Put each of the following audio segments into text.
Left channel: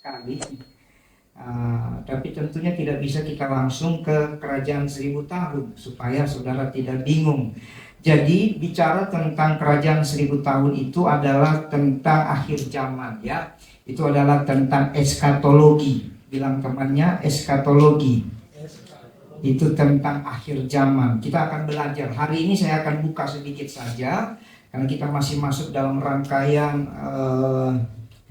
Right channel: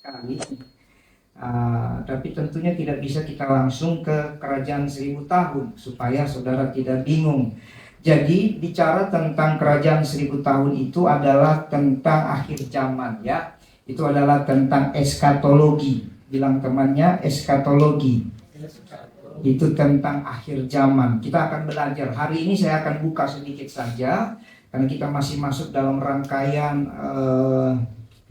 sekali. Tapi tentunya tidak bisa kita langsung ke kerajaan 1000 tahun supaya saudara tidak bingung. Jadi bicara tentang kerajaan 1000 tahun itu adalah tentang akhir zaman ya. Itu adalah tentang eskatologi. Bilang temannya eskatologi. Itu tentang akhir zaman. Kita akan belajar. Hari ini saya akan buka sedikit saja karena kita masih masuk dalam rangkaian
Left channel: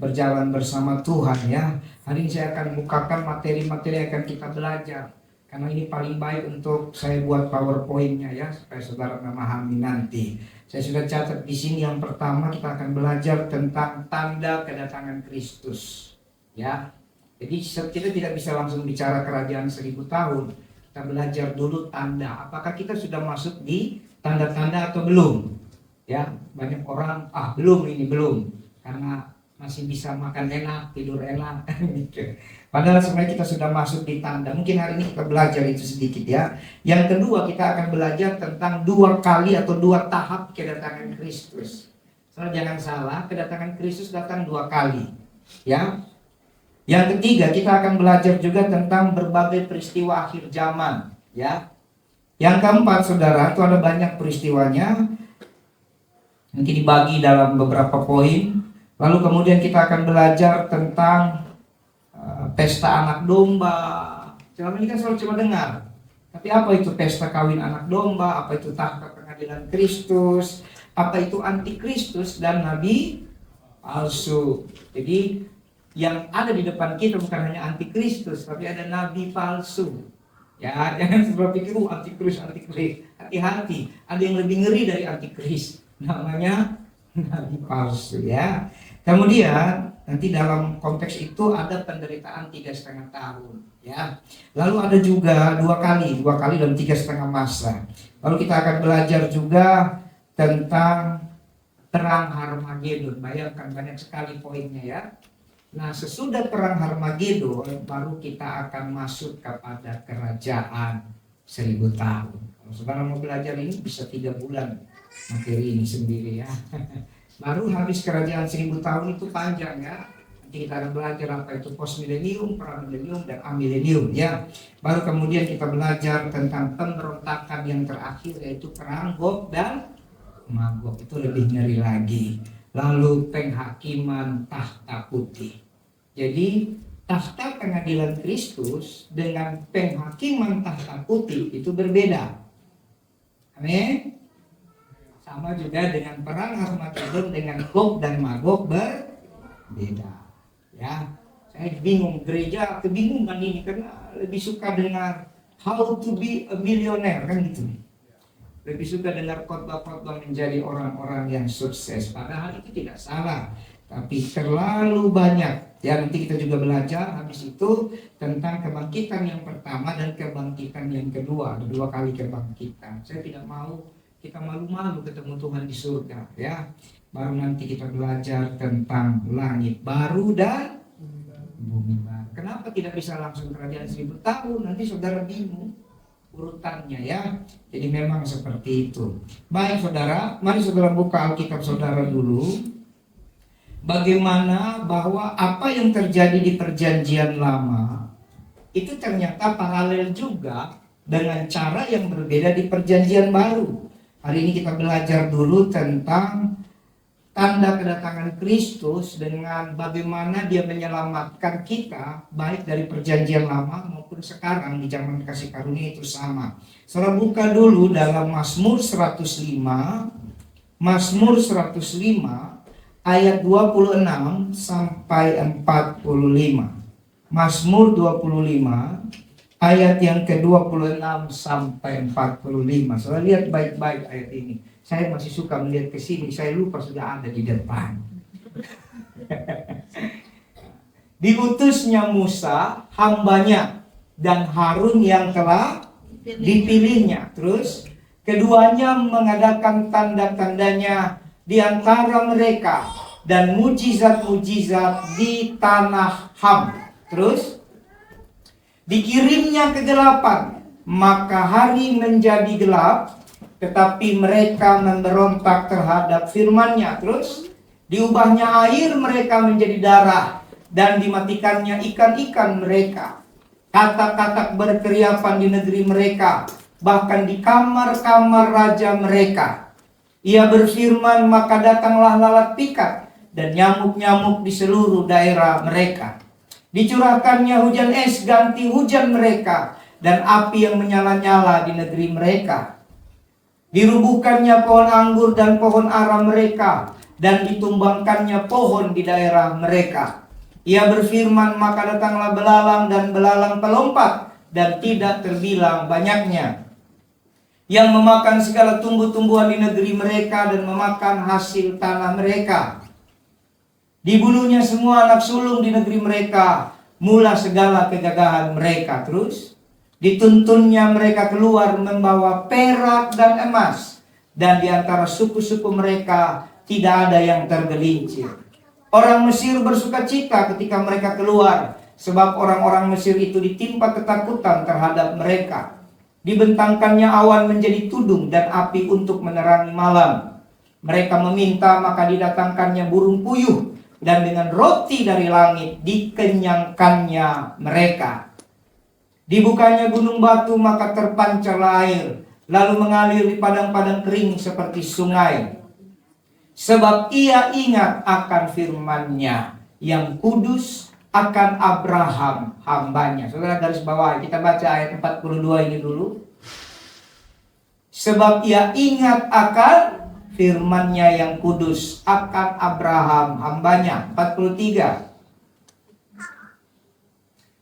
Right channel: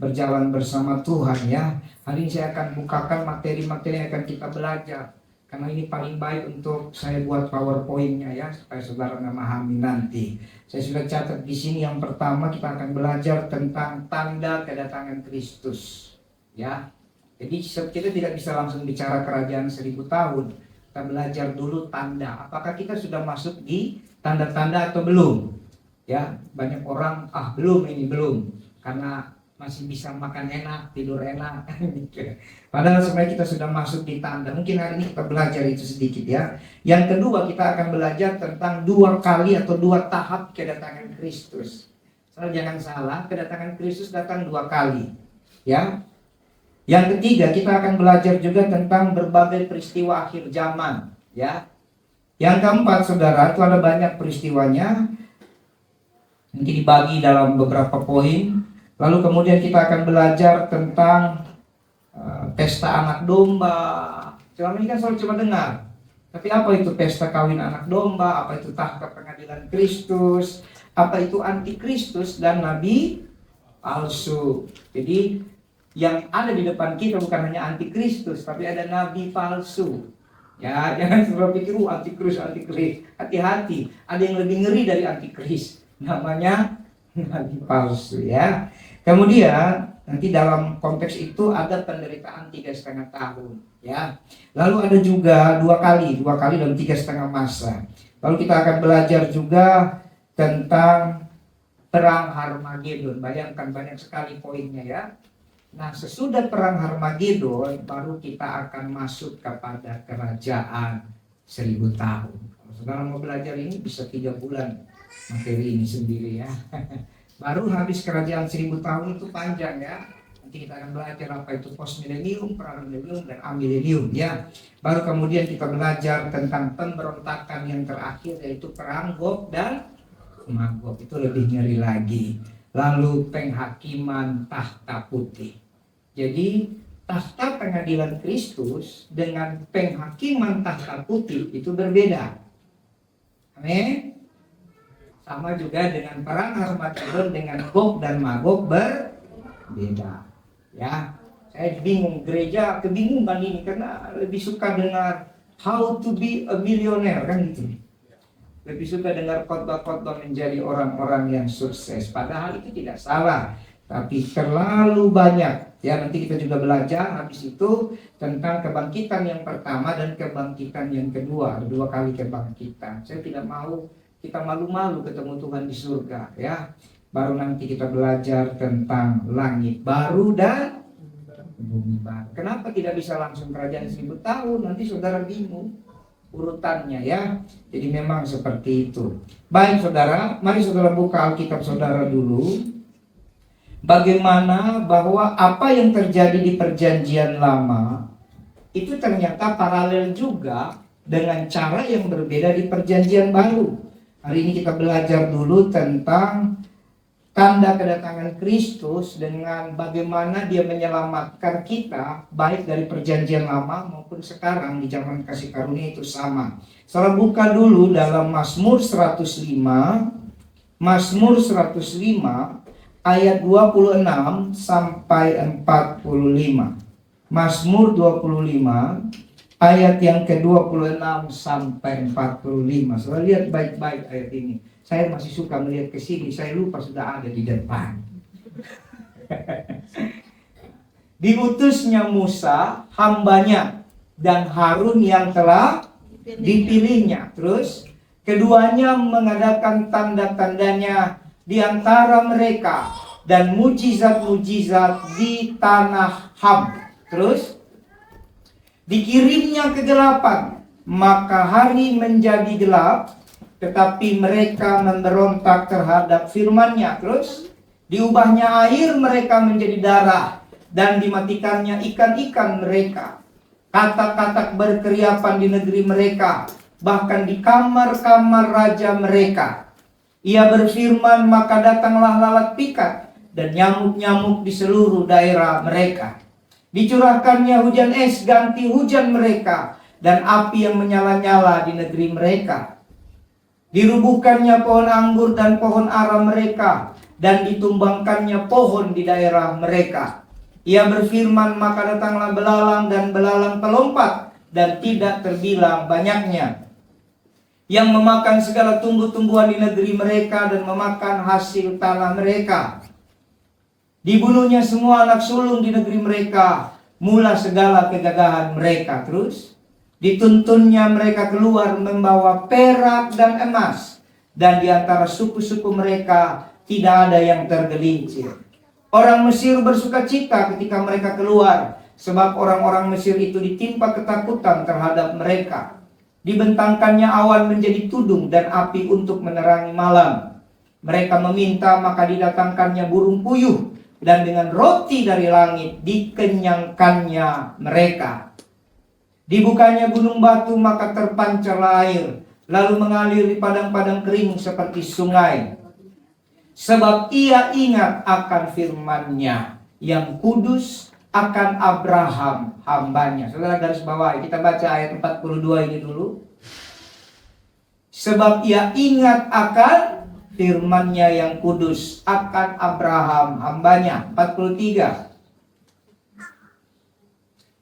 berjalan bersama Tuhan ya. Hari ini saya akan bukakan materi-materi yang akan kita belajar. Karena ini paling baik untuk saya buat PowerPoint-nya ya, supaya saudara memahami nanti. Saya sudah catat di sini. Yang pertama kita akan belajar tentang tanda kedatangan Kristus. Ya, jadi kita tidak bisa langsung bicara kerajaan 1000 tahun. Kita belajar dulu tanda. Apakah kita sudah masuk di tanda-tanda atau belum? Ya, banyak orang belum, karena masih bisa makan enak, tidur enak gitu. Padahal sebenarnya kita sudah masuk di tanda. Mungkin hari ini kita belajar itu sedikit ya. Yang kedua kita akan belajar tentang 2 kali atau 2 tahap kedatangan Kristus. Soalnya jangan salah, kedatangan Kristus datang 2 kali ya. Yang ketiga kita akan belajar juga tentang berbagai peristiwa akhir zaman ya. Yang keempat saudara, itu ada banyak peristiwanya, nanti dibagi dalam beberapa poin. Lalu kemudian kita akan belajar tentang pesta anak domba. Selama ini kan selalu cuma dengar. Tapi apa itu pesta kawin anak domba? Apa itu tahta pengadilan Kristus? Apa itu antikristus dan nabi palsu? Jadi yang ada di depan kita bukan hanya antikristus, tapi ada nabi palsu. Ya, jangan selalu pikir antikris. Hati-hati, ada yang lebih ngeri dari antikris. Namanya nabi palsu ya. Kemudian nanti dalam konteks itu ada penderitaan 3,5 tahun ya. Lalu ada juga 2 kali dalam 3,5 masa. Lalu kita akan belajar juga tentang perang Harmagedon. Bayangkan banyak sekali poinnya ya. Nah, sesudah perang Harmagedon baru kita akan masuk kepada kerajaan 1000 tahun. Kalau saudara mau belajar ini bisa 3 bulan materi ini sendiri ya. Baru habis kerajaan 1000 tahun itu panjang ya. Nanti kita akan belajar apa itu post milenium, pra milenium, dan amilenium ya. Baru kemudian kita belajar tentang pemberontakan yang terakhir, yaitu perang Gog dan Magog. Itu lebih ngeri lagi. Lalu penghakiman tahta putih. Jadi tahta pengadilan Kristus dengan penghakiman tahta putih itu berbeda. Amin. Sama juga dengan perang Harmagedon dengan Gog dan Magog berbeda ya. Saya bingung, gereja kebingungan ini karena lebih suka dengar how to be a millionaire kan gitu. Lebih suka dengar khotbah-khotbah menjadi orang-orang yang sukses. Padahal itu tidak salah, tapi terlalu banyak ya. Nanti kita juga belajar habis itu tentang kebangkitan yang pertama dan kebangkitan yang kedua. Ada 2 kali kebangkitan. Saya tidak mau kita malu-malu ketemu Tuhan di surga ya. Baru nanti kita belajar tentang langit baru dan bumi baru. Kenapa tidak bisa langsung kerajaan 1000 tahun? Nanti saudara bingung urutannya ya. Jadi memang seperti itu. Baik saudara, mari saudara buka Alkitab saudara dulu. Bagaimana bahwa apa yang terjadi di perjanjian lama itu ternyata paralel juga dengan cara yang berbeda di perjanjian baru. Hari ini kita belajar dulu tentang tanda kedatangan Kristus dengan bagaimana dia menyelamatkan kita baik dari perjanjian lama maupun sekarang di zaman kasih karunia itu sama. Saudara buka dulu dalam Mazmur 105 ayat 26 sampai 45. Mazmur 25 ayat yang ke-26 sampai 45. Saudara lihat baik-baik ayat ini. Saya masih suka melihat ke sini, saya lupa sudah ada di depan. Diutusnya Musa, hambanya, dan Harun yang telah dipilihnya. Terus, keduanya mengadakan tanda-tandanya di antara mereka dan mujizat-mujizat di tanah Ham. Terus, dikirimnya kegelapan, maka hari menjadi gelap, tetapi mereka memberontak terhadap firman-Nya. Terus diubahnya air mereka menjadi darah, dan dimatikannya ikan-ikan mereka. Katak-katak berkeriapan di negeri mereka, bahkan di kamar-kamar raja mereka. Ia berfirman, maka datanglah lalat pikat dan nyamuk-nyamuk di seluruh daerah mereka. Dicurahkannya hujan es ganti hujan mereka, dan api yang menyala-nyala di negeri mereka. Dirubuhkannya pohon anggur dan pohon ara mereka, dan ditumbangkannya pohon di daerah mereka. Ia berfirman, maka datanglah belalang dan belalang pelompat, dan tidak terbilang banyaknya, yang memakan segala tumbuh-tumbuhan di negeri mereka dan memakan hasil tanah mereka. Dibunuhnya semua anak sulung di negeri mereka, mula segala kegagahan mereka. Terus dituntunnya mereka keluar membawa perak dan emas, dan di antara suku-suku mereka tidak ada yang tergelincir. Orang Mesir bersuka cita ketika mereka keluar, sebab orang-orang Mesir itu ditimpa ketakutan terhadap mereka. Dibentangkannya awan menjadi tudung dan api untuk menerangi malam. Mereka meminta, maka didatangkannya burung puyuh, dan dengan roti dari langit dikenyangkannya mereka. Dibukanya gunung batu, maka terpancarlah air, lalu mengalir di padang-padang kering seperti sungai. Sebab ia ingat akan firman-Nya yang kudus, akan Abraham hambanya. Saudara garis bawah, kita baca ayat 42 ini dulu. Sebab ia ingat akan firman-Nya yang kudus, akan Abraham hambanya. 43.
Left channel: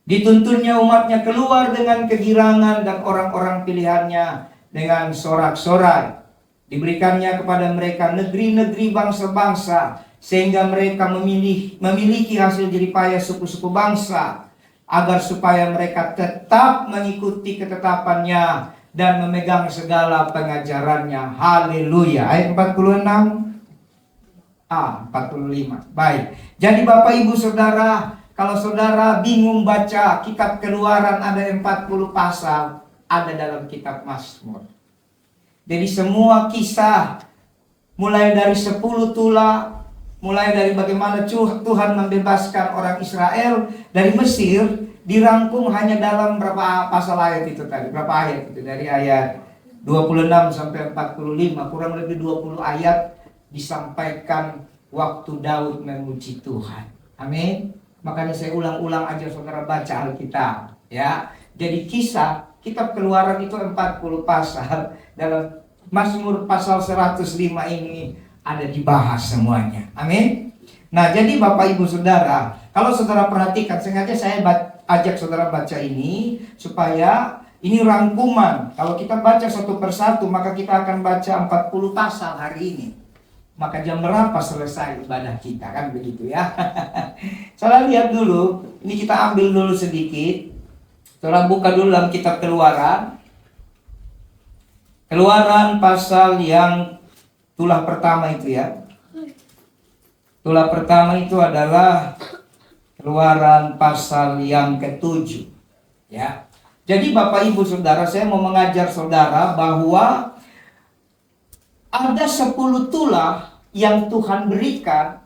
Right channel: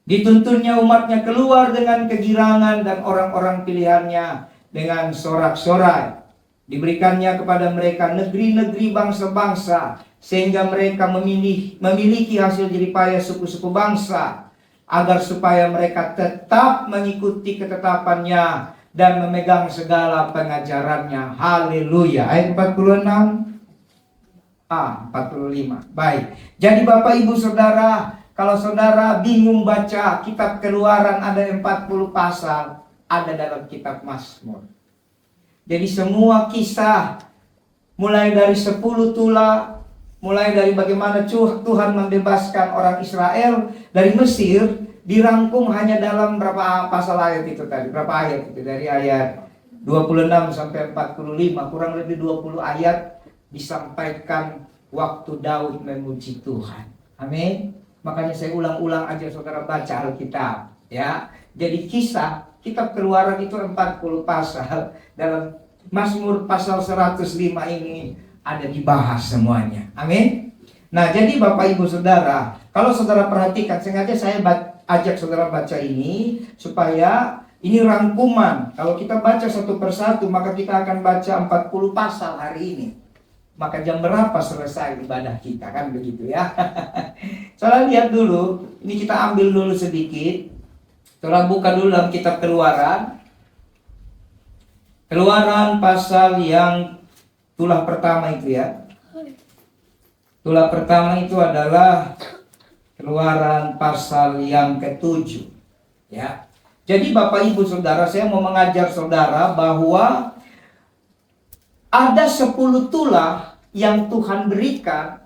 Dituntunnya umatnya keluar dengan kegirangan, dan orang-orang pilihannya dengan sorak-sorai. Diberikannya kepada mereka negeri-negeri bangsa-bangsa, sehingga mereka memiliki hasil jeripaya suku-suku bangsa, agar supaya mereka tetap mengikuti ketetapannya dan memegang segala pengajarannya. Haleluya. Ayat 46. 45. Baik. Jadi Bapak Ibu Saudara, kalau saudara bingung baca kitab Keluaran, ada 40 pasal ada dalam kitab Mazmur. Jadi semua kisah, mulai dari 10 tula, mulai dari bagaimana Tuhan membebaskan orang Israel dari Mesir, dirangkum hanya dalam berapa pasal ayat itu tadi? Berapa ayat itu? Dari ayat 26 sampai 45, kurang lebih 20 ayat disampaikan waktu Daud memuji Tuhan. Amin. Makanya saya ulang-ulang aja saudara baca Alkitab, ya. Jadi kisah kitab Keluaran itu 40 pasal. Dalam Mazmur pasal 105 ini ada dibahas semuanya. Amin. Nah, jadi Bapak Ibu Saudara, kalau saudara perhatikan, sengaja saya ajak saudara baca ini supaya ini rangkuman. Kalau kita baca satu persatu, maka kita akan baca 40 pasal hari ini. Maka jam berapa selesai ibadah kita, kan begitu ya. Saudara lihat dulu, ini kita ambil dulu sedikit. Saudara buka dulu dalam kitab Keluaran. Keluaran pasal yang tulah pertama itu ya. Tulah pertama itu adalah Keluaran pasal yang ke-7 ya. Jadi Bapak Ibu Saudara, saya mau mengajar saudara bahwa ada 10 tulah yang Tuhan berikan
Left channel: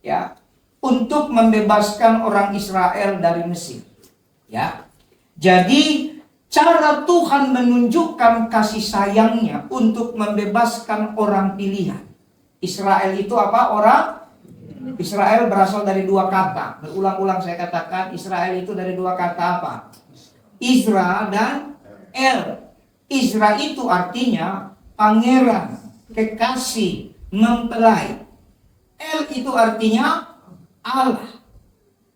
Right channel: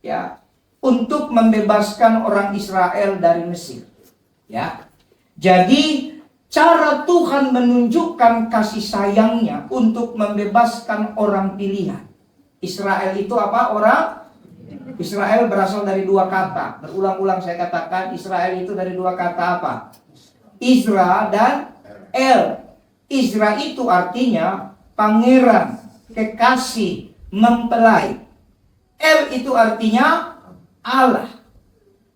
ya untuk membebaskan orang Israel dari Mesir ya. Jadi cara Tuhan menunjukkan kasih sayangnya untuk membebaskan orang pilihan. Israel itu apa? Orang Israel berasal dari dua kata. Berulang-ulang saya katakan, Israel itu dari dua kata apa? Isra dan El. Isra itu artinya pangeran, kekasih, mempelai. El itu artinya Allah.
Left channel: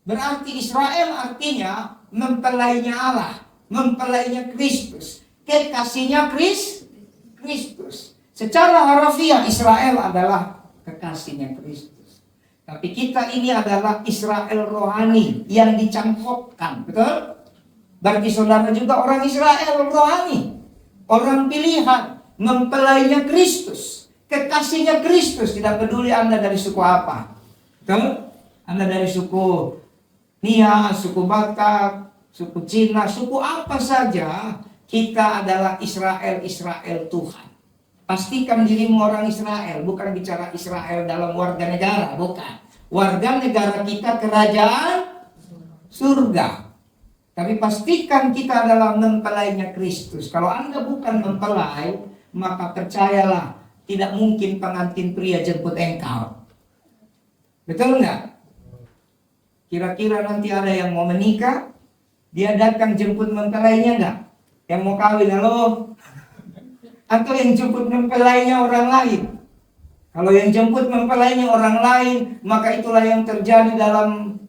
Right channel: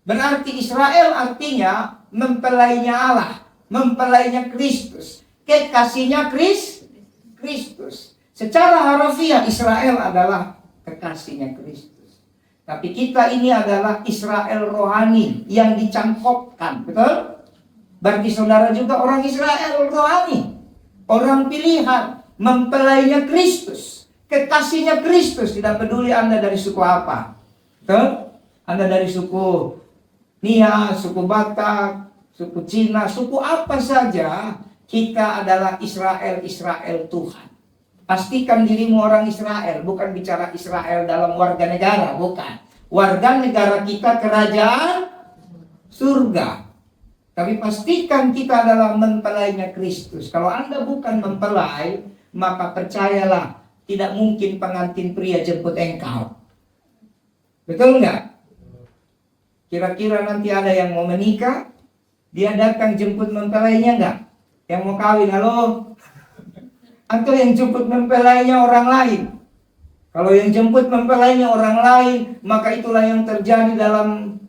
Berarti Israel artinya mempelainya Allah, mempelainya Kristus, kekasihnya Kristus. Secara harafiah Israel adalah kekasihnya Kristus. Tapi kita ini adalah Israel rohani yang dicangkokkan, betul? Berarti saudara juga orang Israel rohani, orang pilihan, mempelainya Kristus, kekasihnya Kristus. Tidak peduli Anda dari suku apa, betul? Anda dari suku Nia, suku Batak, suku Cina, suku apa saja, kita adalah Israel Tuhan. Pastikan dirimu orang Israel, bukan bicara Israel dalam warga negara, bukan. warga negara kita kerajaan surga. Tapi pastikan kita adalah mempelainya Kristus. Kalau Anda bukan mempelai, maka percayalah, tidak mungkin pengantin pria jemput engkau. Betul nggak? Kira-kira nanti ada yang mau menikah, dia datang jemput mempelainya nggak? Yang mau kawin, halo? Atau yang jemput mempelainya orang lain? Kalau yang jemput mempelainya orang lain, maka itulah yang terjadi dalam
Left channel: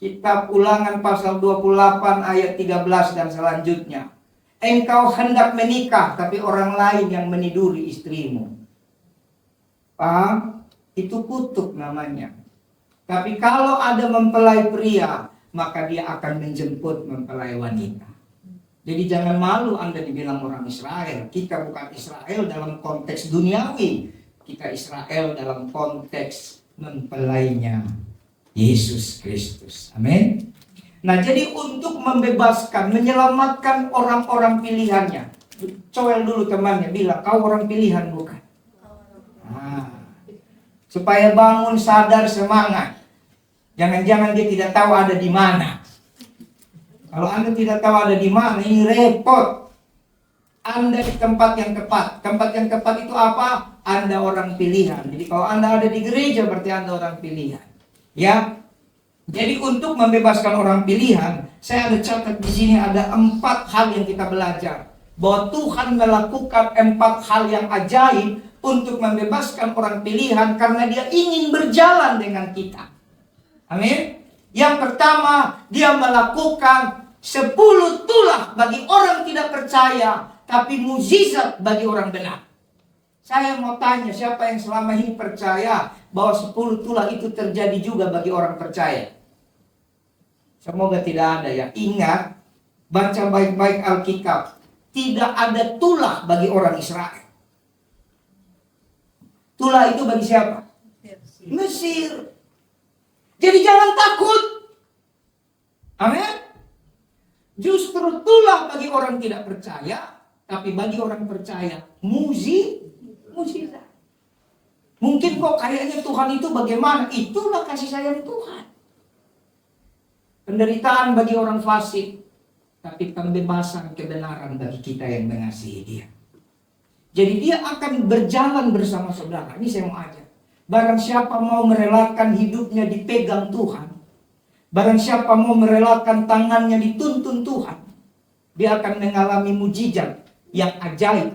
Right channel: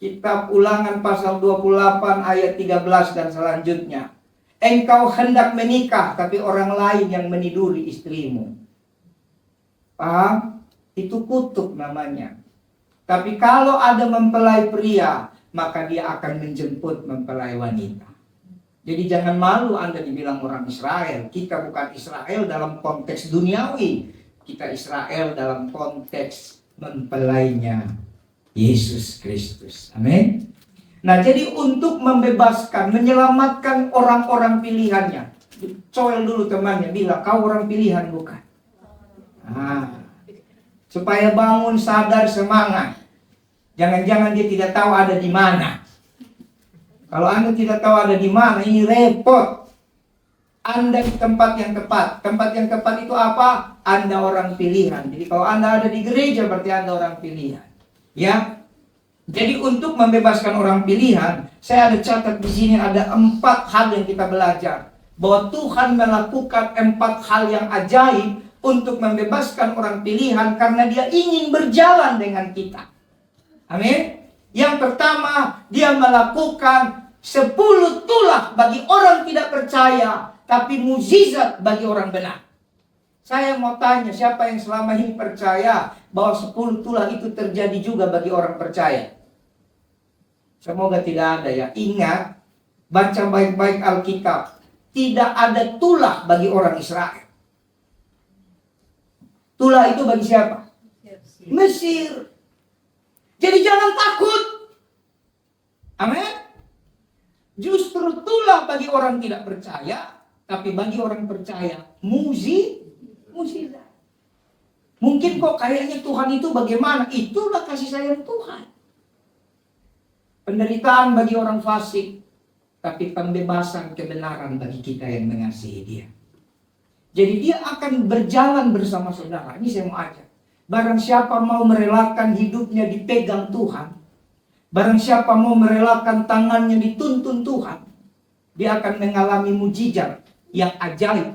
Kitab Ulangan pasal 28 ayat 13 dan selanjutnya. Engkau hendak menikah, tapi orang lain yang meniduri istrimu. Paham? Itu kutuk namanya. Tapi kalau ada mempelai pria, maka dia akan menjemput mempelai wanita. Jadi jangan malu Anda dibilang orang Israel. Kita bukan Israel dalam konteks duniawi. Kita Israel dalam konteks mempelainya Yesus Kristus. Amin. Nah, jadi untuk membebaskan, menyelamatkan orang-orang pilihannya. Coel dulu temannya, bilang, kau orang pilihan bukan? Nah, supaya bangun, sadar, semangat. Jangan-jangan dia tidak tahu ada di mana. Kalau Anda tidak tahu ada di mana, ini repot. Anda di tempat yang tepat. Tempat yang tepat itu apa? Anda orang pilihan. Jadi kalau Anda ada di gereja, berarti Anda orang pilihan. Ya, jadi untuk membebaskan orang pilihan, saya ada catat di sini ada 4 hal yang kita belajar. Bahwa Tuhan melakukan 4 hal yang ajaib untuk membebaskan orang pilihan karena Dia ingin berjalan dengan kita. Amin. Yang pertama, Dia melakukan 10 tulah bagi orang tidak percaya, tapi mukjizat bagi orang benar. Saya mau tanya, siapa yang selama ini percaya bahwa 10 tulah itu terjadi juga bagi orang percaya? Semoga tidak ada ya. Ingat, baca baik-baik Alkitab. Tidak ada tulah bagi orang Israel. Tulah itu bagi siapa? Mesir. Jadi jangan takut. Amin. Justru tulah bagi orang tidak percaya, tapi bagi orang percaya mukjizat. Mungkin kok kayaknya Tuhan itu bagaimana? Itulah kasih sayang Tuhan. Penderitaan bagi orang fasik, tapi pembebasan kebenaran bagi kita yang mengasihi Dia. Jadi Dia akan berjalan bersama saudara. Ini saya mau ajak. Barang siapa mau merelakan hidupnya dipegang Tuhan, barang siapa mau merelakan tangannya dituntun Tuhan, dia akan mengalami mukjizat yang ajaib.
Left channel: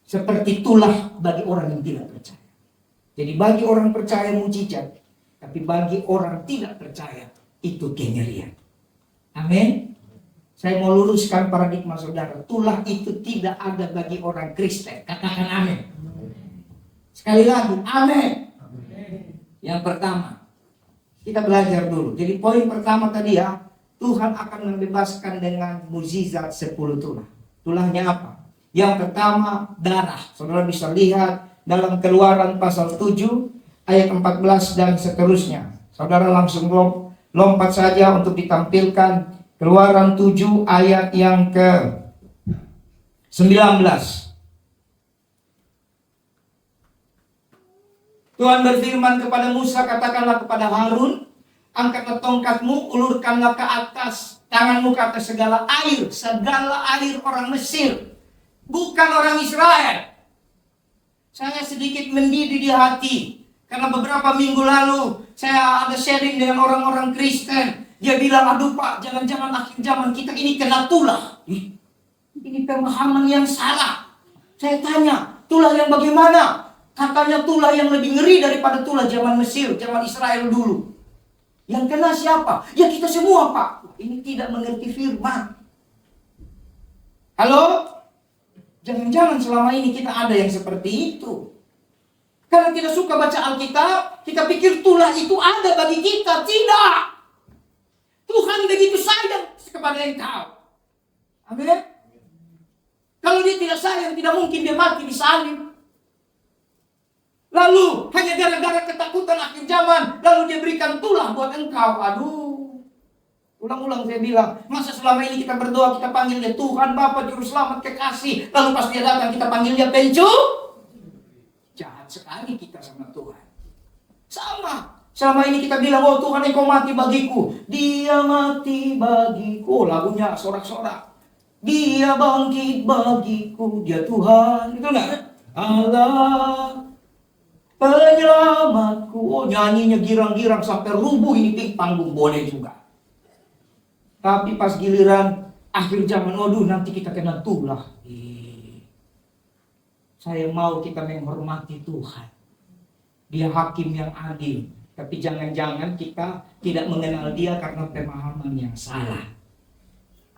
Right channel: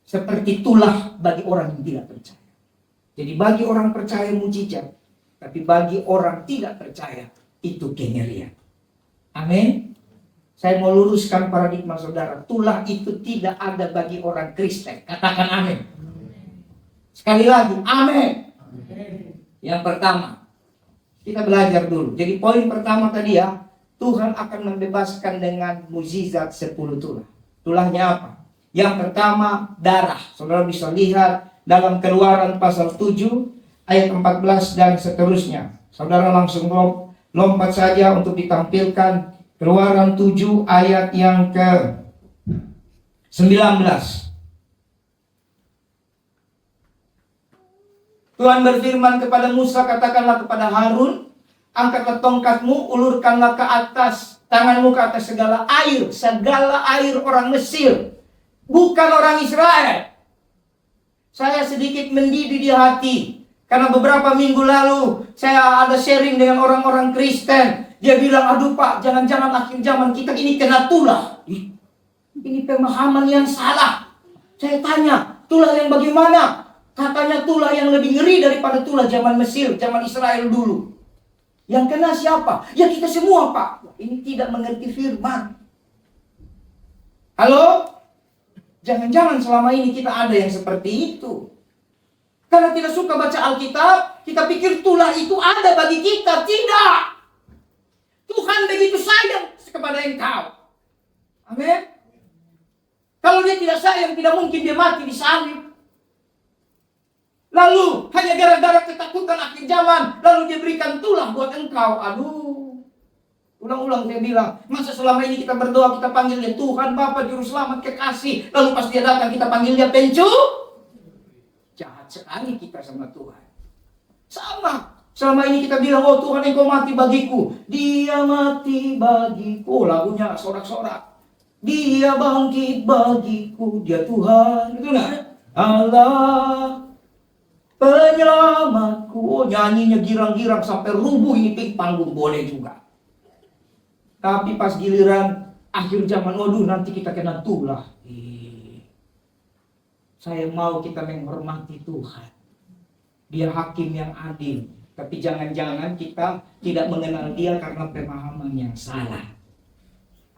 Seperti tulah bagi orang yang tidak percaya. Jadi bagi orang percaya mukjizat, tapi bagi orang tidak percaya itu kengerian. Amin. Saya mau luruskan paradigma saudara. Tulah itu tidak ada bagi orang Kristen. Katakan amin. Sekali lagi, amin. Yang pertama, kita belajar dulu. Jadi poin pertama tadi ya, Tuhan akan membebaskan dengan mukjizat 10 tulah. Tulahnya apa? Yang pertama, darah. Saudara bisa lihat dalam Keluaran pasal 7 ayat 14 dan seterusnya. Saudara langsung lompat saja untuk ditampilkan. Keluaran 7 ayat yang ke 19. Tuhan berfirman kepada Musa, katakanlah kepada Harun, angkatlah tongkatmu, ulurkanlah ke atas, tanganmu ke atas segala air orang Mesir. Bukan orang Israel. Saya sedikit mendidih di hati. Karena beberapa minggu lalu saya ada sharing dengan orang-orang Kristen. Dia bilang, aduh Pak, jangan-jangan akhir zaman kita ini kena tulah. Ini pemahaman yang salah. Saya tanya, tulah yang bagaimana? Katanya tulah yang lebih ngeri daripada tulah zaman Mesir, zaman Israel dulu. Yang kena siapa? Ya kita semua Pak. Ini tidak mengerti firman. Halo? Jangan-jangan selama ini kita ada yang seperti itu. Karena tidak suka baca Alkitab, kita pikir tulah itu ada bagi kita. Tidak. Tuhan begitu sayang kepada engkau. Amin. Kalau Dia tidak sayang, tidak mungkin Dia mati di salib. Lalu hanya gara-gara ketakutan akhir zaman, lalu Dia berikan tulah buat engkau. Aduh. Ulang-ulang saya bilang, masa selama ini kita berdoa, kita panggil Dia Tuhan, Bapa, Juru Selamat, Kekasih. Lalu pas Dia datang, kita panggil Dia Pencu. Jahat sekali kita sama Tuhan. Sama. Selama ini kita bilang, oh Tuhan engkau mati bagiku. Dia mati bagiku. Lagunya sorak-sorak. Dia bangkit bagiku. Dia Tuhan. Itu enggak? Allah penyelamatku. Oh, nyanyinya girang-girang sampai rubuh ini panggung boleh juga. Tapi pas giliran akhir zaman, waduh nanti kita kena tulah. Saya mau kita menghormati Tuhan. Dia hakim yang adil. Tapi jangan-jangan kita tidak mengenal dia karena pemahaman yang salah.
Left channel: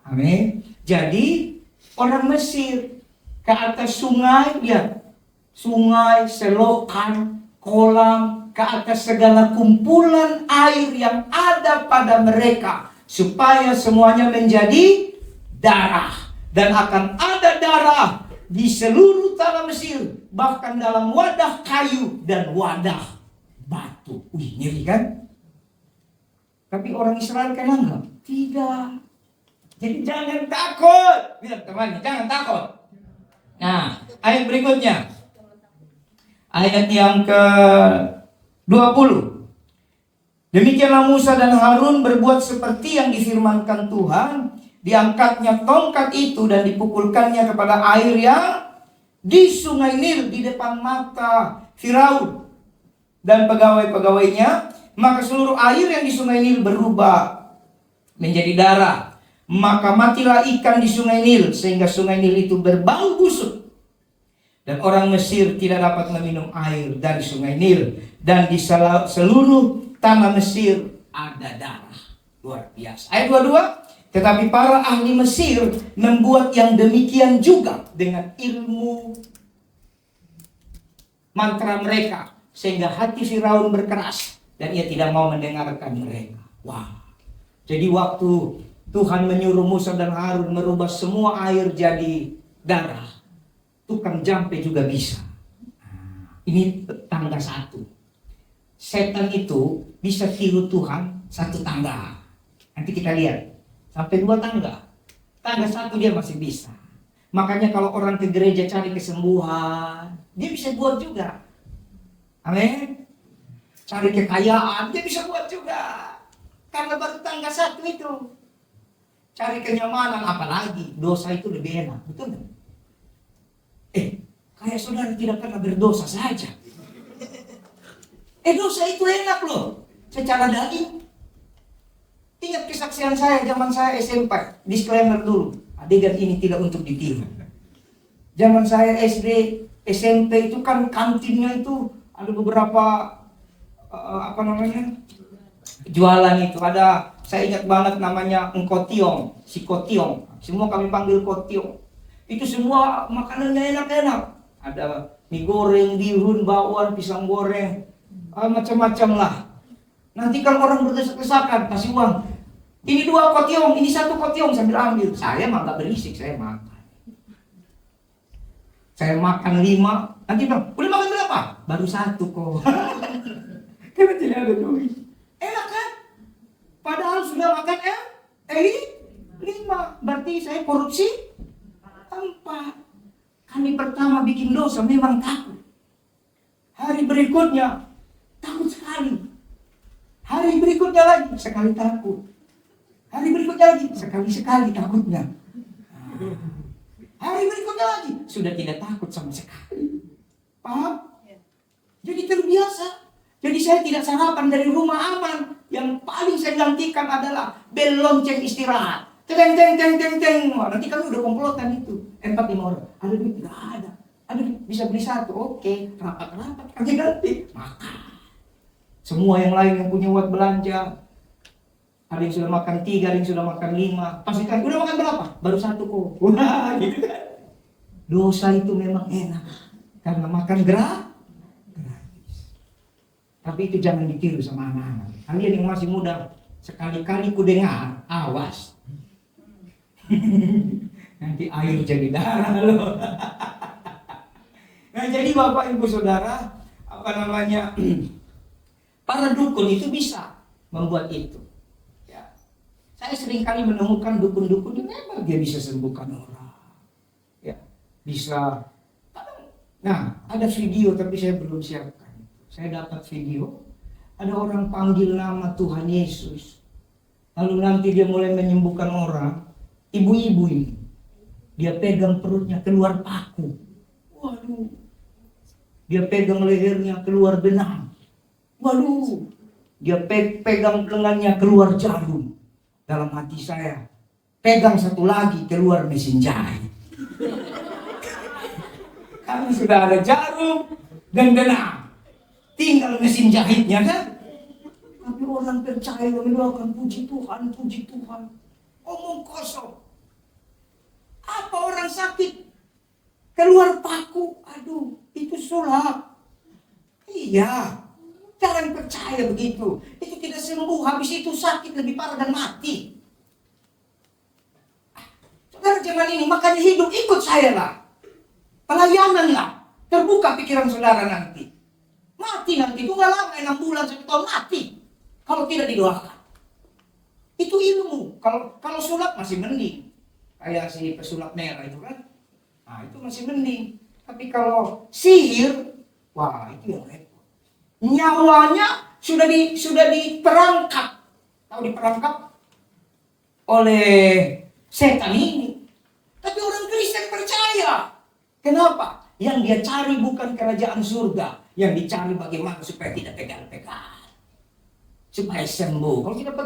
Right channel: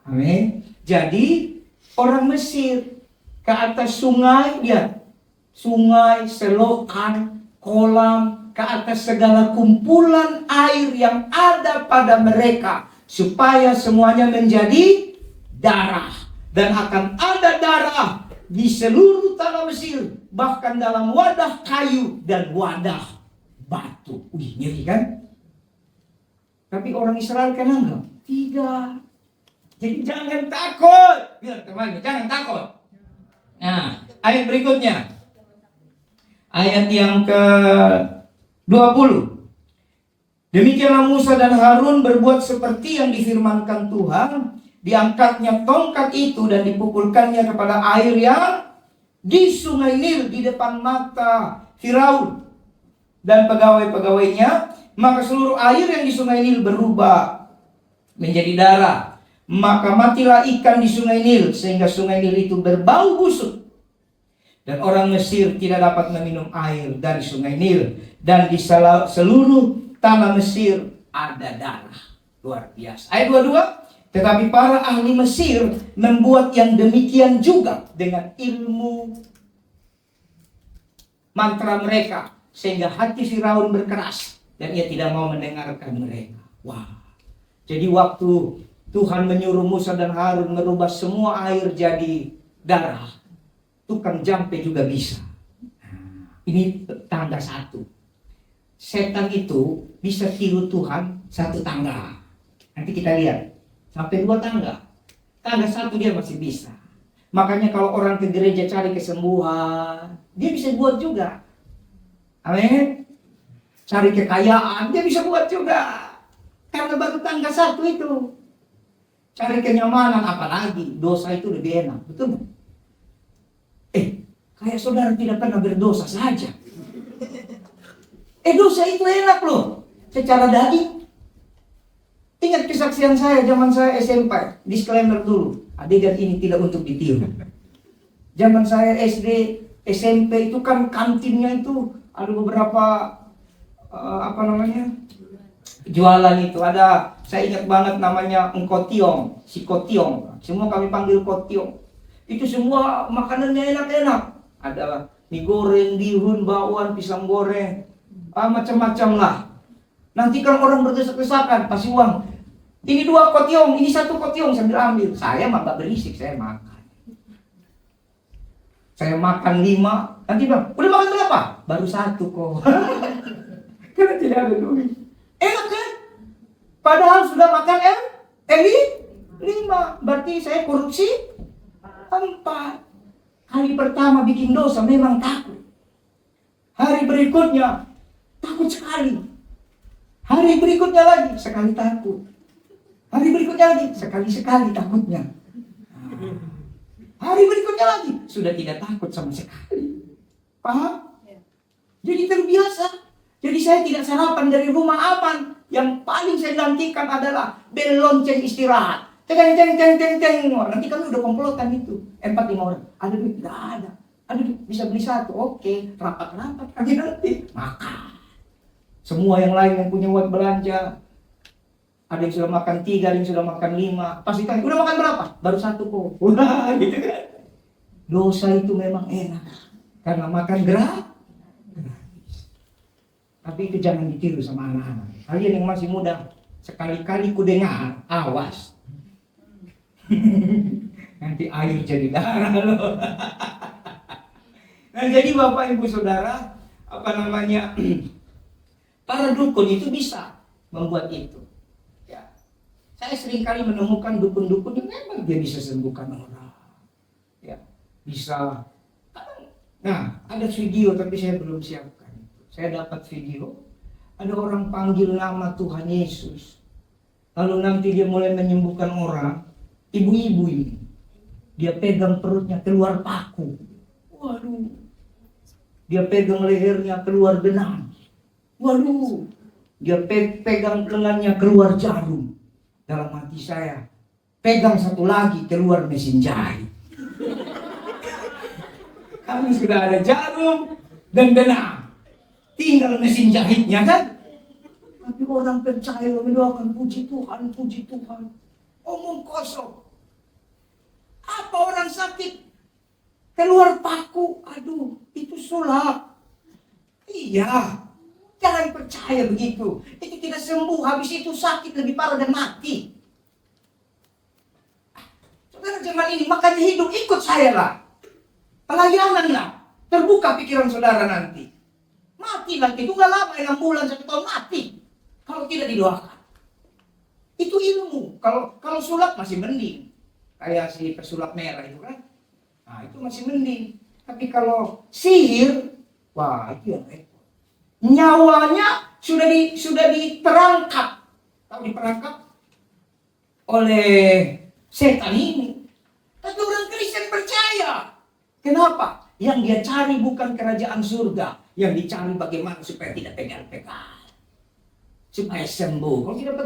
Amin. Jadi orang Mesir ke atas sungai, ya, sungai, selokan, kolam, ke atas segala kumpulan air yang ada pada mereka, supaya semuanya menjadi darah. Dan akan ada darah di seluruh tanah Mesir, bahkan dalam wadah kayu dan wadah batu. Wih, ngeri kan? Tapi orang Israel kan enggak? Tidak. Jadi jangan takut. Bilang temannya, jangan takut. Nah, ayat berikutnya. Ayat yang ke-20. Demikianlah Musa dan Harun berbuat seperti yang difirmankan Tuhan. Diangkatnya tongkat itu dan dipukulkannya kepada air yang di sungai Nil di depan mata Firaun dan pegawai-pegawainya. Maka seluruh air yang di sungai Nil berubah menjadi darah. Maka matilah ikan di sungai Nil, sehingga sungai Nil itu berbau busuk. Dan orang Mesir tidak dapat meminum air dari sungai Nil. Dan di seluruh tanah Mesir ada darah. Luar biasa. Ayat 22. Tetapi para ahli Mesir membuat yang demikian juga dengan ilmu mantra mereka, sehingga hati Firaun berkeras dan ia tidak mau mendengarkan mereka. Wah. Jadi waktu Tuhan menyuruh Musa dan Harun merubah semua air jadi darah, tukang jampe juga bisa. Ini tangga satu. Setan itu bisa tiru Tuhan satu tangga. Nanti kita lihat. Sampai 2 tangga. Tangga satu dia masih bisa. Makanya kalau orang ke gereja cari kesembuhan, dia bisa buat juga. Amin. Cari kekayaan, dia bisa buat juga. Karena baru tangga satu itu. Cari kenyamanan, apalagi dosa itu lebih enak. Betul nggak? Kayak saudara tidak pernah berdosa saja. Dosa itu enak loh. Secara daging. Ingat kesaksian saya zaman saya SMP. Disclaimer dulu, adegan ini tidak untuk ditiru. Zaman saya SD, SMP itu kan kantinnya itu ada beberapa jualan itu. Ada, saya ingat banget namanya Engkotiong, si Kotiong. Semua kami panggil Kotiong. Itu semua makanannya enak-enak. Ada mie goreng, bihun, bakwan, pisang goreng, macam-macam lah. Nanti kan orang berdesak-desakan, kasih uang. Ini 2 kotiong, ini 1 kotiong, sambil ambil. Saya mah gak berisik, saya makan. Saya makan 5, nanti bilang, udah makan berapa? Baru 1 kok. Karena tidak ada duit. Enak kan? Padahal sudah makan 5. Berarti saya korupsi 4. Kali pertama bikin dosa memang takut. Hari berikutnya takut sekali. Hari berikutnya lagi sekali takut. Hari berikutnya lagi sekali-sekali takutnya. Hari berikutnya lagi sudah tidak takut sama sekali. Paham? Jadi terbiasa. Jadi saya tidak sarapan dari rumah aman. Yang paling saya nantikan adalah bel lonceng istirahat. Teng teng teng teng teng. Nanti kami udah komplotan itu. 4-5 orang. Ada duit? Tidak ada. Ada duit? Bisa beli 1. Oke. Rapat-rapat. Nanti makan. Semua yang lain yang punya uang belanja. Ada yang sudah makan 3, ada yang sudah makan 5. Pas ditanya, udah makan berapa? Baru 1 kok. Udah gitu kan. Dosa itu memang enak. Karena makan gratis. Tapi itu jangan ditiru sama anak-anak. Kalian yang masih muda, sekali-kali ku dengar, awas. Nanti air jadi darah loh. Nah jadi Bapak Ibu Saudara, para dukun itu bisa membuat itu. Saya sering kali menemukan dukun-dukun yang memang dia bisa sembuhkan orang. Ya, bisa. Nah, ada video tapi saya belum siapkan. Saya dapat video Ada orang panggil nama Tuhan Yesus. Lalu nanti dia mulai menyembuhkan orang. Ibu-ibu ini. Dia pegang perutnya keluar paku. Waduh. Dia pegang lehernya keluar benang. Waduh. Dia pegang lengannya keluar jarum. Dalam hati saya, pegang satu lagi keluar mesin jahit. Kami sudah ada jarum dan benang. Tinggal mesin jahitnya kan. Tapi orang percaya mendoakan puji Tuhan, puji Tuhan. Omong kosong. Apa orang sakit keluar paku? Aduh, itu sulap. Iya. Jangan percaya begitu. Itu tidak sembuh. Habis itu sakit lebih parah dan mati. Saudara zaman ini makanya hidup ikut saya lah. Pelayananlah. Terbuka pikiran saudara nanti. Mati nanti. Itu gak lama 6 bulan 1 tahun mati. Kalau tidak didoakan. Itu ilmu. Kalau sulap masih mending. Kayak si pesulap merah itu kan. Nah itu masih mending. Tapi kalau sihir. Wah itu yang repot. Nyawanya sudah diperangkap. Tahu diperangkap? Oleh setan ini. Tapi orang Kristen percaya. Kenapa? Yang dia cari bukan kerajaan surga. Yang dicari bagaimana supaya tidak pegal-pegal. Supaya sembuh. Kalau tidak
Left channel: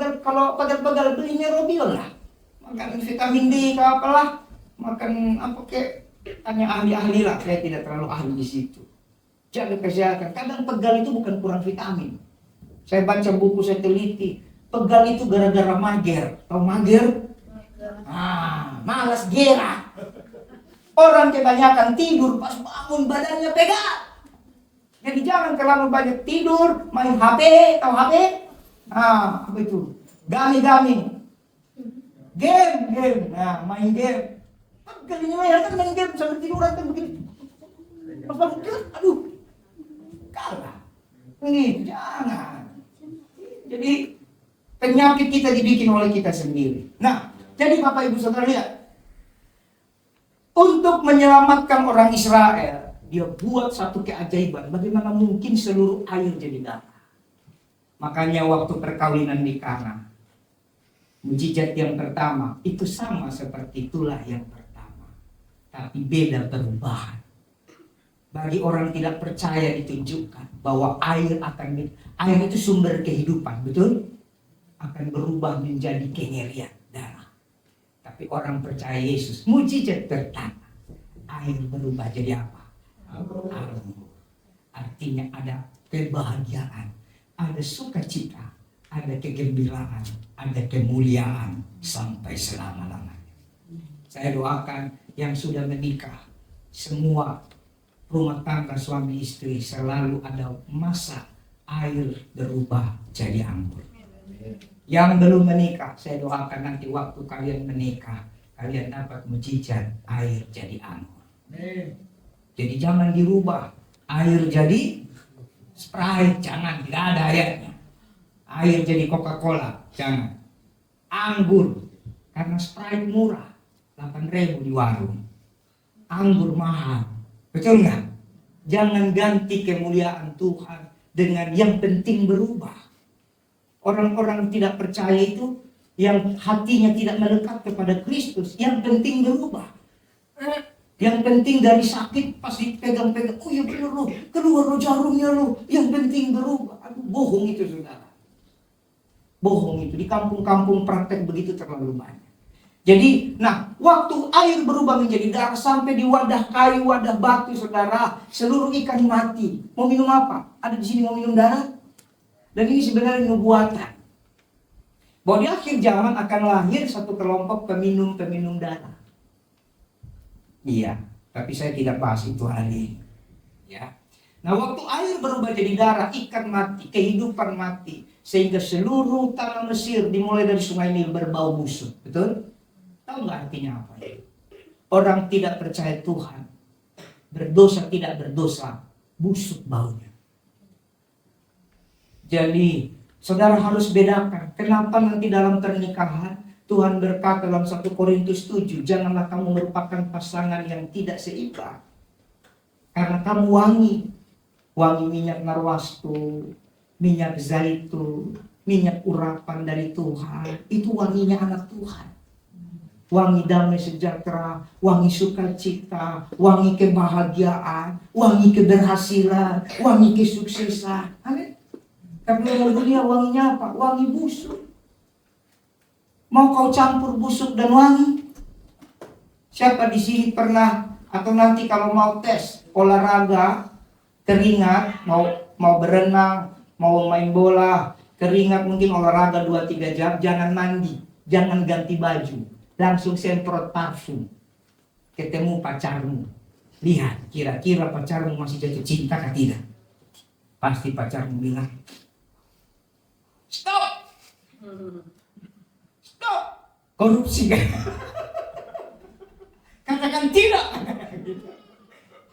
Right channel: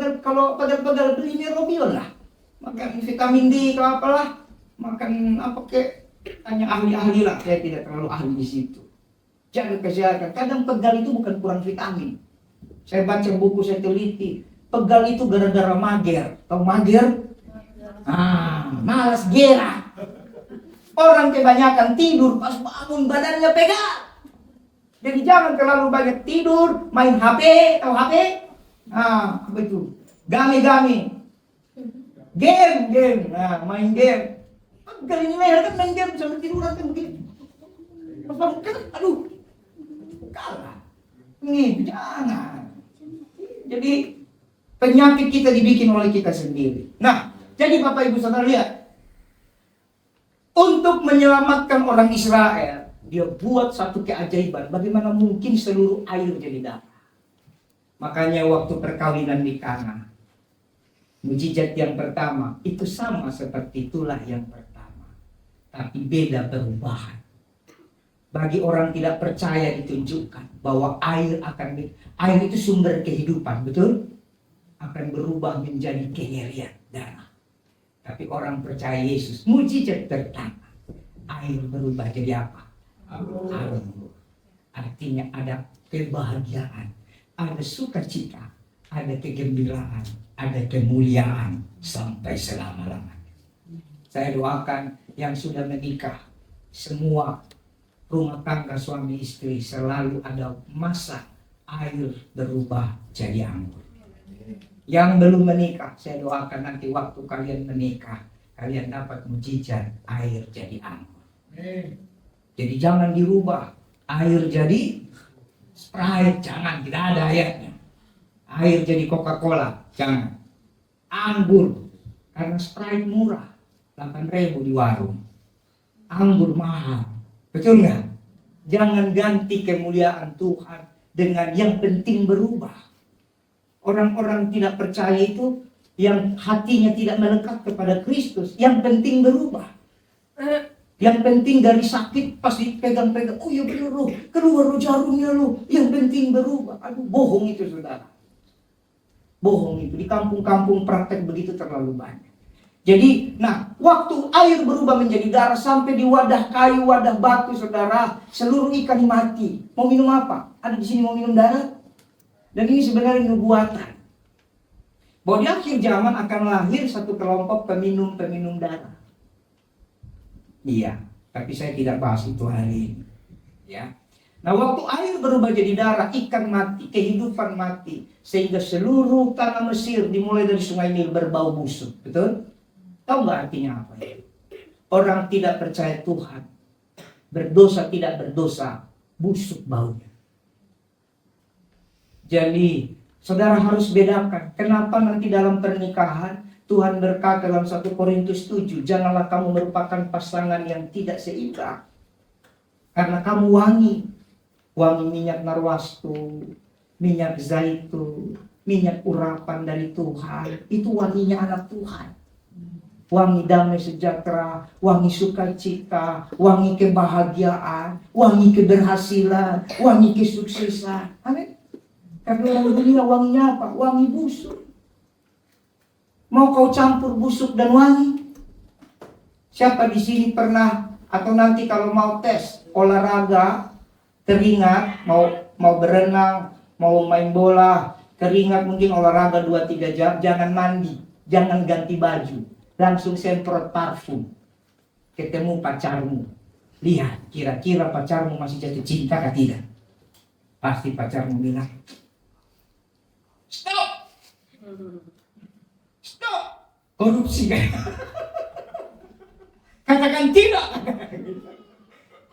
pegal-pegal beli Nerobion lah. Makan vitamin D atau apalah. Makan apa kek. Hanya ahli-ahli lah. Saya tidak terlalu ahli di situ. Jaga kesehatan. Kadang pegal itu bukan kurang vitamin. Saya baca buku, saya teliti. Pegal itu gara-gara mager. Tahu mager? Malas gerak. Orang kebanyakan tidur pas bangun badannya pegal. Jadi jangan terlalu banyak tidur, main HP, tahu HP? Apa itu? Game. Nah, main game. Pegal ini kan main game sambil tiduran kan begitu. Pas bangun kan, aduh. Kalah. Ini jangan. Jadi penyakit kita dibikin oleh kita sendiri. Nah, jadi Bapak Ibu Saudara lihat. Untuk menyelamatkan orang Israel, dia buat satu keajaiban. Bagaimana mungkin seluruh air jadi darah? Makanya waktu perkawinan di Kana, mujizat yang pertama itu sama seperti itulah yang pertama, tapi beda perubahan. Bagi orang tidak percaya ditunjukkan bahwa air itu sumber kehidupan, betul? Akan berubah menjadi kengerian darah. Tapi orang percaya Yesus, mujizat pertama, air berubah jadi apa? Anggur. Artinya ada kebahagiaan, ada sukacita, ada kegembiraan, ada kemuliaan sampai selama-lamanya. Saya doakan yang sudah menikah, semua rumah tangga suami istri selalu ada masa air berubah jadi anggur. Yang belum menikah, saya doakan nanti waktu kalian menikah, kalian dapat mujizat air jadi anggur. Jadi jangan dirubah air jadi Sprite, jangan, tidak ada ayatnya. Air jadi Coca-Cola, jangan. Anggur, karena Sprite murah, 8.000 di warung. Anggur mahal, betul nggak? Jangan ganti kemuliaan Tuhan dengan yang penting berubah. Orang-orang tidak percaya itu yang hatinya tidak melekat kepada Kristus, yang penting berubah. Yang penting dari sakit pasti pegang-pegang, oh ya benar loh, keluar loh jarumnya loh, yang penting berubah. Aduh, bohong itu saudara. Bohong itu, di kampung-kampung praktek begitu terlalu banyak. Jadi, waktu air berubah menjadi darah sampai di wadah kayu, wadah batu saudara, seluruh ikan mati. Mau minum apa? Ada di sini mau minum darah? Dan ini sebenarnya nubuatan. Bahwa di akhir zaman akan lahir satu kelompok peminum-peminum darah. Iya, tapi saya tidak bahas itu hari ini. Ya. Nah, waktu air berubah jadi darah, ikan mati, kehidupan mati. Sehingga seluruh tanah Mesir dimulai dari sungai Nil berbau busuk. Betul? Tahu nggak artinya apa itu? Orang tidak percaya Tuhan. Berdosa tidak berdosa, busuk baunya. Jadi, saudara harus bedakan. Kenapa nanti dalam pernikahan Tuhan berkata dalam 1 Korintus 7, janganlah kamu merupakan pasangan yang tidak seimbang. Karena kamu wangi minyak narwastu, minyak zaitun, minyak urapan dari Tuhan. Itu wanginya anak Tuhan. Wangi damai sejahtera, wangi sukacita, wangi kebahagiaan, wangi keberhasilan, wangi kesuksesan. Amin. Tapi orang dunia wanginya apa? Wangi busuk. Mau kau campur busuk dan wangi? Siapa di sini pernah atau nanti kalau mau tes olahraga, keringat, mau berenang, mau main bola, keringat mungkin olahraga 2-3 jam, jangan mandi, jangan ganti baju, langsung semprot parfum. Ketemu pacarmu, lihat kira-kira pacarmu masih jatuh cinta atau tidak. Pasti pacarmu bilang, stop, stop, korupsi kan? Katakan tidak.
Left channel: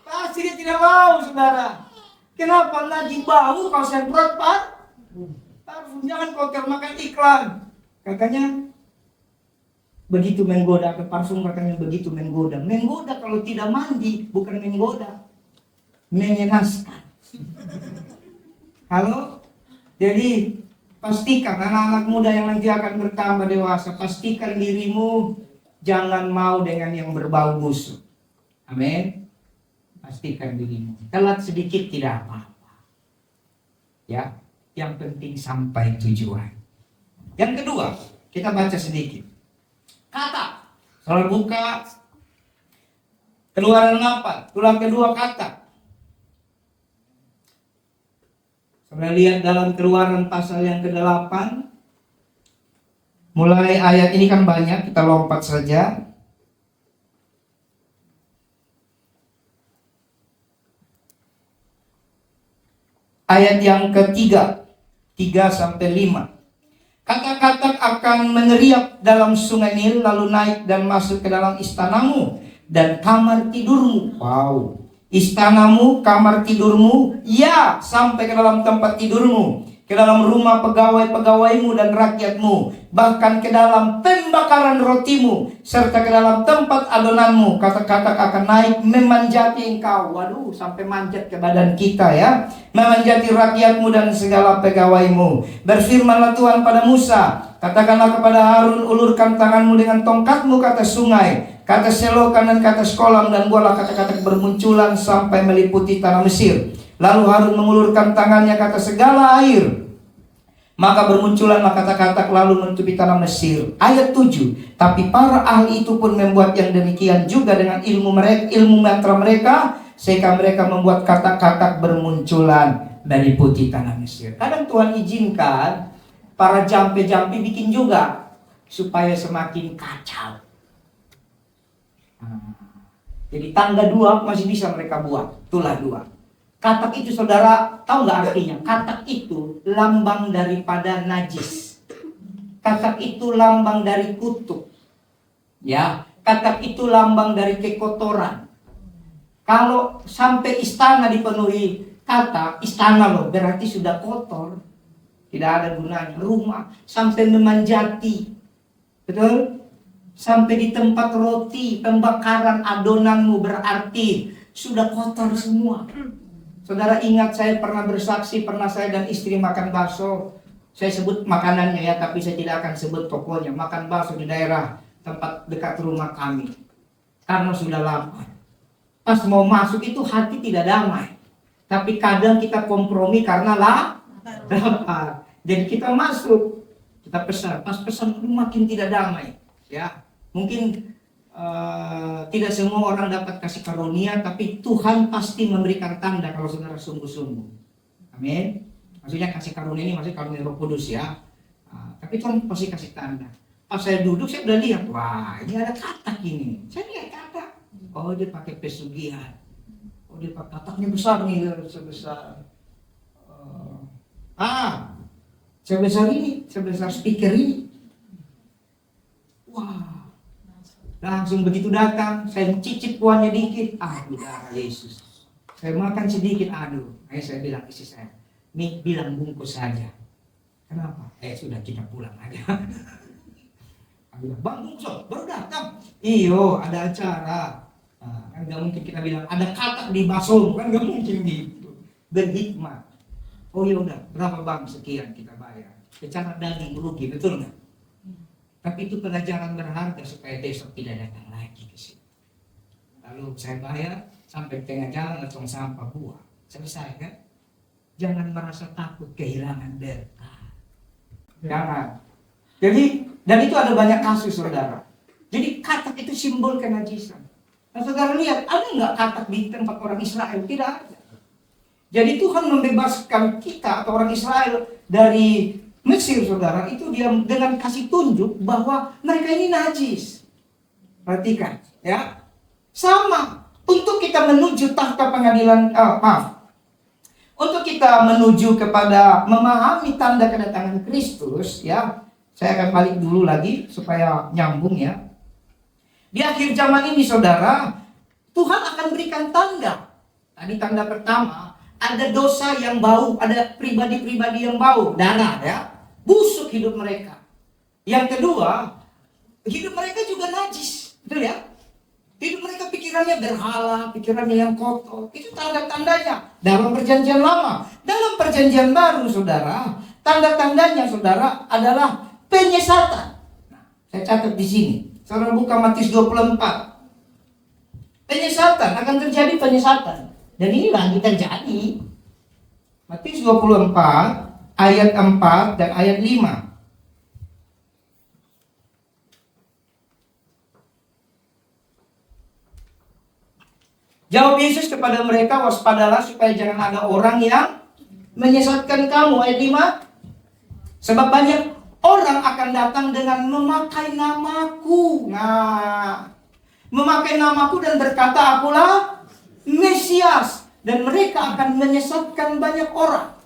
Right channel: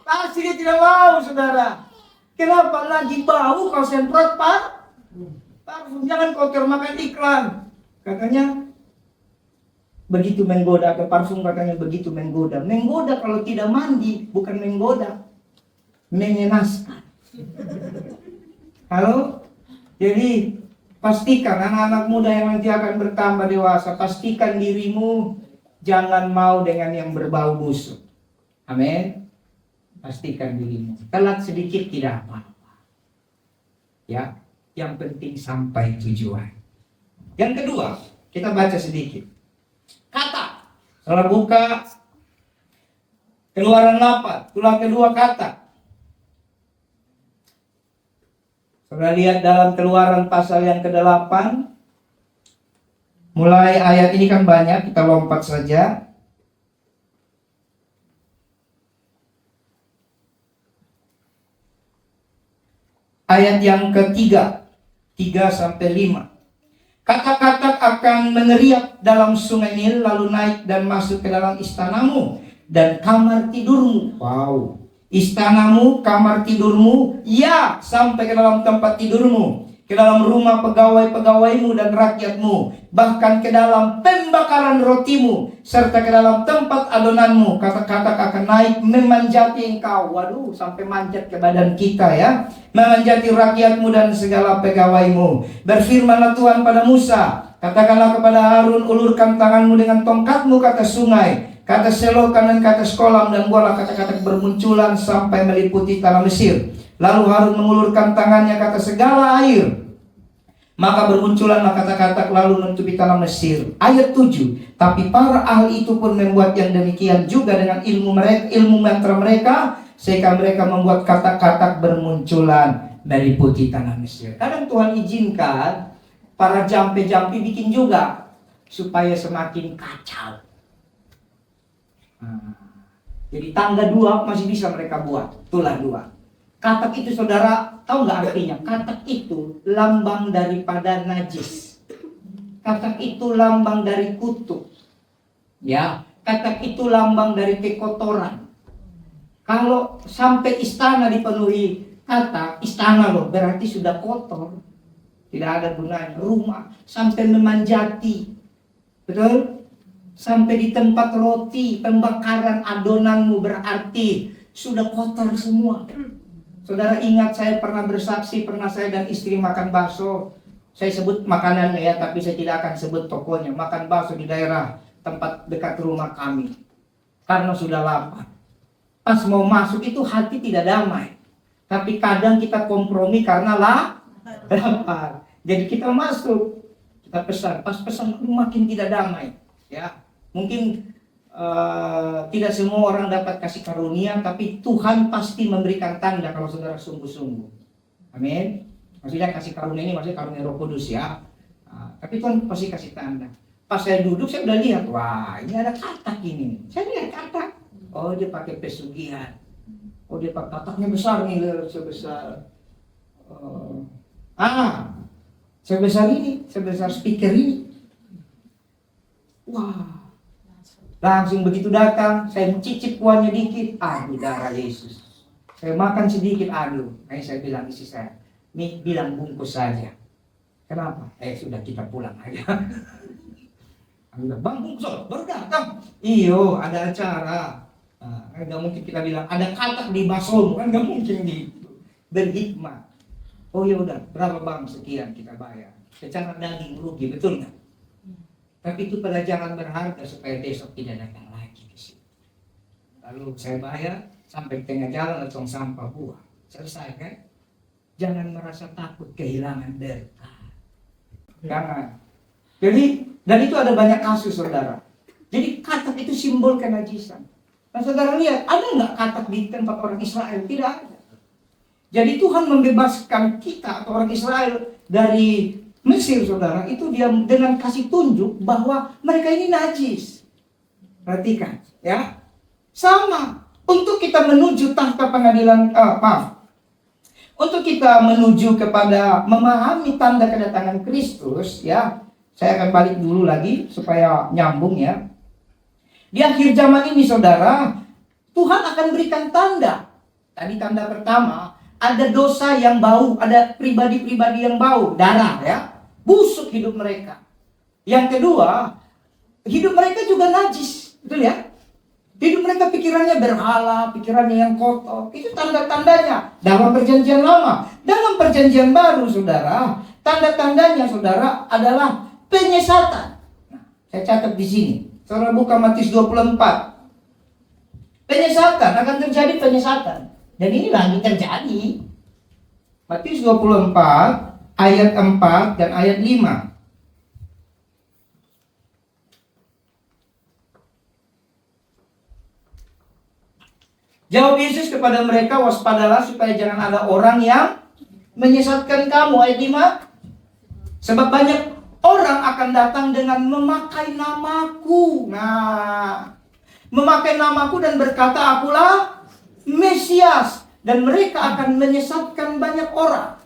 Pasti dia tidak mau, saudara. Kenapa lagi bau kau semprot parfum? Jangan kau termakan iklan. Katanya begitu menggoda, ke parfum katanya begitu menggoda. Menggoda kalau tidak mandi, bukan menggoda, mengenaskan. Halo? Jadi pastikan anak-anak muda yang nanti akan bertambah dewasa, pastikan dirimu jangan mau dengan yang berbau busuk. Amin. Pastikan dirimu. Telat sedikit tidak apa-apa. Ya, yang penting sampai tujuan. Yang kedua, kita baca sedikit. Kata. Salah buka Keluaran 8, tulang kedua kata. Saudara lihat dalam Keluaran pasal yang ke-8. Mulai ayat ini kan banyak, kita lompat saja. Ayat yang ketiga, 3-5. Kata-kata akan meneriak dalam sungai Nil, lalu naik dan masuk ke dalam istanamu dan kamar tidurmu. Wow. Istanamu, kamar tidurmu, ya, sampai ke dalam tempat tidurmu, ke dalam rumah pegawai-pegawaimu dan rakyatmu, bahkan ke dalam pembakaran rotimu, serta ke dalam tempat adonanmu. Kata-kata akan naik memanjati engkau. Waduh, sampai manjat ke badan kita ya. Memanjati rakyatmu dan segala pegawaimu. Berfirmanlah Tuhan pada Musa, katakanlah kepada Harun, ulurkan tanganmu dengan tongkatmu ke atas sungai, ke atas selokan dan ke atas kolam, dan buatlah kata-kata bermunculan sampai meliputi tanah Mesir. Lalu Harun mengulurkan tangannya ke atas segala air, maka bermunculanlah kata-kata lalu menutupi tanah Mesir. Ayat 7. Tapi para ahli itu pun membuat yang demikian juga dengan ilmu mantra mereka, sehingga mereka membuat kata-kata bermunculan meliputi tanah Mesir. Kadang Tuhan izinkan para jampi-jampi bikin juga supaya semakin kacau. Jadi tangga 2 masih bisa mereka buat, itulah 2. Katak itu saudara tahu nggak artinya? Katak itu lambang daripada najis. Katak itu lambang dari kutuk. Ya, katak itu lambang dari kekotoran. Kalau sampai istana dipenuhi katak, istana loh berarti sudah kotor. Tidak ada gunanya. Rumah sampai memanjati. Betul? Sampai di tempat roti, pembakaran adonanmu berarti sudah kotor semua. Saudara ingat, saya pernah bersaksi, pernah saya dan istri makan bakso. Saya sebut makanannya ya, tapi saya tidak akan sebut tokonya. Makan bakso di daerah tempat dekat rumah kami. Karena sudah lapar. Pas mau masuk itu hati tidak damai. Tapi kadang kita kompromi karena lapar. Jadi kita masuk, kita pesan. Pas pesan makin tidak damai. Ya, mungkin tidak semua orang dapat kasih karunia, tapi Tuhan pasti memberikan tanda kalau saudara sungguh-sungguh. Amin. Maksudnya kasih karunia ini maksudnya karunia Roh Kudus ya. Tapi Tuhan pasti kasih tanda. Pas saya duduk saya udah lihat, wah ini ada katak ini. Saya lihat katak. Oh dia pakai pesugihan. Oh dia pakai kataknya besar nih, sebesar sebesar ini, sebesar speaker ini. Wah. Langsung begitu datang, saya cicip kuahnya dikit, darah Yesus. Saya makan sedikit, akhirnya saya bilang istri saya, nih bilang bungkus saja. Kenapa? Sudah kita pulang aja. Aku bilang, bang bungkus, baru datang. Iyo, ada acara. Kan gak mungkin kita bilang, ada katak di bakso, kan gak mungkin gitu. Berhikmat. Oh ya udah, berapa bang? Sekian kita bayar. Secara daging rugi, betul nggak? Tapi itu pada jangan berharga supaya besok tidak datang lagi ke situ. Lalu saya bayar sampai tengah jalan tong sampah buah. Selesai kan? Jangan merasa takut kehilangan berkah. Jangan. Jadi, dan itu ada banyak kasus saudara. Jadi katak itu simbol kenajisan. Nah saudara lihat, ada nggak katak di tempat orang Israel? Tidak ada. Jadi Tuhan membebaskan kita atau orang Israel dari Mesir saudara, itu dia dengan kasih tunjuk bahwa mereka ini najis. Perhatikan ya. Sama untuk kita menuju tahta pengadilan, untuk kita menuju kepada memahami tanda kedatangan Kristus ya. Saya akan balik dulu lagi supaya nyambung ya. Di akhir zaman ini saudara, Tuhan akan berikan tanda. Tadi tanda pertama, ada dosa yang bau, ada pribadi-pribadi yang bau, darah ya. Busuk hidup mereka. Yang kedua, hidup mereka juga najis, betul ya? Hidup mereka pikirannya berhala, pikirannya yang kotor. Itu tanda-tandanya dalam perjanjian lama. Dalam perjanjian baru saudara, tanda-tandanya saudara adalah penyesatan. Nah, saya catat di sini. Saudara buka Matius 24. Penyesatan, akan terjadi penyesatan. Dan ini lagi terjadi. Matius 24 ayat 4 dan ayat 5. Jawab Yesus kepada mereka, waspadalah supaya jangan ada orang yang menyesatkan kamu. Ayat 5. Sebab banyak orang akan datang dengan memakai namaku. Nah, memakai namaku dan berkata, akulah Mesias. Dan mereka akan menyesatkan banyak orang.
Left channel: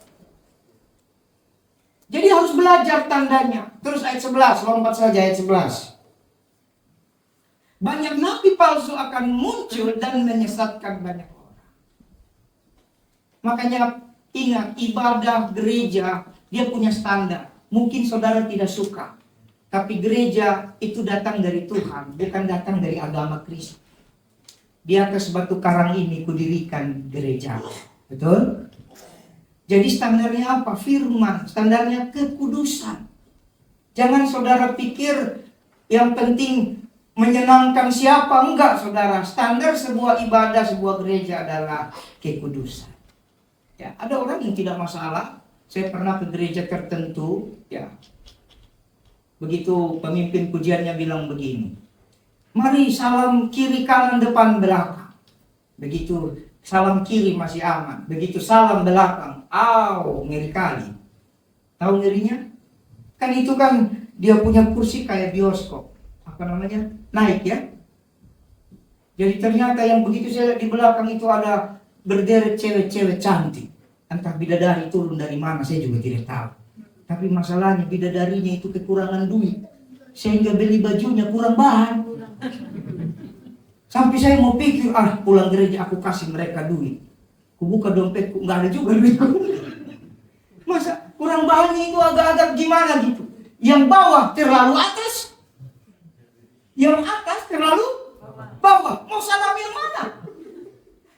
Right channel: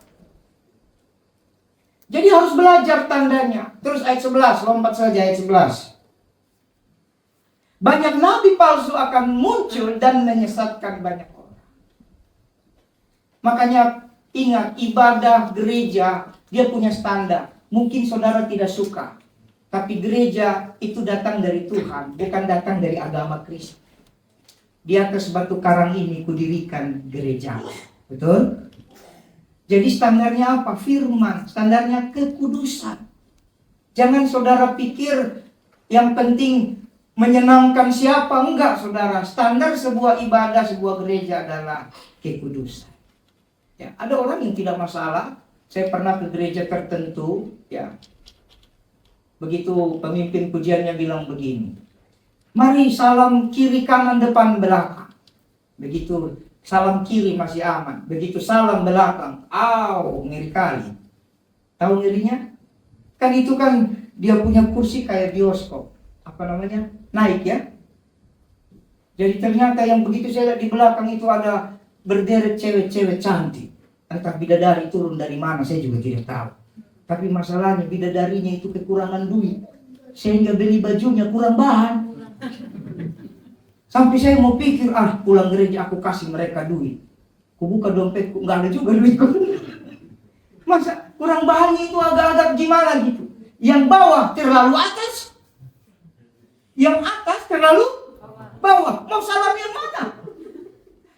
Jadi harus belajar tandanya. Terus ayat 11, lompat saja ayat 11. Banyak nabi palsu akan muncul dan menyesatkan banyak orang. Makanya ingat, ibadah gereja dia punya standar. Mungkin saudara tidak suka, tapi gereja itu datang dari Tuhan, bukan datang dari agama Kristus. Di atas batu karang ini kudirikan gereja. Betul? Jadi standarnya apa? Firman. Standarnya kekudusan. Jangan saudara pikir yang penting menyenangkan siapa. Enggak saudara. Standar sebuah ibadah, sebuah gereja adalah kekudusan. Ya, ada orang yang tidak masalah. Saya pernah ke gereja tertentu. Ya, begitu pemimpin pujiannya bilang begini. Mari salam kiri kanan depan belakang. Begitu salam kiri masih aman. Begitu salam belakang, ngeri kali. Tahu ngerinya? Kan itu kan dia punya kursi kayak bioskop. Apa namanya? Naik ya. Jadi ternyata yang begitu saya lihat di belakang itu ada berderet cewek-cewek cantik. Entah bidadari turun dari mana saya juga tidak tahu. Tapi masalahnya bidadarinya itu kekurangan duit. Sehingga beli bajunya kurang bahan. Sampai saya mau pikir, pulang gereja aku kasih mereka duit. Ku buka dompetku, nggak ada juga duitku. Masa kurang bahannya itu agak-agak gimana gitu. Yang bawah terlalu atas, yang atas terlalu bawah. Mau salam yang mana?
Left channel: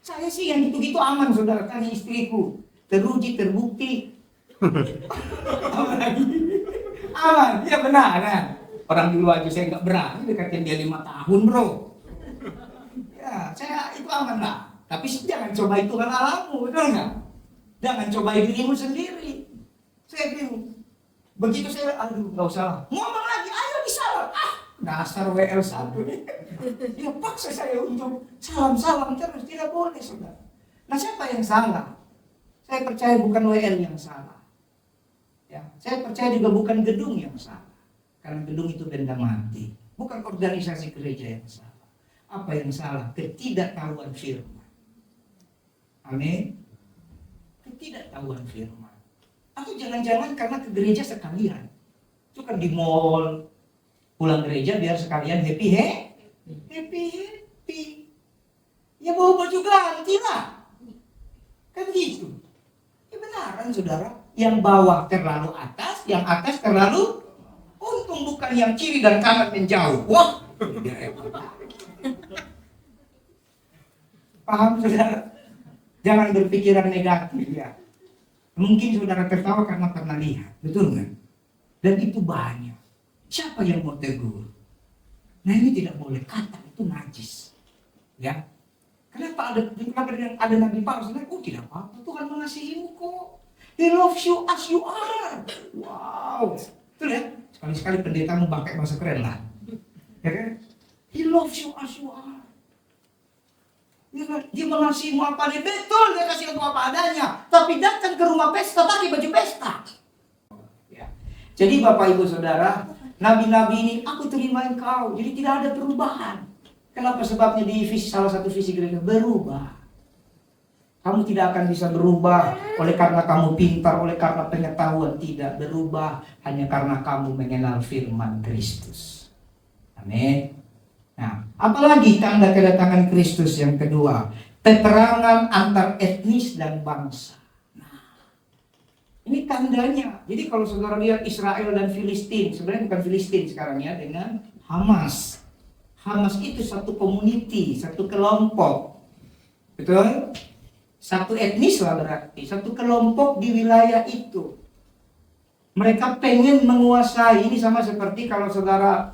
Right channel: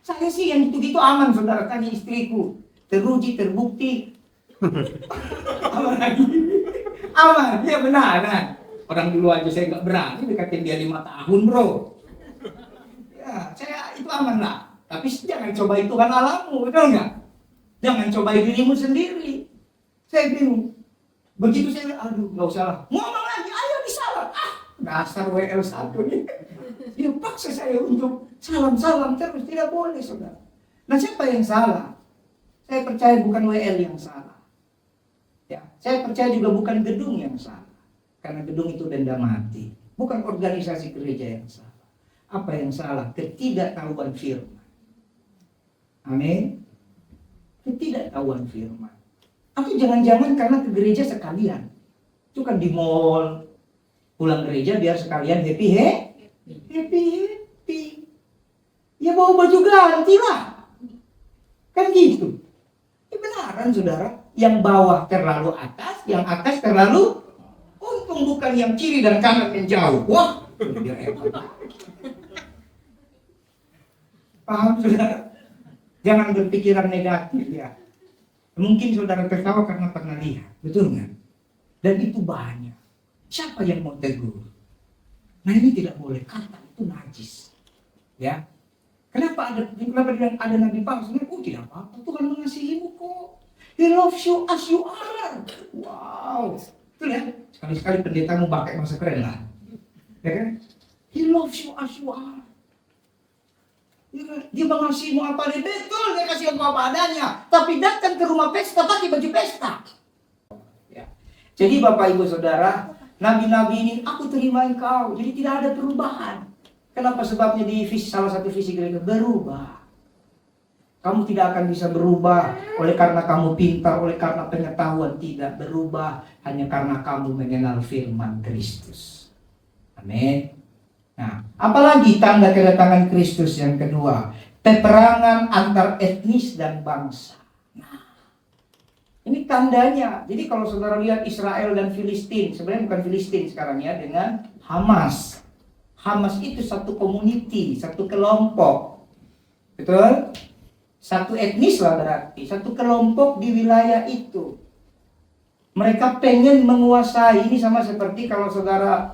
Saya sih yang gitu-gitu aman saudara. Tanya istriku, teruji, terbukti. Aman lagi. Aman, ya benar kan. Orang dulu aja saya nggak berani dekatin dia 5 tahun bro. Ya, saya itu aman lah. Tapi jangan cobai Tuhan alamu, betul nggak? Jangan cobai dirimu sendiri. Saya bingung. Begitu saya, nggak usah lah. Ngomong lagi, ayo disalam. Dasar WL1 nih. Dia paksa saya untuk salam-salam terus, tidak boleh saudara. Nah siapa yang salah? Saya percaya bukan WL yang salah. Ya, saya percaya juga bukan gedung yang salah. Karena gedung itu benda mati. Bukan organisasi gereja yang salah. Apa yang salah? Ketidaktahuan firman. Amin. Ketidaktahuan firman. Atau jangan-jangan karena ke gereja sekalian. Itu kan di mall. Pulang gereja biar sekalian happy. Ya bawa baju ganti lah. Kan gitu. Ya benaran saudara. Yang bawah terlalu atas, yang atas terlalu untung bukan yang kiri dan kanan menjauh. Wah, paham saudara? Jangan berpikiran negatif ya. Mungkin saudara tertawa karena pernah lihat, betul nggak? Dan itu banyak. Siapa yang mau tegur? Nah ini tidak boleh, kata itu najis. Ya, kenapa ada nabi palsu? Nah, tidak apa-apa, Tuhan mengasihimu kok. He loves you as you are. Wow, betul ya? Sekali-sekali pendetamu pakai masa keren lah, ya kan? He loves you as you are. Ya kan? Dia mengasihimu apa adanya, betul, dia kasih engkau apa adanya. Tapi datang ke rumah pesta pakai baju pesta. Ya. Jadi Bapak Ibu Saudara, nabi-nabi ini aku terima engkau, jadi tidak ada perubahan. Kenapa? Sebabnya di salah satu visi gereja berubah. Kamu tidak akan bisa berubah oleh karena kamu pintar, oleh karena pengetahuan, tidak berubah hanya karena kamu mengenal firman Kristus. Amin. Nah, apalagi tanda kedatangan Kristus yang kedua, peperangan antar etnis dan bangsa. Nah, ini tandanya. Jadi kalau saudara lihat Israel dan Filistin, sebenarnya bukan Filistin sekarang ya, dengan Hamas. Hamas itu satu community, satu kelompok. Betul? Satu etnis lah berarti, satu kelompok di wilayah itu. Mereka pengen menguasai, ini sama seperti kalau saudara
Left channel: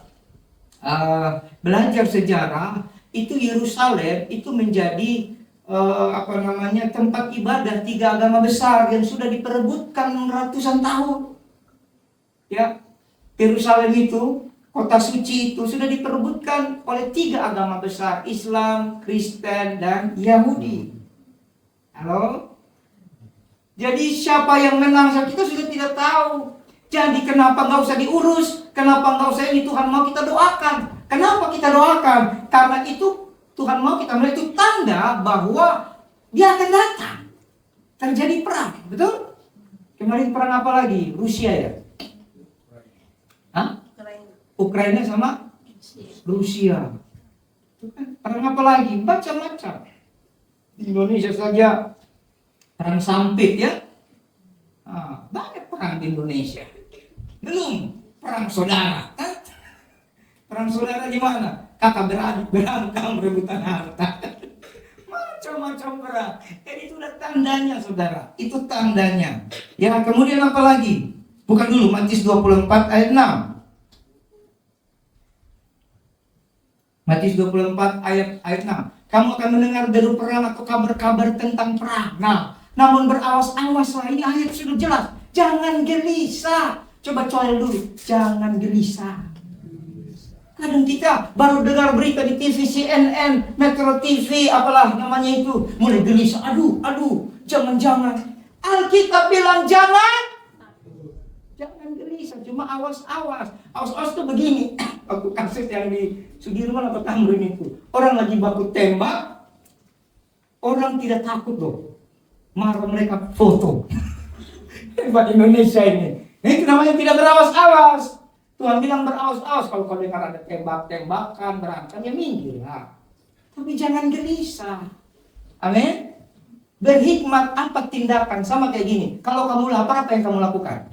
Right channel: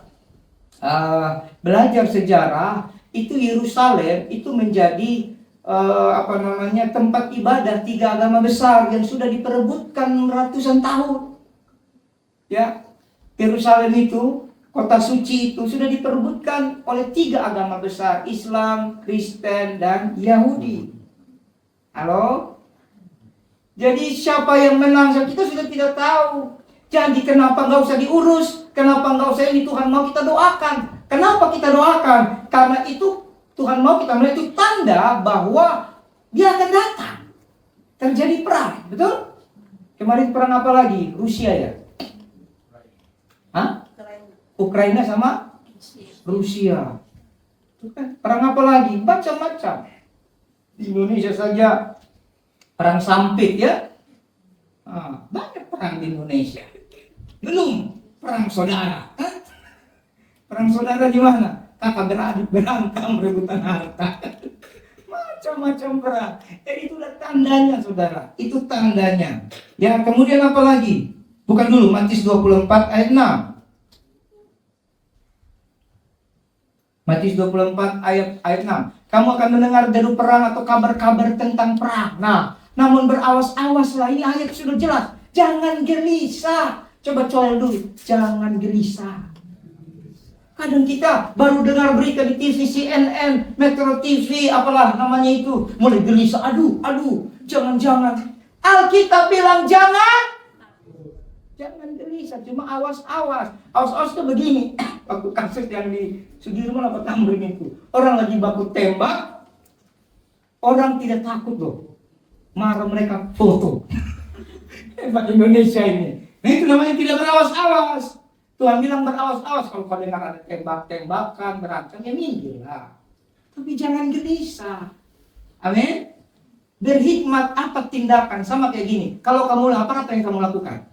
belajar sejarah, itu Yerusalem itu menjadi tempat ibadah 3 agama besar yang sudah diperebutkan ratusan tahun. Ya, Yerusalem itu, kota suci itu sudah diperebutkan oleh 3 agama besar, Islam, Kristen, dan Yahudi. Halo? Jadi siapa yang menang kita sudah tidak tahu. Jadi kenapa nggak usah diurus? Kenapa nggak usah ini? Tuhan mau kita doakan. Kenapa kita doakan? Karena itu Tuhan mau kita melihat itu tanda bahwa Dia akan datang. Terjadi perang, betul? Kemarin perang apa lagi? Rusia ya? Hah? Ukraina sama Rusia. Itu kan perang apa lagi? Macam-macam. Di Indonesia saja perang sampit ya. Banyak perang di Indonesia. Belum perang saudara. Perang saudara di mana? Kakak beradik berantem rebutan harta. Macam-macam perang. Jadi itu udah tandanya saudara. Itu tandanya. Ya, kemudian apa lagi? Bukan dulu, Matius 24 ayat 6. Matius 24 ayat 6. Kamu akan mendengar deru perang atau kabar-kabar tentang perang. Nah, namun berawas-awaslah, ini ayat sudah jelas. Jangan gelisah. Coba colel dulu. Jangan gelisah. Kadang kita baru dengar berita di TV CNN, Metro TV, apalah namanya itu, mulai gelisah. Aduh, jangan-jangan. Alkitab bilang jangan gelisah, cuma awas-awas. Awas-awas itu begini. Waktu kasus yang di Sudirman apa Tamrin itu, orang lagi baku tembak, orang tidak takut loh. Marah mereka foto. Hebat Indonesia ini. Nah, itu namanya tidak berawas-awas. Tuhan bilang berawas-awas. Kalau kau dengar ada tembak-tembakan, berantem, ya minggirlah. Tapi jangan gelisah. Amin. Berhikmat apa tindakan? Sama kayak gini. Kalau kamu lapar, apa yang kamu lakukan?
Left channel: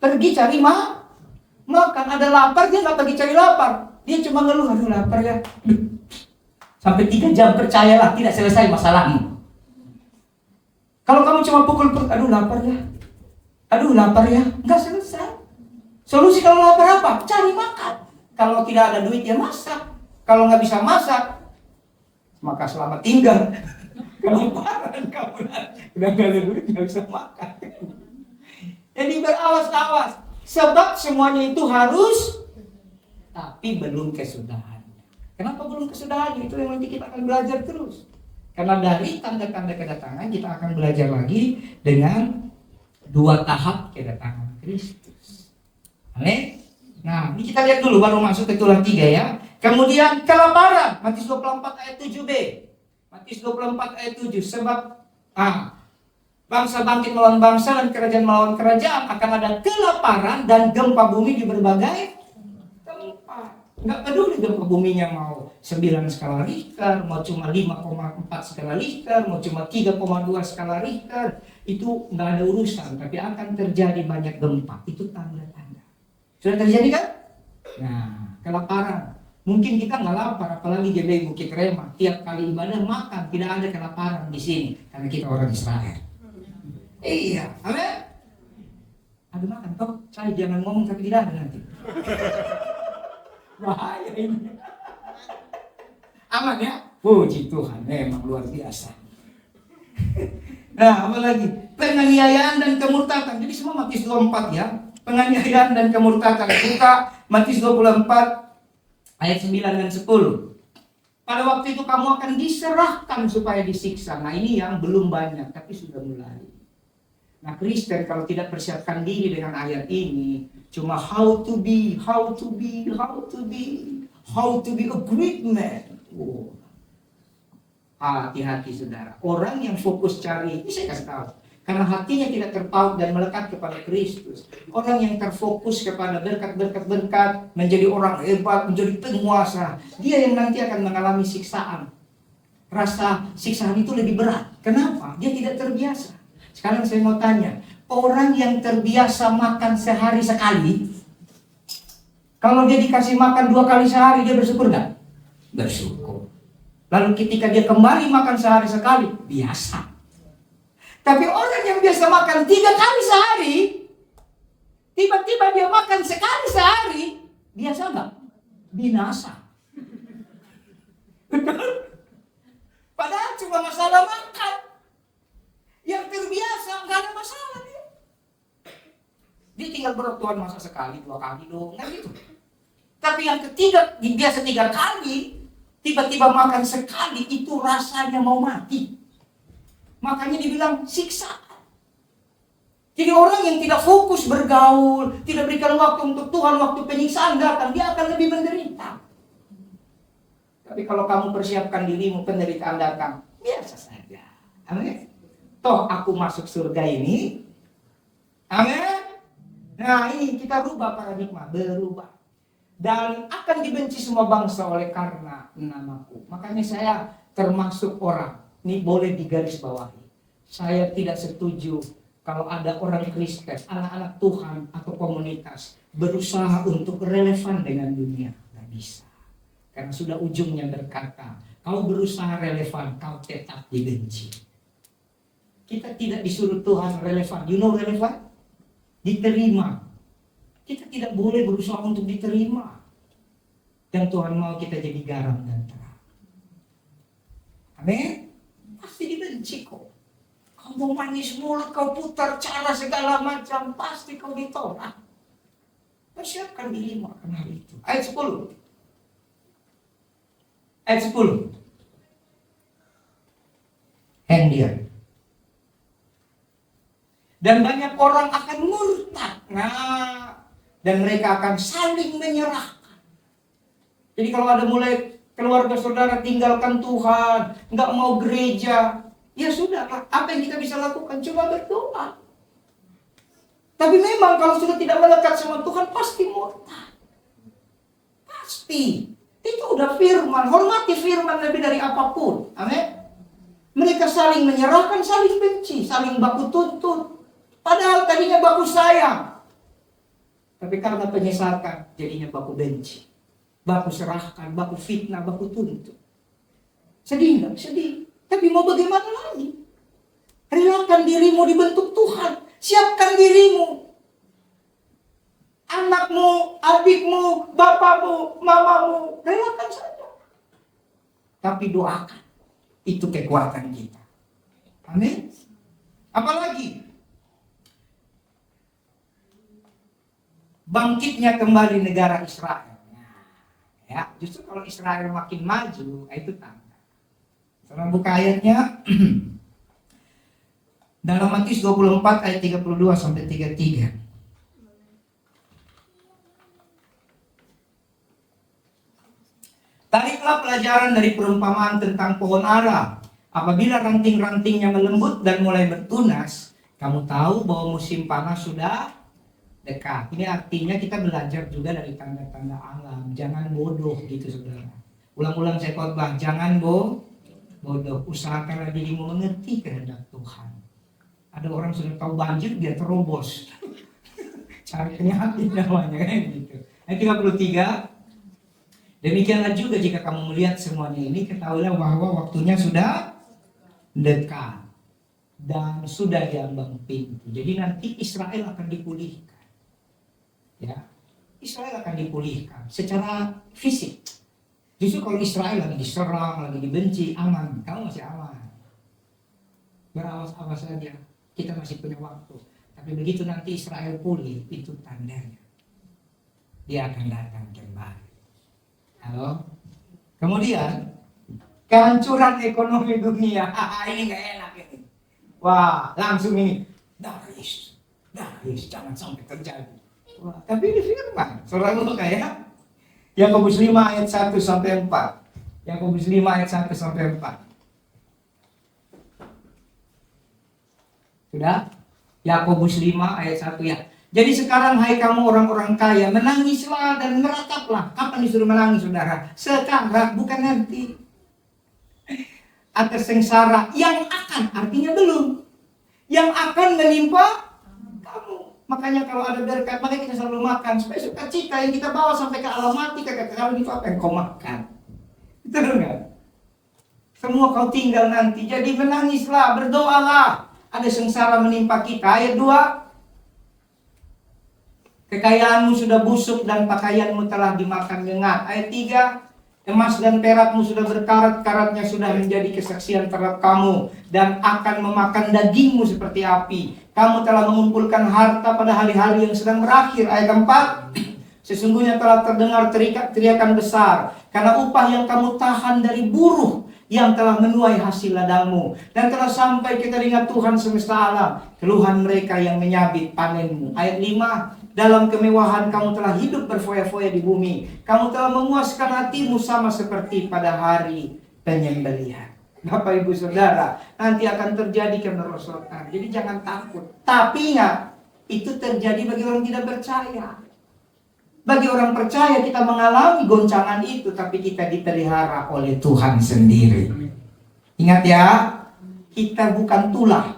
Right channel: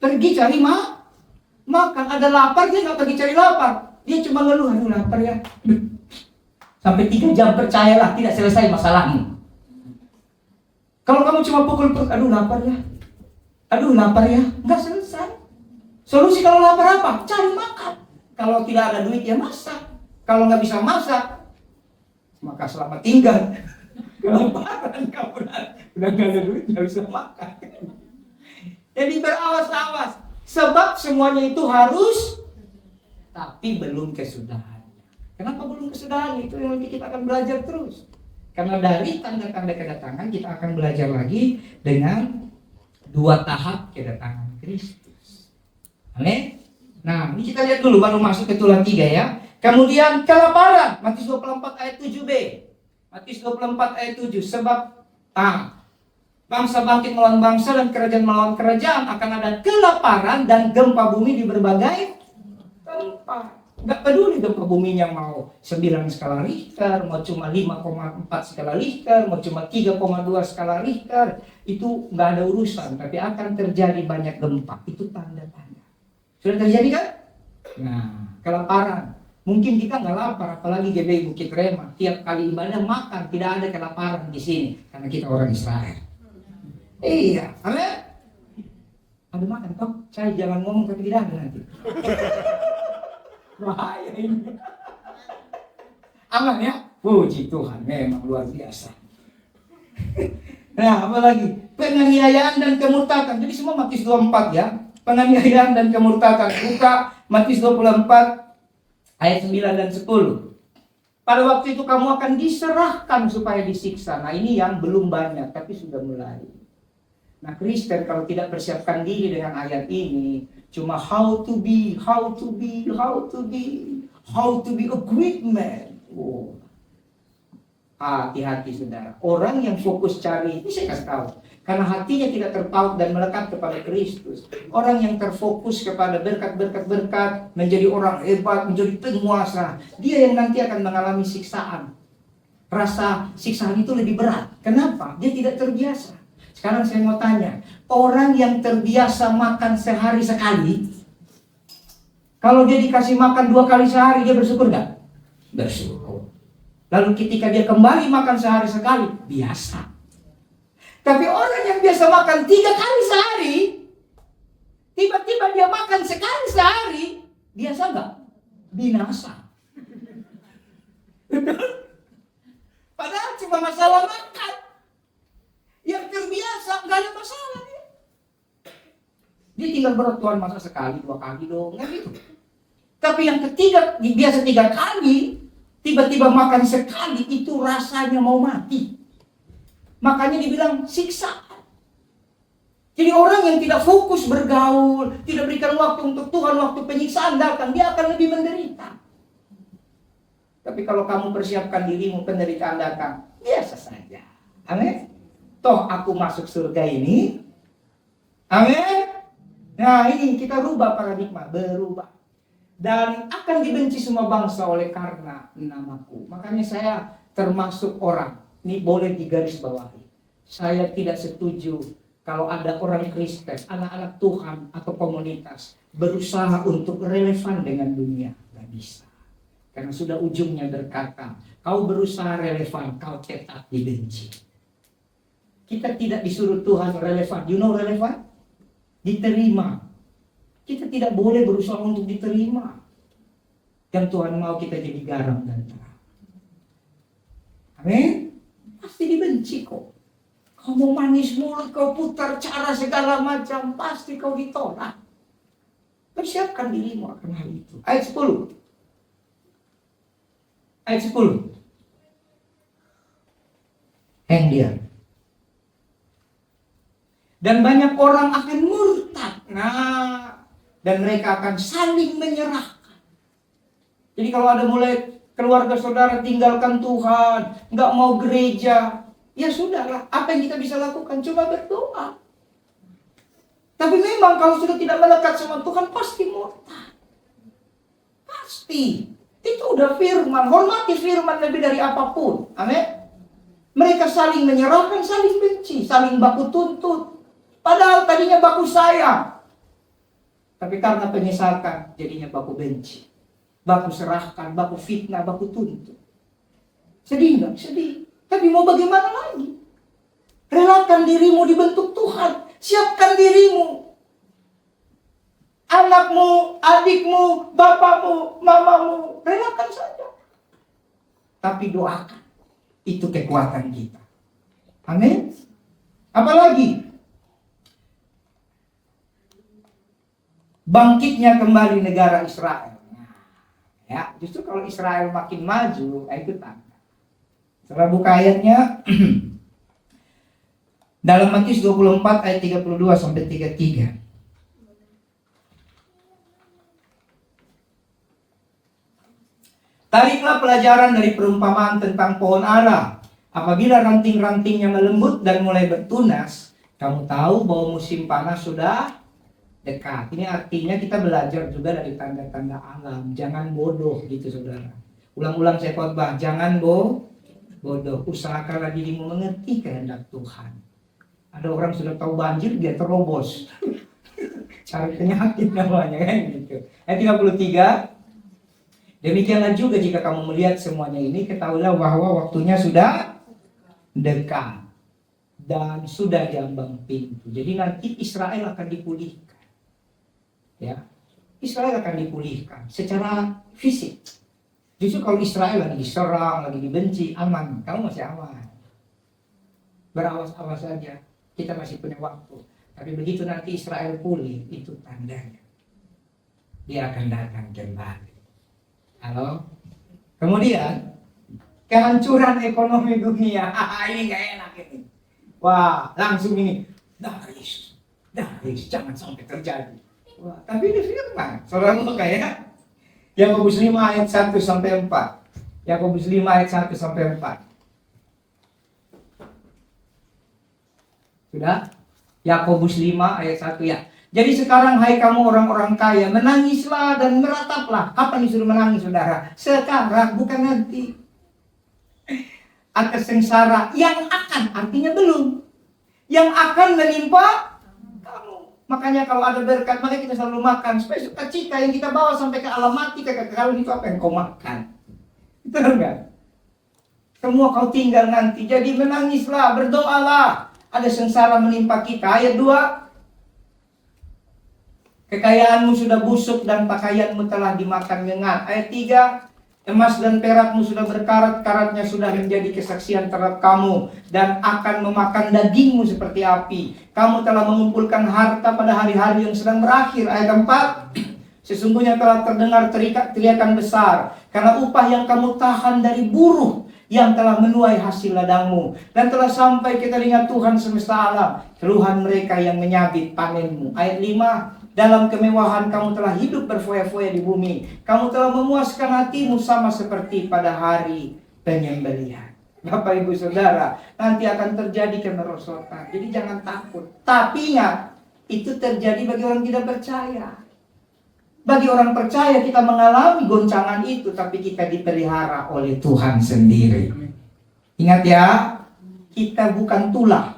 Pergi cari makan. Ada lapar, dia nggak pergi cari lapar. Dia cuma ngeluh, aduh lapar ya. Sampai 3 jam, percayalah tidak selesai masalahmu. Kalau kamu cuma pukul, aduh lapar ya, nggak selesai. Solusi kalau lapar apa? Cari makan. Kalau tidak ada duit ya masak. Kalau nggak bisa masak, maka selamat tinggal. Kelaparan kamu udah nggak ada duit, nggak bisa makan. Jadi berawas-awas. Sebab semuanya itu harus, tapi belum kesudahannya. Kenapa belum kesudahannya? Itu yang nanti kita akan belajar terus. Karena dari tanda-tanda kedatangan kita akan belajar lagi dengan 2 tahap kedatangan Kristus. Amin. Nah, ini kita lihat dulu baru masuk ke tulah 3 ya. Kemudian kelaparan, Matius 24 ayat 7b. Matius 24 ayat 7. Sebab bangsa bangkit melawan bangsa dan kerajaan melawan kerajaan, akan ada kelaparan dan gempa bumi di berbagai tempat. Nggak peduli gempa buminya mau 9 skala Richter, mau cuma 5,4 skala Richter, mau cuma 3,2 skala Richter, itu nggak ada urusan, tapi akan terjadi banyak gempa. Itu tanda-tanda. Sudah terjadi kan? Nah, kelaparan. Mungkin kita nggak lapar, apalagi GBI Bukit Rema. Tiap kali ibadah makan, tidak ada kelaparan di sini, karena kita orang Israel. Iya, amin. Aduh makan kok, saya jangan ngomong tapi tidak ada nanti. Bahaya ini. Aman ya? Puji Tuhan, memang luar biasa. Nah, apalagi penganiayaan dan kemurtatan. Jadi semua Matius 24 ya. Penganiayaan dan kemurtatan. Buka Matius 24 ayat 9 dan 10. Pada waktu itu kamu akan diserahkan supaya disiksa. Nah, ini yang belum banyak tapi sudah mulai. Nah, Kristen kalau tidak persiapkan diri dengan ayat ini, cuma how to be a great man. Oh. Hati-hati saudara. Orang yang fokus cari, ini saya kasih tahu, karena hatinya tidak terpaut dan melekat kepada Kristus. Orang yang terfokus kepada berkat, menjadi orang hebat, menjadi penguasa, dia yang nanti akan mengalami siksaan. Rasa siksaan itu lebih berat. Kenapa? Dia tidak terbiasa. Sekarang saya mau tanya, orang yang terbiasa makan sehari sekali, kalau dia dikasih makan 2 kali sehari, dia bersyukur nggak? Bersyukur. Lalu ketika dia kembali makan sehari sekali, biasa. Tapi orang yang biasa makan 3 kali sehari, tiba-tiba dia makan sekali sehari, biasa nggak? Binasa. Padahal cuma masalah makan. Yang terbiasa nggak ada masalah dia. Dia tinggal berat, Tuhan masa sekali 2 kali dong, nggak gitu. Tapi yang ketiga, biasa 3 kali, tiba-tiba makan sekali, itu rasanya mau mati. Makanya dibilang siksaan. Jadi orang yang tidak fokus bergaul, tidak berikan waktu untuk Tuhan, waktu penyiksaan datang, dia akan lebih menderita. Tapi kalau kamu persiapkan dirimu, penderitaan datang, biasa saja. Amin. Toh aku masuk surga ini. Amin. Nah ini kita rubah paradigma, berubah. Dan akan dibenci semua bangsa oleh karena namaku. Makanya saya termasuk orang, ini boleh digarisbawahi. Saya tidak setuju kalau ada orang Kristen, anak-anak Tuhan atau komunitas berusaha untuk relevan dengan dunia. Gak bisa. Karena sudah ujungnya berkata, kau berusaha relevan, kau tetap dibenci. Kita tidak disuruh Tuhan relevan. You know relevan? Diterima. Kita tidak boleh berusaha untuk diterima. Dan Tuhan mau kita jadi garam dan terang. Amin? Pasti dibenci kok. Kau mau manis mulut, kau putar cara segala macam, pasti kau ditolak. Persiapkan dirimu akan hal itu. Ayat 10. Ayat 10. Hang dia. Dan banyak orang akan murtad. Nah, dan mereka akan saling menyerahkan. Jadi kalau ada mulai keluarga saudara tinggalkan Tuhan, nggak mau gereja, ya sudahlah. Apa yang kita bisa lakukan? Coba berdoa. Tapi memang kalau sudah tidak melekat sama Tuhan, pasti murtad. Pasti. Itu udah firman. Hormati firman lebih dari apapun. Amin. Mereka saling menyerahkan, saling benci, saling baku tuntut. Padahal tadinya baku sayang. Tapi karena penyesakan, jadinya baku benci. Baku serahkan, baku fitnah, baku tuntut. Sedih enggak? Sedih. Tapi mau bagaimana lagi? Relakan dirimu dibentuk Tuhan. Siapkan dirimu. Anakmu, adikmu, bapakmu, mamamu. Relakan saja. Tapi doakan. Itu kekuatan kita. Amin. Apalagi? Bangkitnya kembali negara Israel. Ya, justru kalau Israel makin maju, itu tanda. Setelah buka ayatnya dalam Matius 24 ayat 32 sampai 33. Tariklah pelajaran dari perumpamaan tentang pohon ara. Apabila ranting-rantingnya melembut dan mulai bertunas, kamu tahu bahwa musim panas sudah dekat. Ini artinya kita belajar juga dari tanda-tanda alam. Jangan bodoh gitu saudara. Ulang-ulang saya khotbah, jangan bodoh. Usahakanlah dirimu mengerti kehendak Tuhan. Ada orang sudah tahu banjir, dia terobos. Cari penyakit namanya kan gitu. Ayat 33. Demikianlah juga jika kamu melihat semuanya ini, ketahuilah bahwa waktunya sudah dekat. dan sudah di ambang pintu. Jadi nanti Israel akan dipulihkan. Ya, Israel akan dipulihkan secara fisik. Justru kalau Israel lagi diserang, lagi dibenci, aman. Kamu masih aman. Berawas-awas saja. Kita masih punya waktu. Tapi begitu nanti Israel pulih, itu tandanya dia akan datang kembali. Halo? Kemudian kehancuran ekonomi dunia. Ini gak enak ini. Wah, langsung ini Darius, jangan sampai terjadi. Wah, tapi ini firman, saudara kayak Yakobus 5 ayat 1 sampai 4. Yakobus 5 ayat 1 sampai 4. Sudah? Yakobus 5 ayat 1 ya. Jadi sekarang hai kamu orang-orang kaya, menangislah dan merataplah. Kapan disuruh menangis saudara? Sekarang, bukan nanti. Atas sengsara yang akan, artinya belum, yang akan menimpa kamu. Makanya kalau ada berkat, makanya kita selalu makan supaya sukacita yang kita bawa sampai ke alam mati. Kalau itu apa yang kau makan? Betul enggak? Semua kau tinggal nanti. Jadi menangislah, berdoalah. Ada sengsara menimpa kita. Ayat 2. Kekayaanmu sudah busuk dan pakaianmu telah dimakan nyengat. Ayat 3. Emas dan perakmu sudah berkarat, karatnya sudah menjadi kesaksian terhadap kamu dan akan memakan dagingmu seperti api. Kamu telah mengumpulkan harta pada hari-hari yang sedang berakhir. Ayat 4. Sesungguhnya telah terdengar teriakan besar karena upah yang kamu tahan dari buruh yang telah menuai hasil ladangmu, dan telah sampai ke telinga Tuhan semesta alam keluhan mereka yang menyabit panenmu. Ayat 5. Dalam kemewahan kamu telah hidup berfoya-foya di bumi. Kamu telah memuaskan hatimu sama seperti pada hari penyembelihan. Bapak Ibu Saudara, nanti akan terjadi kemerosotan. Jadi jangan takut. Tapi ingat, itu terjadi bagi orang tidak percaya. Bagi orang percaya kita mengalami goncangan itu, tapi kita dipelihara oleh Tuhan sendiri. Ingat ya, kita bukan tulah.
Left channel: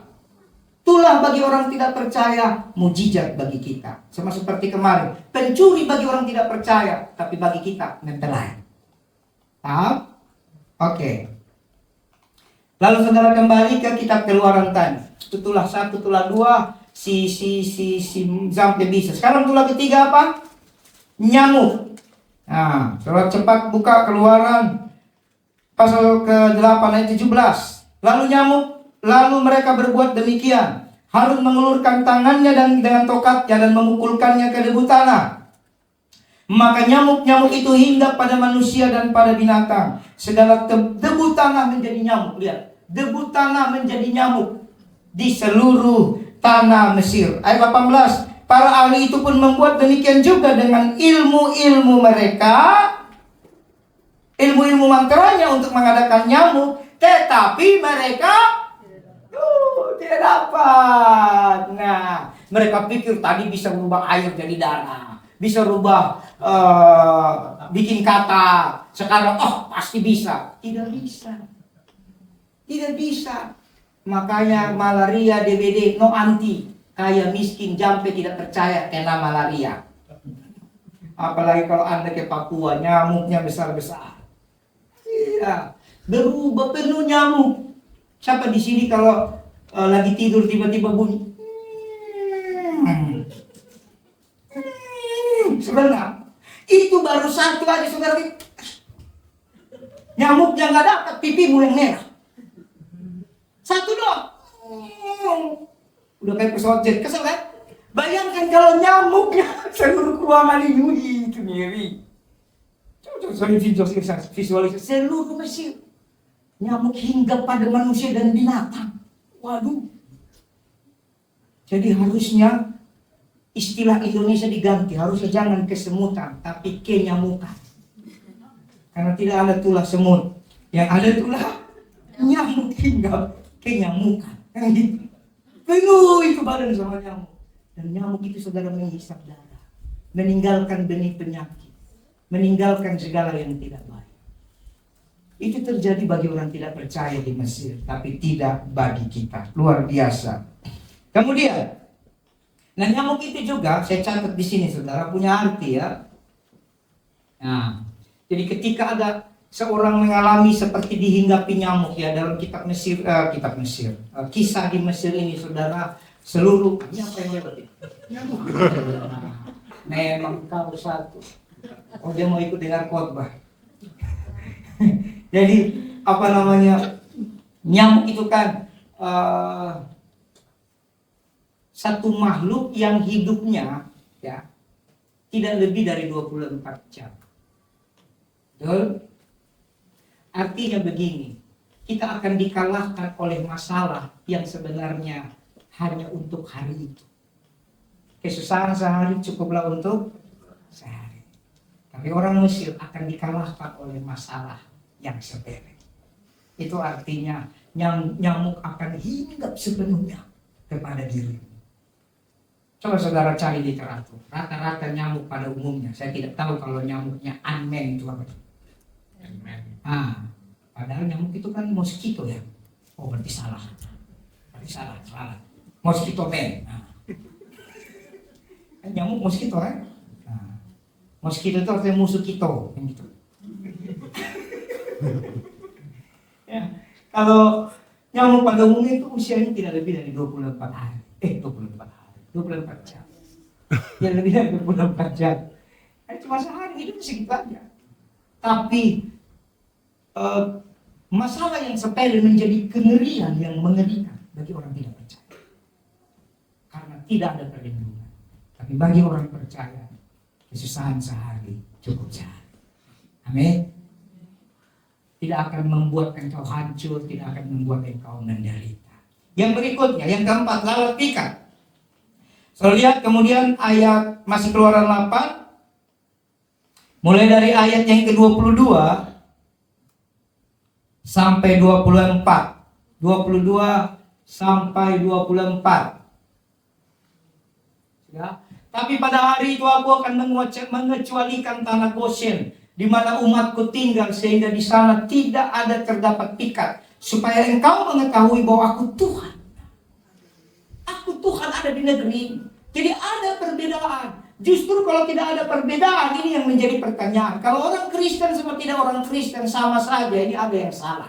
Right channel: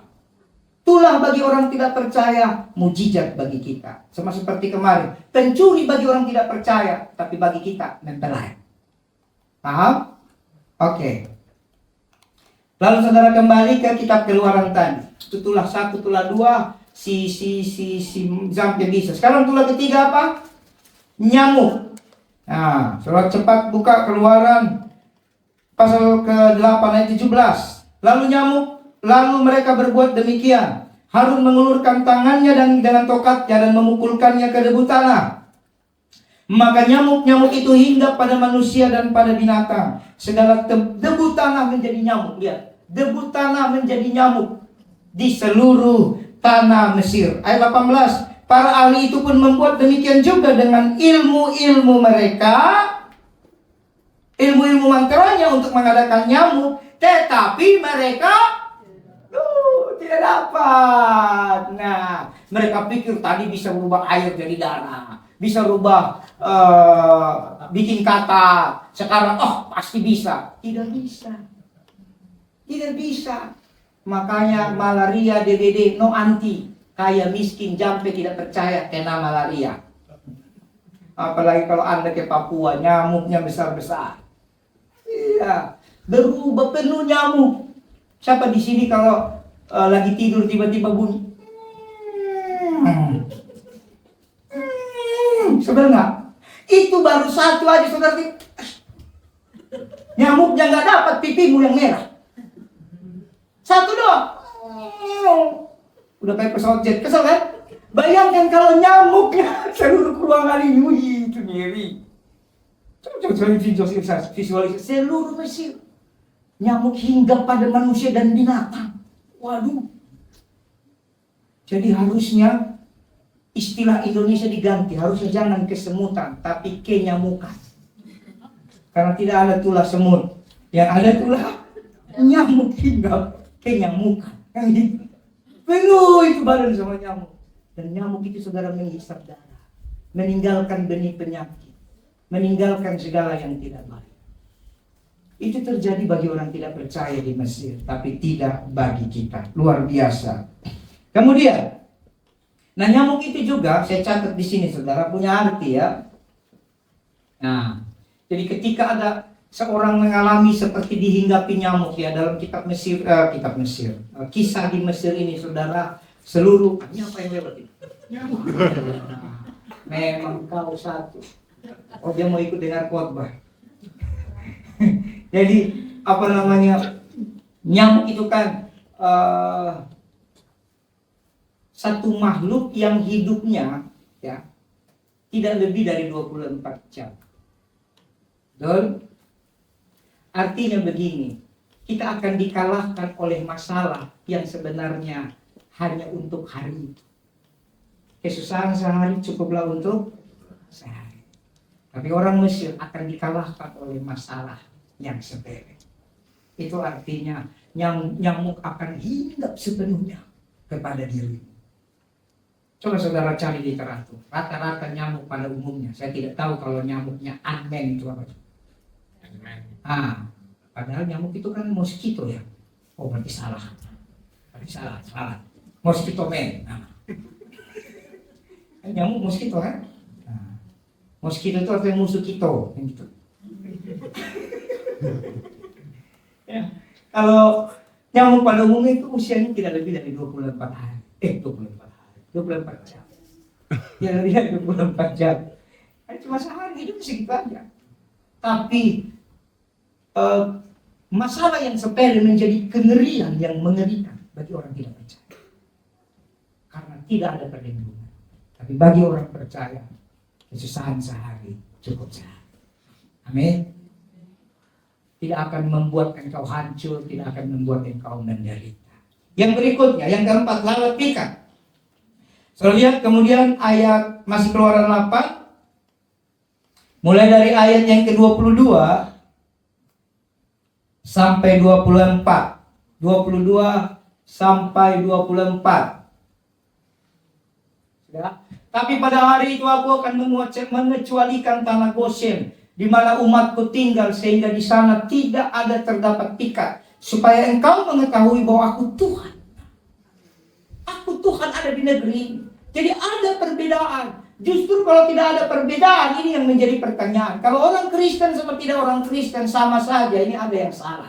Tulah bagi orang tidak percaya, mujizat bagi kita. Sama seperti kemarin, pencuri bagi orang tidak percaya, tapi bagi kita mempelai. Paham? Oke. Lalu saudara kembali ke kitab Keluaran tadi. Itu tulah 1, tulah 2, si sampai bisa. Sekarang tulah ketiga apa? Nyamuk. Nah, saudara cepat buka Keluaran pasal ke-8 ayat 17. Lalu nyamuk, lalu mereka berbuat demikian. Harun mengulurkan tangannya dan dengan tokatnya dan memukulkannya ke debu tanah. Maka nyamuk-nyamuk itu hinggap pada manusia dan pada binatang. Segala debu tanah menjadi nyamuk. Lihat, debu tanah menjadi nyamuk di seluruh tanah Mesir. Ayat 18. Para ahli itu pun membuat demikian juga dengan ilmu-ilmu mereka, ilmu-ilmu mantranya untuk mengadakan nyamuk, tetapi mereka tidak dapat. Nah, mereka pikir tadi bisa berubah air jadi darah, bisa rubah bikin kata. Sekarang pasti bisa. Tidak bisa. Tidak bisa. Makanya malaria, DBD, no anti. Kaya miskin jampe tidak percaya kena malaria. Apalagi kalau Anda ke Papua, nyamuknya besar-besar. Iya, berubah penuh nyamuk. Siapa di sini kalau lagi tidur tiba-tiba bunyi? Sebenarnya itu baru satu aja saudara. Nyamuknya nggak dapat, pipimu yang merah. Satu doang. Udah kayak pesawat jet, kesel kan? Bayangkan kalau nyamuknya seluruh ruangan ini, itu ngeri. Coba visualisasi seluruh Mesir. Nyamuk hingga pada manusia dan binatang. Waduh. Jadi harusnya istilah Indonesia diganti. Harusnya jangan kesemutan, tapi kenyamukan. Karena tidak ada tulah semut. Yang ada tulah nyamuk hingga kenyamukan. Kan gitu. Penuh itu badan sama nyamuk. Dan nyamuk itu saudara menghisap darah, meninggalkan benih penyakit, meninggalkan segala yang tidak baik. Itu terjadi bagi orang tidak percaya di Mesir, tapi tidak bagi kita. Luar biasa. Kemudian, nah nyamuk itu juga saya catat di sini saudara punya arti ya. Nah, jadi ketika ada seorang mengalami seperti dihinggapi nyamuk ya dalam kitab Mesir, kisah di Mesir ini saudara, seluruh ini apa yang lewat ini? Nyamuk. Memang kau satu. Oh, dia mau ikut dengar khotbah. Jadi apa namanya, nyamuk itu kan satu makhluk yang hidupnya ya tidak lebih dari 24 jam. Betul? Artinya begini, kita akan dikalahkan oleh masalah yang sebenarnya hanya untuk hari itu. Kesusahan sehari cukuplah untuk sehari. Tapi orang Mesir akan dikalahkan oleh masalah yang sepele. Itu artinya nyamuk akan hinggap sepenuhnya kepada dirimu. Coba saudara cari literatur. Rata-rata nyamuk pada umumnya, saya tidak tahu kalau nyamuknya Ant-Man itu apa. Padahal nyamuk itu kan mosquito ya. Oh, berarti salah. Salah. Mosquito man. Nyamuk mosquito ya. Mosquito itu artinya musuh kita, gitu. Ya, kalau nyamuk pada umumnya itu usianya tidak lebih dari 24 hari. 24 jam. Tidak lebih dari 24 jam. Cuma sehari hidup segitu aja. Tapi masalah yang sepele menjadi kengerian yang mengerikan bagi orang tidak percaya. Karena tidak ada perlindungan. Tapi bagi orang percaya, kesusahan sehari cukup sehari. Amin. Tidak akan membuat engkau hancur, tidak akan membuat engkau menderita. Yang berikutnya, yang keempat, lalat pikat. So, lihat kemudian ayat masih Keluaran 8, mulai dari ayat yang ke-22 sampai 24. 22 sampai 24. Ya. Tapi pada hari itu aku akan mengecualikan tanah Goshen di mana umatku tinggal, sehingga di sana tidak ada terdapat pikat, supaya engkau mengetahui bahwa aku Tuhan. Aku Tuhan ada di negeri ini. Jadi ada perbedaan. Justru kalau tidak ada perbedaan, ini yang menjadi pertanyaan. Kalau orang Kristen sama tidak orang Kristen sama saja, ini ada yang salah.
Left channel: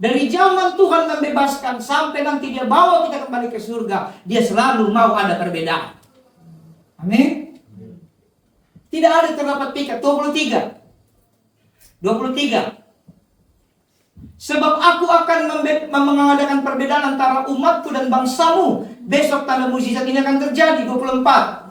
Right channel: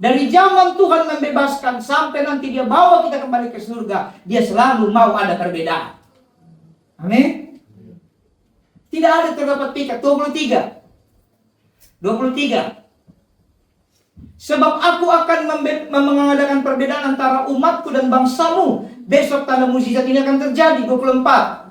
Dari zaman Tuhan membebaskan sampai nanti dia bawa kita kembali ke surga, dia selalu mau ada perbedaan. Amin. Tidak ada terdapat pikat. 23. Sebab aku akan mengadakan perbedaan antara umatku dan bangsamu. Besok tanda mukjizat ini akan terjadi. 24.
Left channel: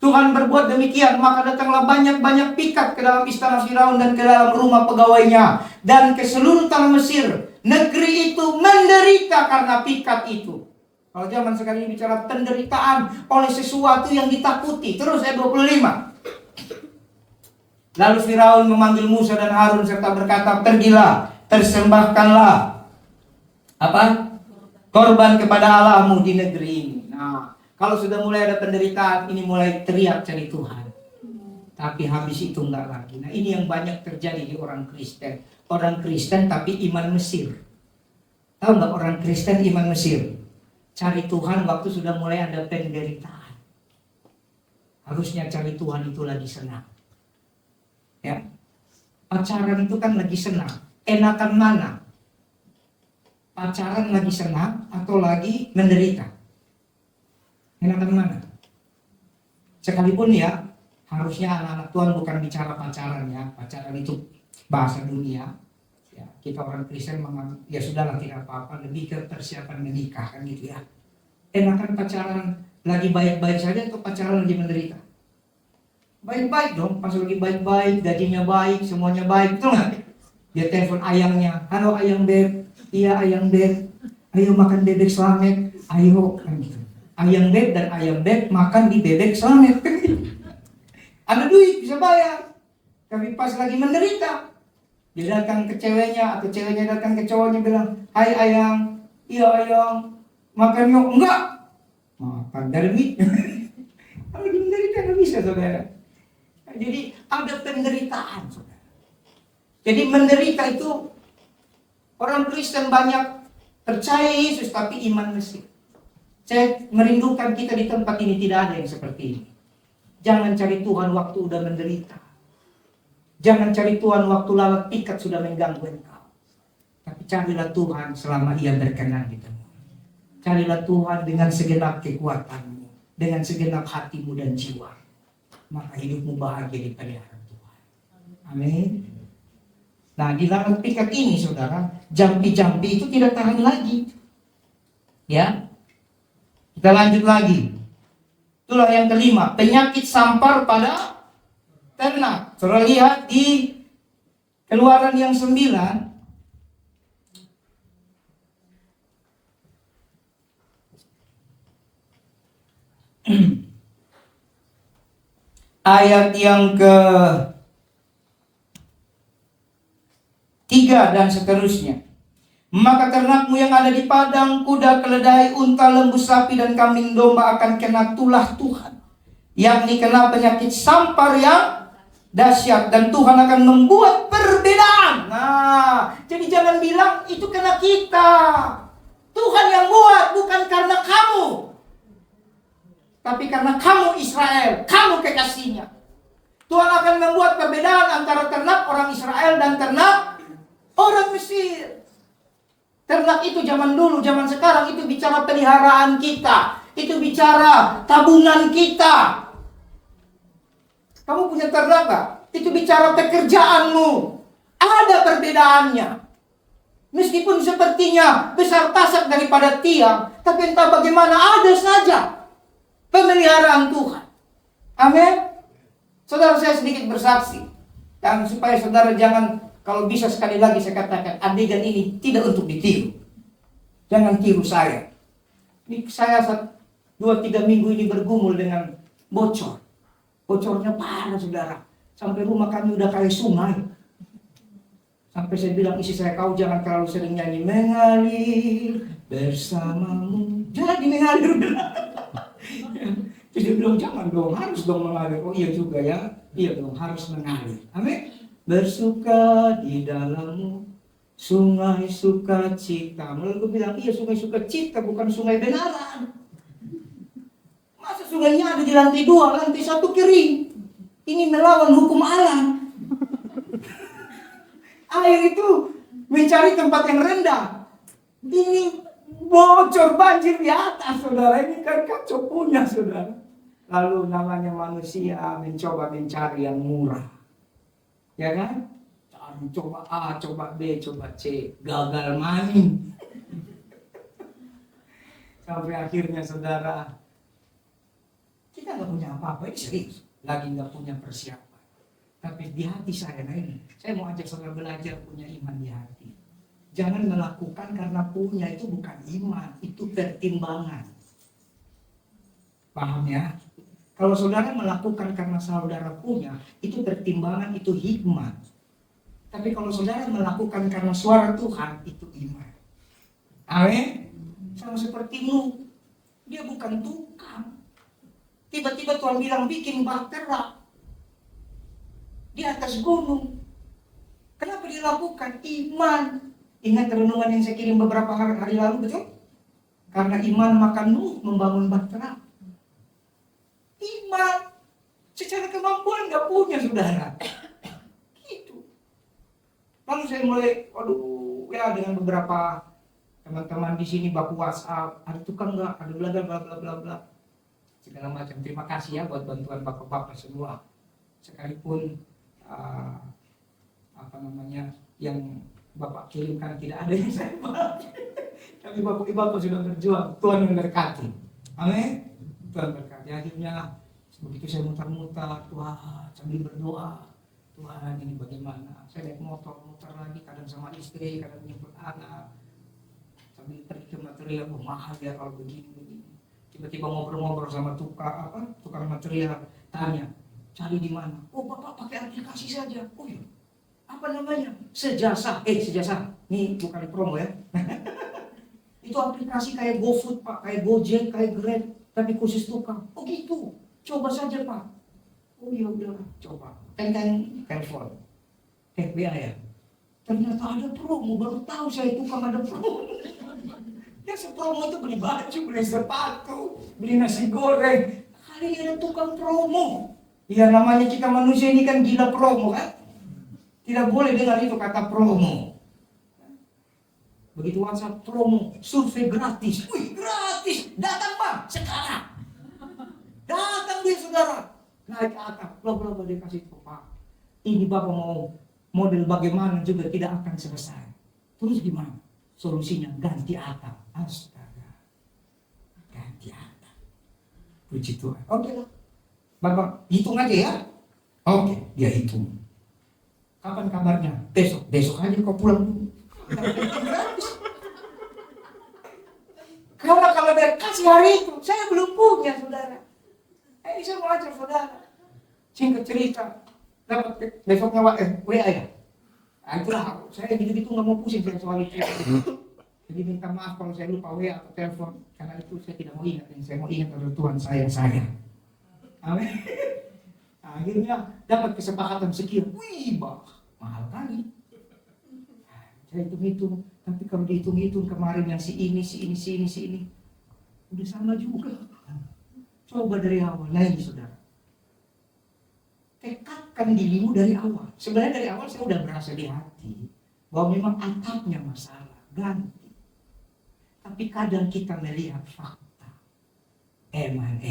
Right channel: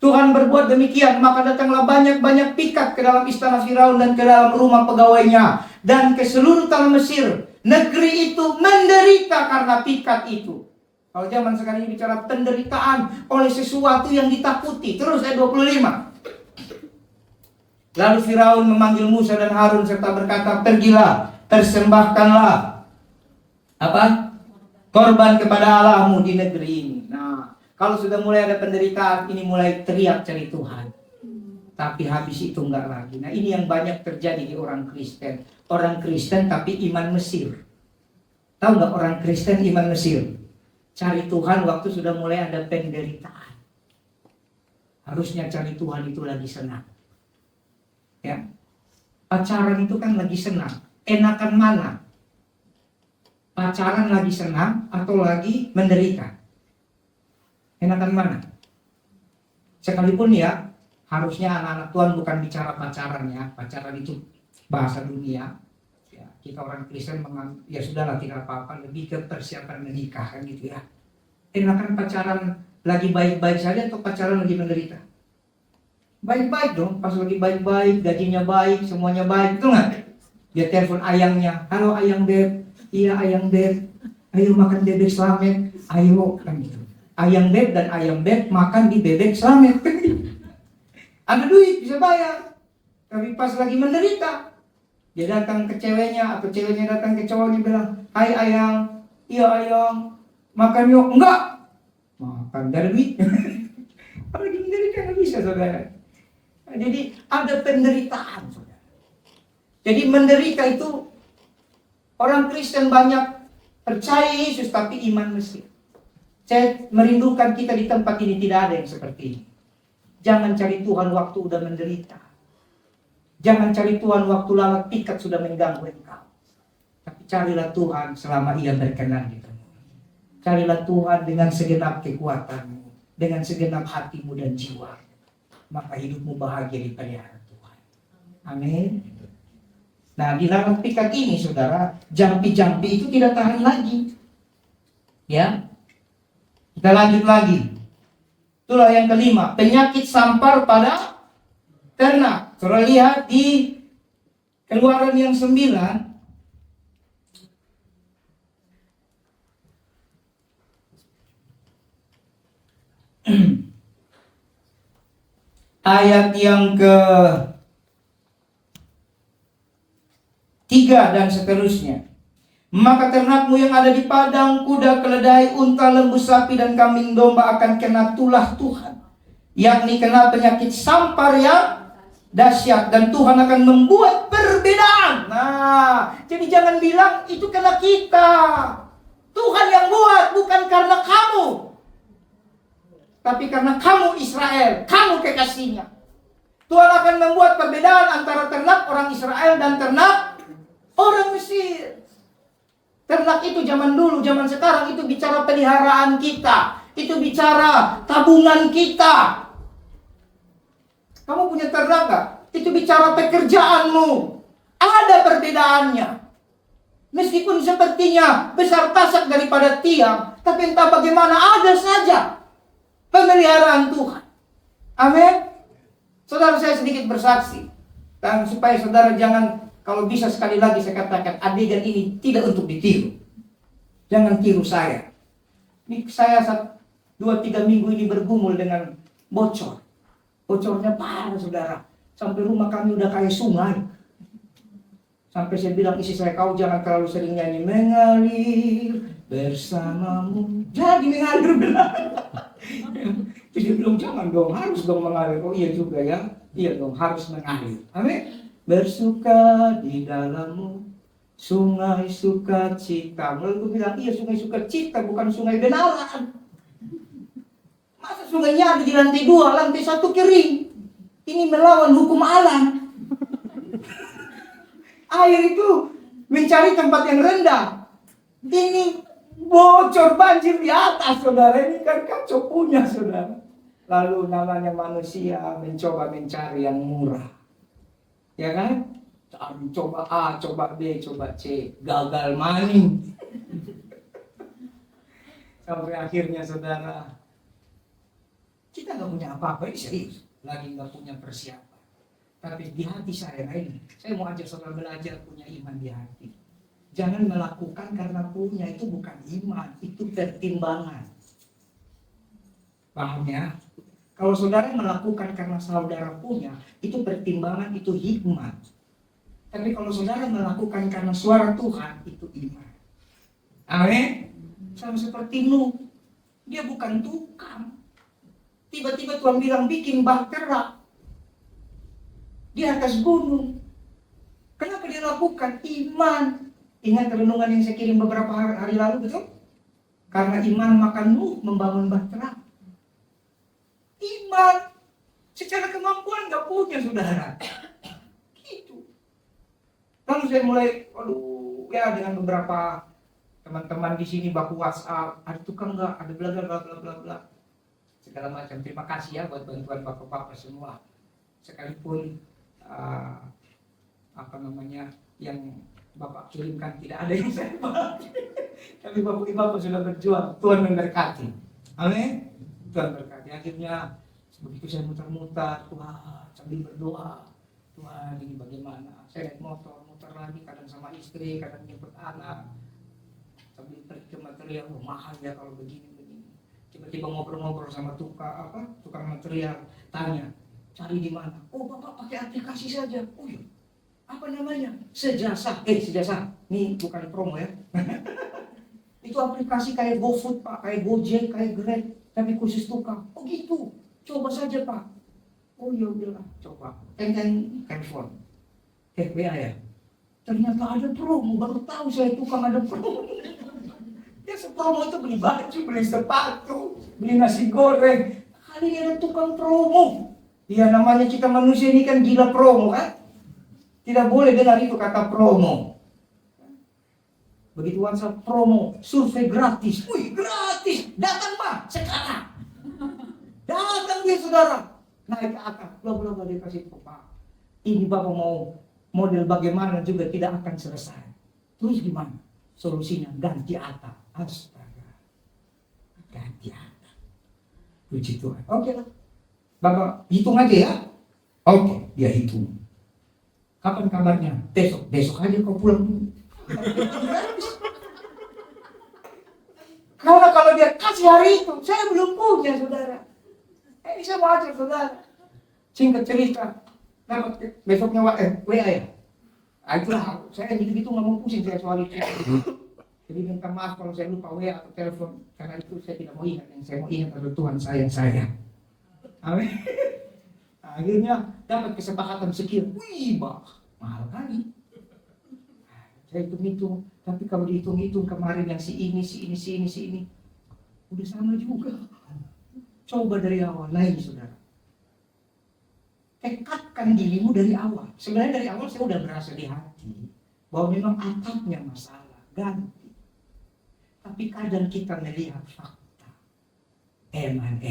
Tuhan berbuat demikian, maka datanglah banyak-banyak pikat ke dalam istana Firaun dan ke dalam rumah pegawainya dan ke seluruh tanah Mesir. Negeri itu menderita karena pikat itu. Kalau zaman sekarang ini bicara penderitaan oleh sesuatu yang ditakuti. Terus ayat 25. Lalu Firaun memanggil Musa dan Harun serta berkata, pergilah, persembahkanlah korban kepada Allahmu di negeri ini. Nah, kalau sudah mulai ada penderitaan, ini mulai teriak cari Tuhan. Tapi habis itu enggak lagi. Nah, ini yang banyak terjadi di orang Kristen. Orang Kristen tapi iman Mesir. Tahu enggak orang Kristen iman Mesir? Cari Tuhan waktu sudah mulai ada penderitaan. Harusnya cari Tuhan itu lagi senang. Ya. Pacaran itu kan lagi senang. Enakan mana? Pacaran lagi senang atau lagi menderita? Enakan mana? Sekalipun ya, harusnya anak-anak Tuhan bukan bicara pacaran ya. Pacaran itu bahasa dunia. Ya, kita orang Kristen ya sudahlah tidak apa-apa, lebih ke persiapan menikah kan gitu ya. Enakan pacaran lagi baik-baik saja atau pacaran lagi menderita? Baik-baik dong, pas lagi baik-baik, gajinya baik, semuanya baik, betul nggak? Dia telepon ayangnya, halo ayang beb, iya ayang beb, ayo makan bebek Slamet, ayo kan gitu. Ayang beb dan ayam beb makan di bebek Slamet. Ada duit bisa bayar, tapi pas lagi menderita, dia datang ke ceweknya atau ceweknya datang ke cowoknya bilang, hai ayang, iya ayang, makan yuk, enggak, makan dari duit. Kalau lagi menderita nggak bisa saudara. Jadi ada penderitaan, saudara. Jadi menderita itu orang Kristen banyak percaya Yesus tapi iman Mesir. Saya merindukan kita di tempat ini tidak ada yang seperti ini. Jangan cari Tuhan waktu udah menderita. Jangan cari Tuhan waktu lalat pikat sudah mengganggu engkau. Tapi carilah Tuhan selama Ia berkenan di tengah. Carilah Tuhan dengan segenap kekuatanmu, dengan segenap hatimu dan jiwa. Maka hidupmu bahagia dipelihara Tuhan. Amin. Nah, di lalat pikat ini, saudara, jampi-jampi itu tidak tahan lagi. Ya, kita lanjut lagi. Itulah yang kelima, penyakit sampar pada ternak. Saudara lihat di Keluaran yang 9. Ayat yang ke-3 dan seterusnya. Maka ternakmu yang ada di padang, kuda, keledai, unta, lembu, sapi, dan kambing domba akan kena tulah Tuhan, yakni kena penyakit sampar yang dahsyat, dan Tuhan akan membuat perbedaan. Nah, jadi jangan bilang itu kena kita. Tuhan yang buat, bukan karena kamu, tapi karena kamu Israel, kamu kekasihnya. Tuhan akan membuat perbedaan antara ternak orang Israel dan ternak orang Mesir. Ternak itu zaman dulu, zaman sekarang itu bicara peliharaan kita. Itu bicara tabungan kita. Kamu punya ternak gak? Itu bicara pekerjaanmu. Ada perbedaannya. Meskipun sepertinya besar tasak daripada tiang, tapi entah bagaimana ada saja pemeliharaan Tuhan. Amin. Saudara, saya sedikit bersaksi. Dan supaya saudara jangan, kalau bisa sekali lagi saya katakan, adegan ini tidak untuk ditiru. Jangan tiru saya. Ini saya 2-3 minggu ini bergumul dengan bocor. Bocornya parah, saudara. Sampai rumah kami udah kayak sungai. Sampai saya bilang istri saya, kau jangan terlalu sering nyanyi mengalir bersamamu. Jadi mengalir benar. Jadi dia bilang jangan dong, harus dong mengalir. Oh iya juga ya. Iya dong, harus mengalir. Amin. Bersuka di dalammu sungai sukacita. Lalu gue bilang, iya sungai sukacita, bukan sungai benaran. Masa sungainya ada di lantai 2, lantai 1 kering. Ini melawan hukum alam. Air itu mencari tempat yang rendah. Ini bocor banjir di atas, saudara. Ini kan kacau punya, saudara. Lalu namanya manusia mencoba mencari yang murah. Ya kan? Coba A, coba B, coba C. Gagal maning. Sampai akhirnya, saudara, kita gak punya apa-apa. Ini serius. Lagi gak punya persiapan. Tapi di hati saya ini, saya mau ajak saudara belajar punya iman di hati. Jangan melakukan karena punya, itu bukan iman, itu pertimbangan. Paham ya? Kalau saudara melakukan karena saudara punya, itu pertimbangan, itu hikmat. Tapi kalau saudara melakukan karena suara Tuhan, itu iman. Amin? Sama seperti Nuh, dia bukan tukang. Tiba-tiba Tuhan bilang bikin bahtera di atas gunung. Kenapa dia lakukan? Iman. Ingat renungan yang saya kirim beberapa hari lalu, betul? Karena iman maka Nuh membangun bahtera. Iman. Secara kemampuan gak punya, saudara. Gitu. Lalu saya mulai, ya dengan beberapa teman-teman di sini baku WhatsApp, ada tukang gak? Ada bla bla bla bla bla. Segala macam. Terima kasih ya buat bantuan bapak-bapak semua. Sekalipun yang Bapak kirimkan tidak ada yang saya pakai. Tapi Bapak sudah berjuang. Tuhan memberkati. Amin. Tuhan berkati. Akhirnya begitu saya muter-muter, Tuhan sambil berdoa, Tuhan ini bagaimana? Saya naik motor lagi, kadang sama istri, kadang jemput anak, sambil pergi ke material. Mahal ya kalau begini. Tiba-tiba ngobrol-ngobrol sama tukang material, tanya, cari di mana? Oh, Bapak pakai aplikasi saja. Oh iya. Apa namanya? Sejasa. Ini bukan promo ya. Itu aplikasi kayak GoFood, Pak, kayak Gojek, kayak Grab, tapi khusus tukang. Oh gitu. Coba saja, Pak. Oh iya udahlah, coba. Telepon. FBA ya. Ternyata ada promo, baru tahu saya tukang ada promo. Ya promo itu beli baju, beli sepatu, beli nasi goreng. Kali dia ada tukang promo. Ya namanya kita manusia ini kan gila promo kan. Tidak boleh dengar itu kata promo. Begitu WhatsApp promo, survei gratis. Wih gratis, datang bang, sekarang. Datang dia saudara. Naik ke atap, bla dia kasih tahu Pak. Ini Bapak mau model bagaimana juga tidak akan selesai. Terus gimana? Solusinya ganti atap. Astaga. Ganti atap. Puji Tuhan. Oke lah. Bapak hitung aja ya. Oke, dia hitung. Kapan kabarnya? Besok aja kau pulang dulu. Karena kalau dia kasih hari itu, saya belum punya saudara. Ini saya mau ajar saudara. Singkat cerita, dapat besoknya WA ya. Itulah, saya gitu-gitu nggak mau pusing saya soal itu. Jadi minta maaf kalau saya lupa WA atau telepon, karena itu saya tidak mau ingat. Yang saya mau ingat adalah Tuhan sayang saya. Amin. Akhirnya dapat kesepakatan sekian. Wih, mahal kali. Saya hitung-hitung, tapi kalau dihitung-hitung kemarin yang si ini, udah sama juga. Coba dari awal, naik saudara. Tekadkan dirimu dari awal. Sebenarnya dari awal saya udah berasa di hati bahwa memang atapnya masalah, ganti. Tapi kadang kita melihat fakta. Eman.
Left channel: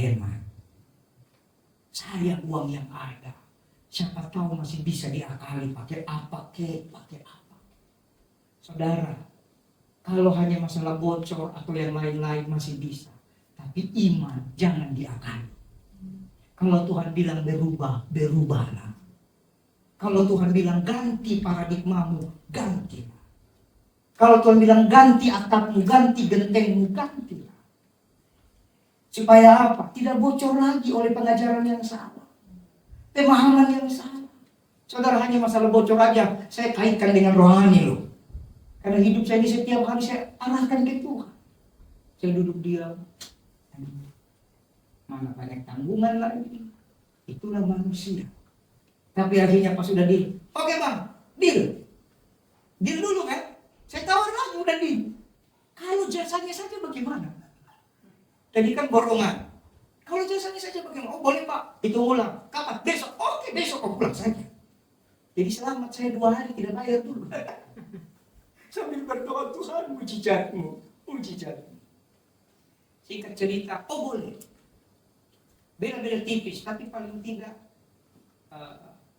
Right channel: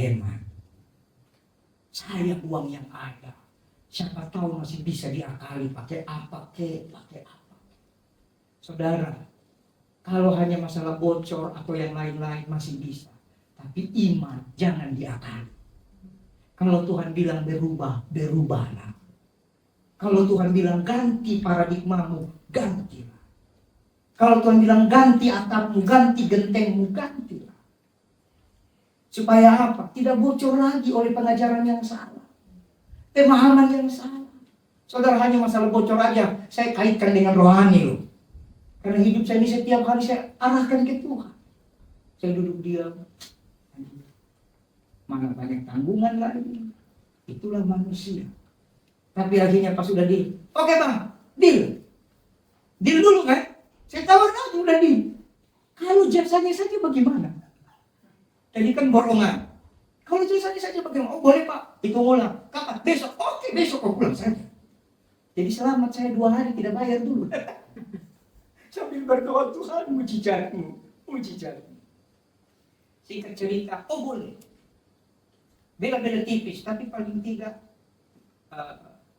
Saya uang yang ada. Siapa tahu masih bisa diakali pakai apa. Saudara, kalau hanya masalah bocor atau yang lain-lain masih bisa. Tapi iman jangan diakali. Kalau Tuhan bilang berubahlah. Kalau Tuhan bilang ganti paradigmamu, gantilah. Kalau Tuhan bilang ganti atapmu, ganti gentengmu, gantilah. Supaya apa? Tidak bocor lagi oleh pengajaran yang salah. Pemahaman yang salah. Saudara, hanya masalah bocor aja, saya kaitkan dengan rohani loh. Karena hidup saya ini setiap hari saya arahkan ke Tuhan. Saya duduk diam. Mana banyak tanggungan lagi. Itulah manusia. Tapi akhirnya pas sudah deal. Oke bang, deal. Deal dulu kan. Saya tawar lagi udah deal. Kalau jasanya saja bagaimana? Tadi kan borongan. Kalau jasanya saja bagaimana? Oh boleh pak, hitung ulang. Kapan? Besok. Oke besok kau pulang saja. Jadi selamat saya 2 hari tidak bayar dulu. Sambil berdoa Tuhan mujizatmu. Singkat cerita, oh boleh. Beda-beda tipis, tapi paling tidak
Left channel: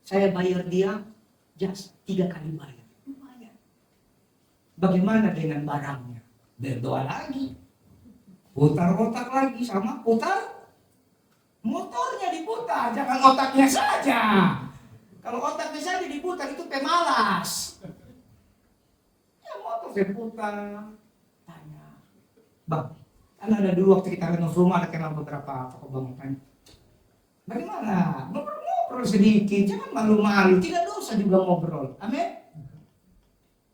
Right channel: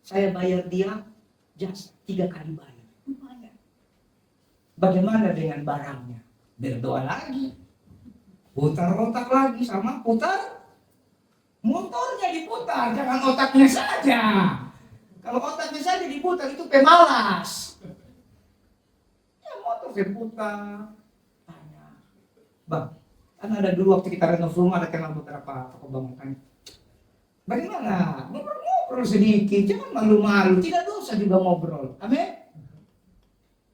saya bayar dia jasa 3 kali bayar. Lumayan. Bagaimana dengan barangnya? Berdoa lagi. Putar otak lagi sama putar. Motornya diputar, jangan otaknya saja. Kalau otaknya saja diputar itu pemalas. Motor saya putar, tanya, bang, kan ada dulu waktu kita renov rumah ada kenal beberapa toko bangunan. Bagaimana? Ngobrol sedikit, jangan malu-malu, tidak dosa juga ngobrol. Amin.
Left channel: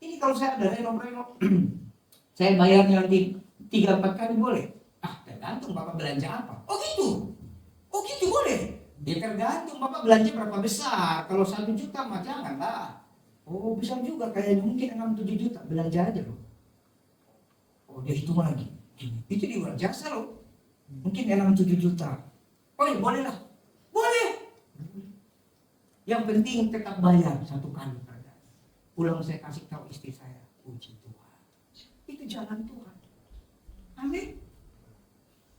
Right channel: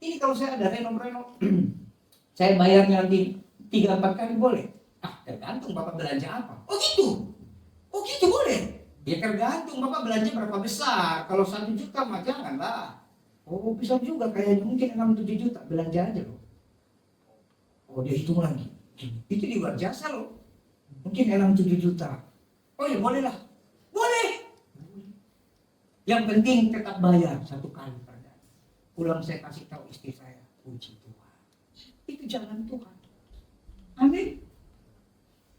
Ini kalau saya ada renov, saya bayarnya nanti 3-4 kali boleh? Tergantung bapak belanja apa. Oh gitu boleh. Ya tergantung bapak belanja berapa besar. Kalau 1 juta mah janganlah. Oh bisa juga kayaknya mungkin 6-7 juta belanja aja loh. Oh dia hitung lagi. Itu di luar jasa loh. Mungkin 6-7 juta. Oh ya boleh lah. Boleh. Yang penting tetap bayar 1 kali per bulan. Pulang saya kasih tahu istri saya. Puji Tuhan. Itu jalan Tuhan. Amin.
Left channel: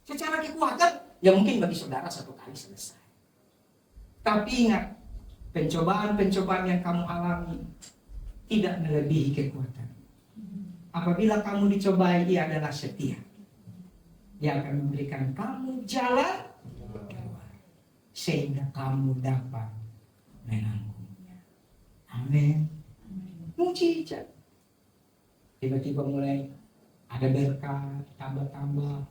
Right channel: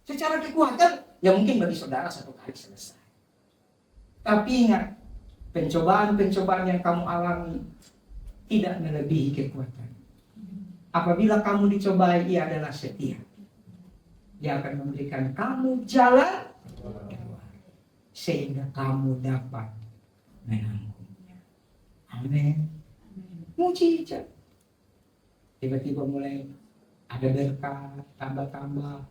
Secara kekuatan ya mungkin bagi saudara 1 kali selesai. Tapi ingat, pencobaan-pencobaan yang kamu alami tidak melebihi kekuatan. Apabila kamu dicobai, ia adalah setia. Dia akan memberikan kamu jalan sehingga kamu dapat menanggungnya. Amin. Mujizat. Tiba-tiba mulai ada berkat, tambah-tambah.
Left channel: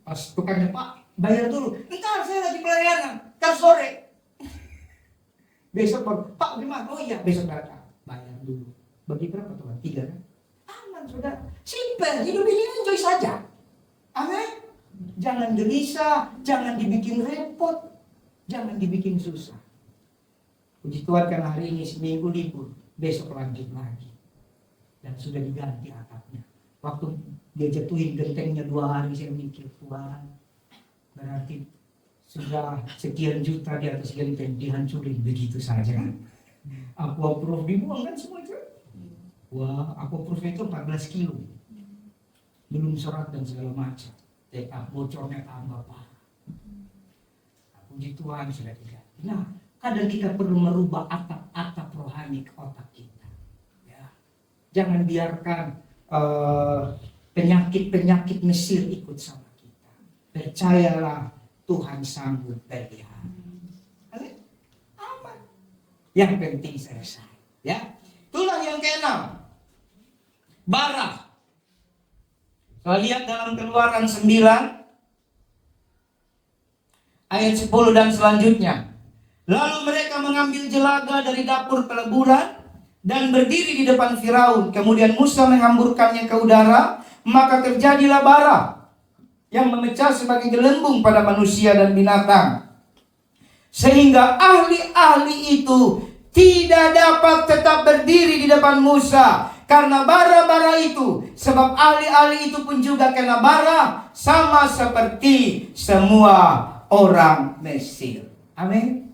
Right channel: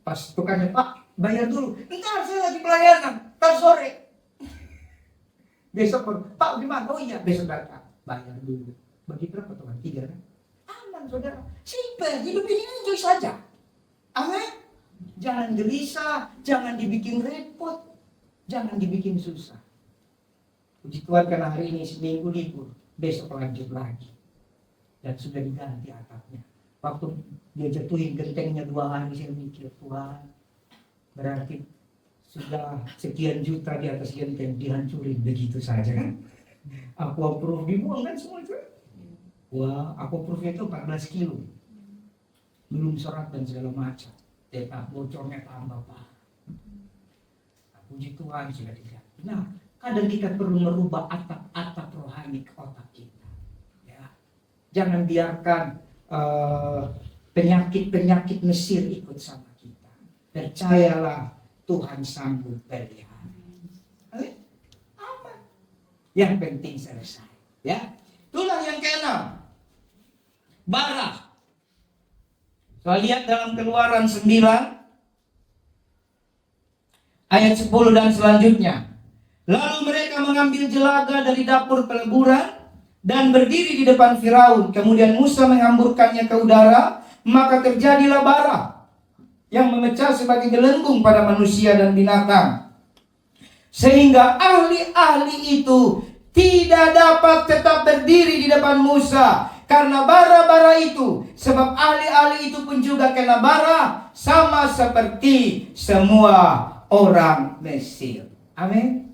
Pas tukangnya, Pak, bayar dulu. Entar saya lagi pelayanan, entar sore. Besok baru, Pak gimana? Oh iya besok datang. Bayar dulu. Bagi berapa teman? 3 kan? Aman saudara. Simple, hidup ini enjoy saja. Amin. Jangan gelisah, jangan dibikin repot, jangan dibikin susah. Puji Tuhan karena hari ini seminggu libur, besok lanjut lagi. Dan sudah diganti atapnya. Waktu dia jatuhin gentengnya 2 hari saya mikir, Tuhan berarti sudah sekian juta di atas genteng dihancurin begitu saja kan. Aquaproof dibuang kan semua itu. Wah, aquaproofnya itu 14 kilo. Belum serat dan segala macam. Bocornya tambah parah. Puji Tuhan sudah tidak. Nah, kadang kita perlu merubah atap-atap rohani ke otak kita. Ya. Jangan biarkan penyakit-penyakit Mesir ikut sama kita. Percayalah Tuhan sanggup berlihat. Aman. Yang penting selesai. Ya. Itulah yang keenam. Bara. Saya lihat dalam Keluaran 9 ayat 10 dan selanjutnya. Lalu mereka mengambil jelaga dari dapur peleburan dan berdiri di depan Firaun. Kemudian Musa menghamburkannya ke udara, maka terjadilah bara yang memecah sebagai gelembung pada manusia dan binatang. Sehingga ahli-ahli itu tidak dapat tetap berdiri di depan Musa karena bara-bara itu. Sebab ahli-ahli itu pun juga kena bara sama seperti semua orang Mesir. Amin.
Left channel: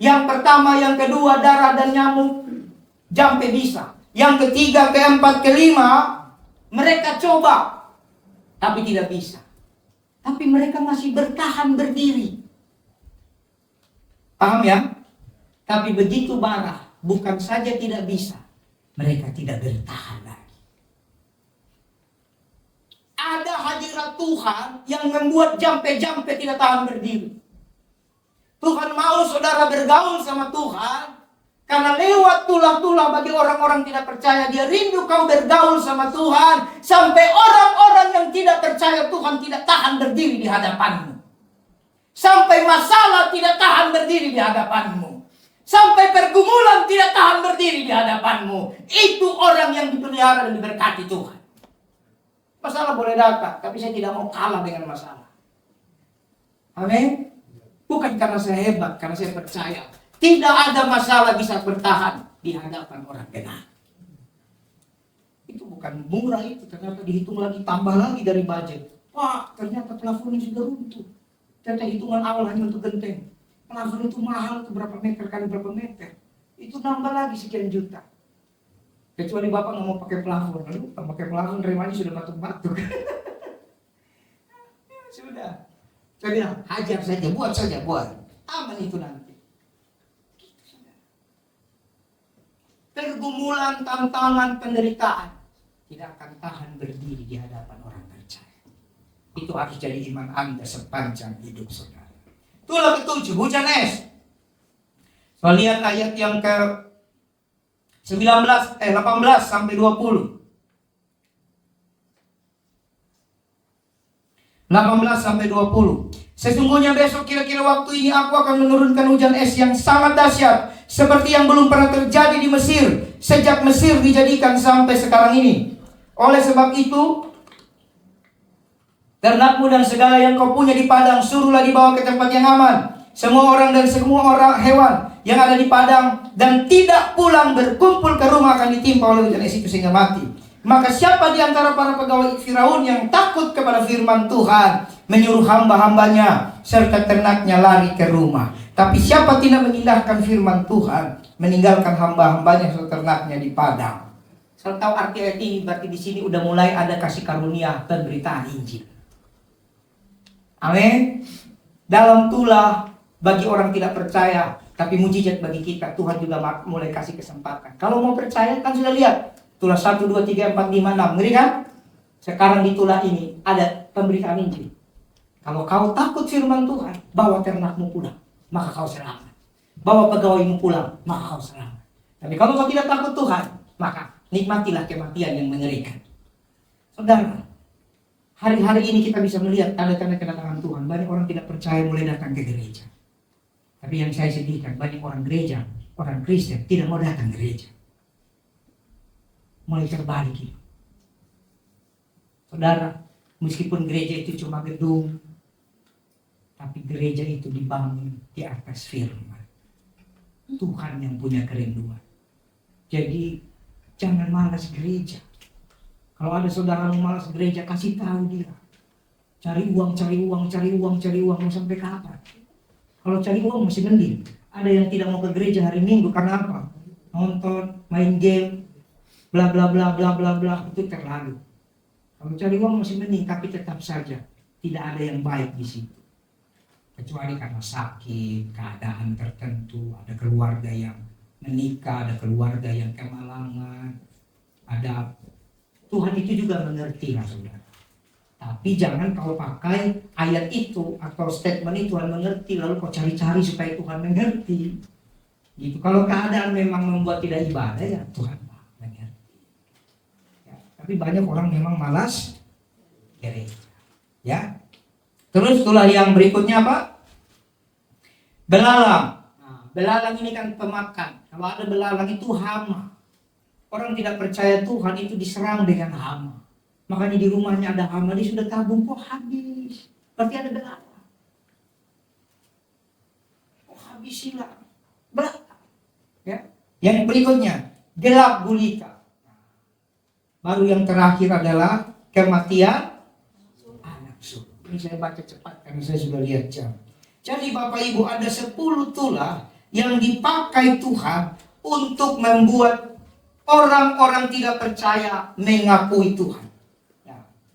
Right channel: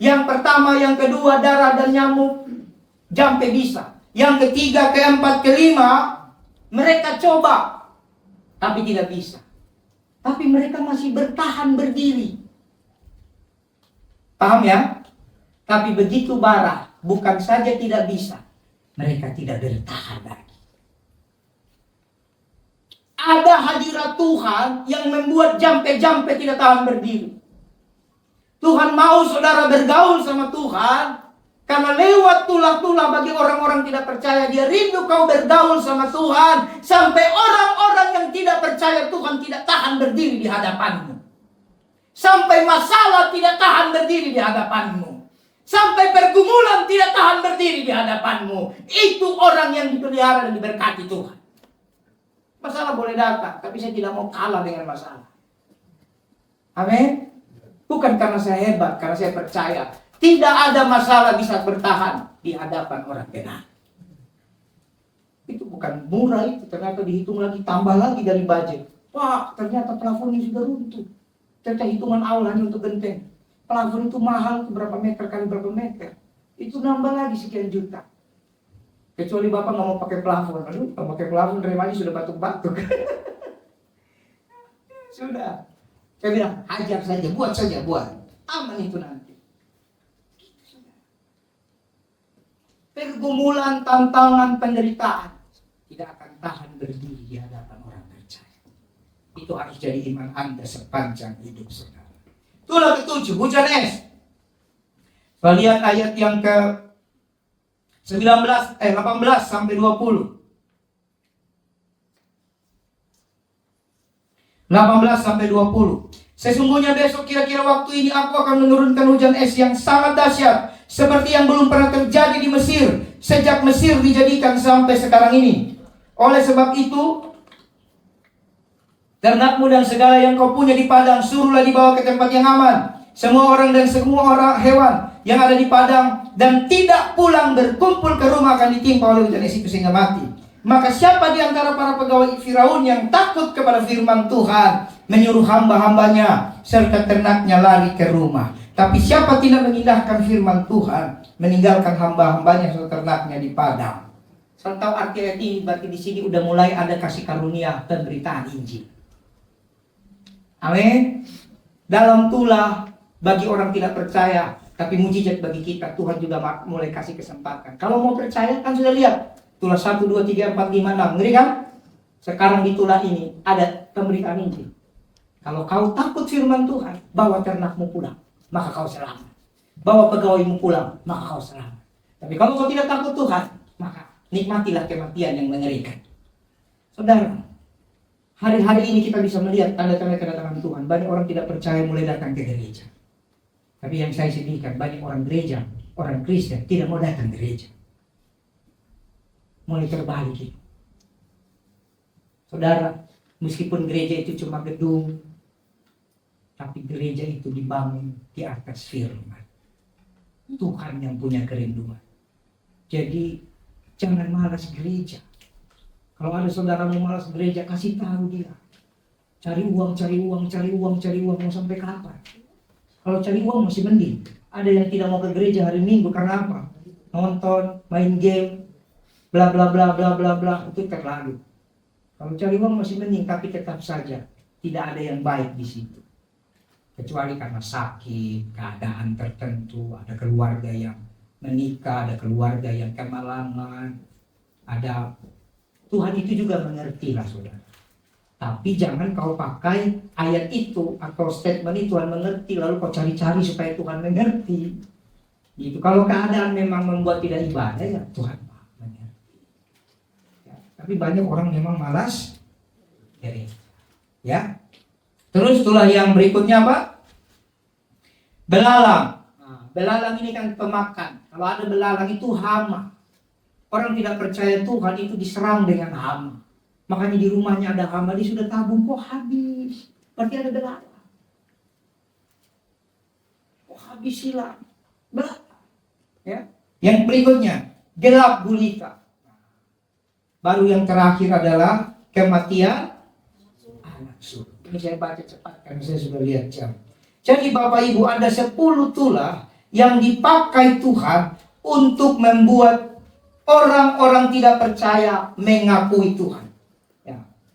Yang pertama, yang kedua, darah dan nyamuk sampai bisa. Yang ketiga, keempat, kelima, mereka coba tapi tidak bisa. Tapi mereka masih bertahan berdiri. Paham ya? Tapi begitu bara, bukan saja tidak bisa, mereka tidak bertahan lagi. Ada hadirat Tuhan yang membuat jampe-jampe tidak tahan berdiri. Tuhan mau saudara bergaul sama Tuhan, karena lewat tulah-tulah bagi orang-orang tidak percaya, dia rindu kau bergaul sama Tuhan, sampai orang-orang yang tidak percaya Tuhan tidak tahan berdiri di hadapanmu. Sampai masalah tidak tahan berdiri di hadapanmu. Sampai pergumulan tidak tahan berdiri di hadapanmu. Itu orang yang dipelihara dan diberkati Tuhan. Masalah boleh datang, tapi saya tidak mau kalah dengan masalah. Amin. Bukan karena saya hebat, karena saya percaya tidak ada masalah bisa bertahan di hadapan orang benar. Itu bukan murah itu, ternyata dihitung lagi, tambah lagi dari budget. Wah, ternyata plafonnya sudah runtuh. Ternyata hitungan awal hanya untuk genteng. Plafon itu mahal, itu berapa meter kali berapa meter. Itu nambah lagi sekian juta. Kecuali Bapak nggak mau pakai plafon. Aduh, kalau pakai plafon remanya sudah batuk-batuk. Sudah. Saya bilang, hajar saja, buat. Aman itu nanti. Pergumulan, tantangan, penderitaan tidak akan tahan berdiri di hadapan orang percaya. Itu harus jadi iman Anda sepanjang hidup saudara. Itulah ketujuh, hujan es. Kita lihat ayat yang ke 18 sampai 20. 18 sampai 20. Sesungguhnya besok kira-kira waktu ini aku akan menurunkan hujan es yang sangat dahsyat, seperti yang belum pernah terjadi di Mesir sejak Mesir dijadikan sampai sekarang ini. Oleh sebab itu, ternakmu dan segala yang kau punya di padang suruhlah dibawa ke tempat yang aman. Semua orang dan semua orang hewan yang ada di padang dan tidak pulang berkumpul ke rumah akan ditimpa oleh hujan es itu sehingga mati. Maka siapa di antara para pegawai Firaun yang takut kepada firman Tuhan, menyuruh hamba-hambanya serta ternaknya lari ke rumah. Tapi siapa tidak mengindahkan firman Tuhan, meninggalkan hamba-hambanya serta ternaknya di padang. Saya tahu arti ayat ini, berarti di sini udah mulai ada kasih karunia pemberitaan Injil. Amin. Dalam tulah bagi orang tidak percaya, tapi mujizat bagi kita, Tuhan juga mulai kasih kesempatan. Kalau mau percaya kan sudah lihat, tulah 1, 2, 3, 4, 5, 6. Ngeri kan? Sekarang di tulah ini ada pemberitaan Injil. Kalau kau takut firman Tuhan, bawa ternakmu pulang, maka kau selamat. Bawa pegawaimu pulang, maka kau selamat. Tapi kalau kau tidak takut Tuhan, maka nikmatilah kematian yang mengerikan. Saudara, hari-hari ini kita bisa melihat tanda-tanda kedatangan Tuhan. Banyak orang tidak percaya mulai datang ke gereja. Tapi yang saya sedihkan, banyak orang gereja, orang Kristen tidak mau datang ke gereja. Mulai terbalik itu. Saudara, meskipun gereja itu cuma gedung, tapi gereja itu dibangun di atas firman. Tuhan yang punya kerinduan. Jadi jangan malas gereja. Kalau ada saudaramu malas gereja, kasih tahu dia. Cari uang, cari uang, cari uang, cari uang, mau sampai kapan? Kalau cari uang masih mending. Ada yang tidak mau ke gereja hari Minggu karena apa? Nonton, main game, bla bla bla bla bla bla, itu terlalu. Kalau cari uang masih mending, tapi tetap saja tidak ada yang baik di situ. Kecuali karena sakit, keadaan tertentu, ada keluarga yang menikah, ada keluarga yang kemalangan, ada, Tuhan itu juga mengerti lah saudara. Tapi jangan kau pakai ayat itu atau statement itu, Tuhan mengerti, lalu kau cari-cari supaya Tuhan mengerti. Gitu. Kalau keadaan memang membuat tidak ibadah, ya Tuhan mengerti. Ya, tapi banyak orang memang malas gereja. Ya. Terus itulah yang berikutnya apa? Belalang. Nah, belalang ini kan pemakan. Kalau ada belalang itu hama. Orang tidak percaya Tuhan itu diserang dengan hama. Makanya di rumahnya ada hama, dia sudah tabung, kok habis. Berarti ada belalang. Kok habis hilang? Belalang. Ya. Yang berikutnya, gelap gulita. Baru yang terakhir adalah kematian anak sulung. Ini saya baca cepat karena saya sudah lihat jam. Jadi Bapak Ibu, ada 10 tulah yang dipakai Tuhan untuk membuat orang-orang tidak percaya mengakui Tuhan.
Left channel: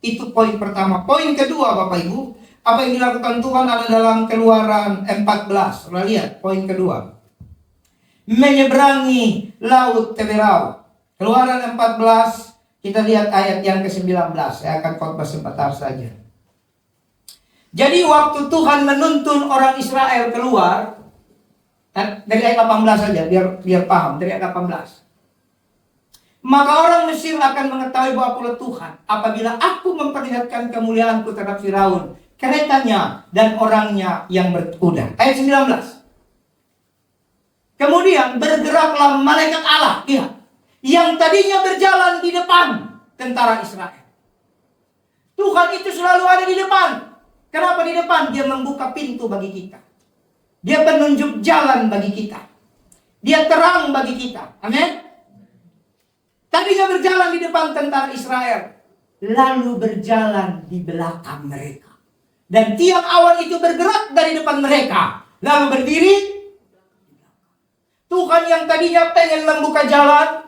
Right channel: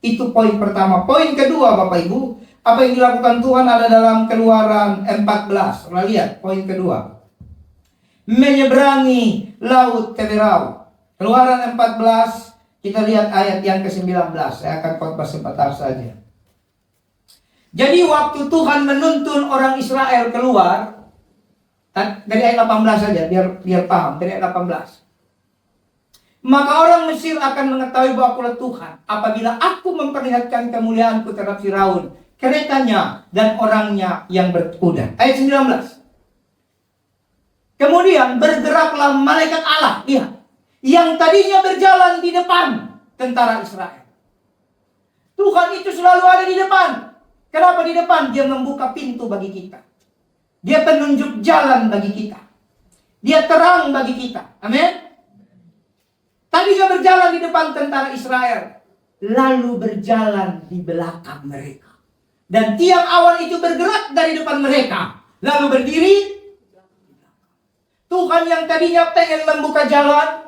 Itu poin pertama. Poin kedua Bapak Ibu, apa yang dilakukan Tuhan ada dalam Keluaran 14. Kita lihat poin kedua. Menyeberangi laut Teberau. Keluaran 14, kita lihat ayat yang ke-19. Saya akan khotbah sebentar saja. Jadi waktu Tuhan menuntun orang Israel keluar, dari ayat 18 saja biar paham, dari ayat 18. Maka orang Mesir akan mengetahui bahwa akulah Tuhan apabila aku memperlihatkan kemuliaanku terhadap Firaun, keretanya dan orangnya yang berkuda. Ayat 19. Kemudian bergeraklah malaikat Allah, lihat, yang tadinya berjalan di depan tentara Israel. Tuhan itu selalu ada di depan. Kenapa di depan? Dia membuka pintu bagi kita. Dia penunjuk jalan bagi kita. Dia terang bagi kita. Amin. Tadinya berjalan di depan tentara Israel, lalu berjalan di belakang mereka. Dan tiang awan itu bergerak dari depan mereka, lalu berdiri. Tuhan yang tadinya pengen membuka jalan,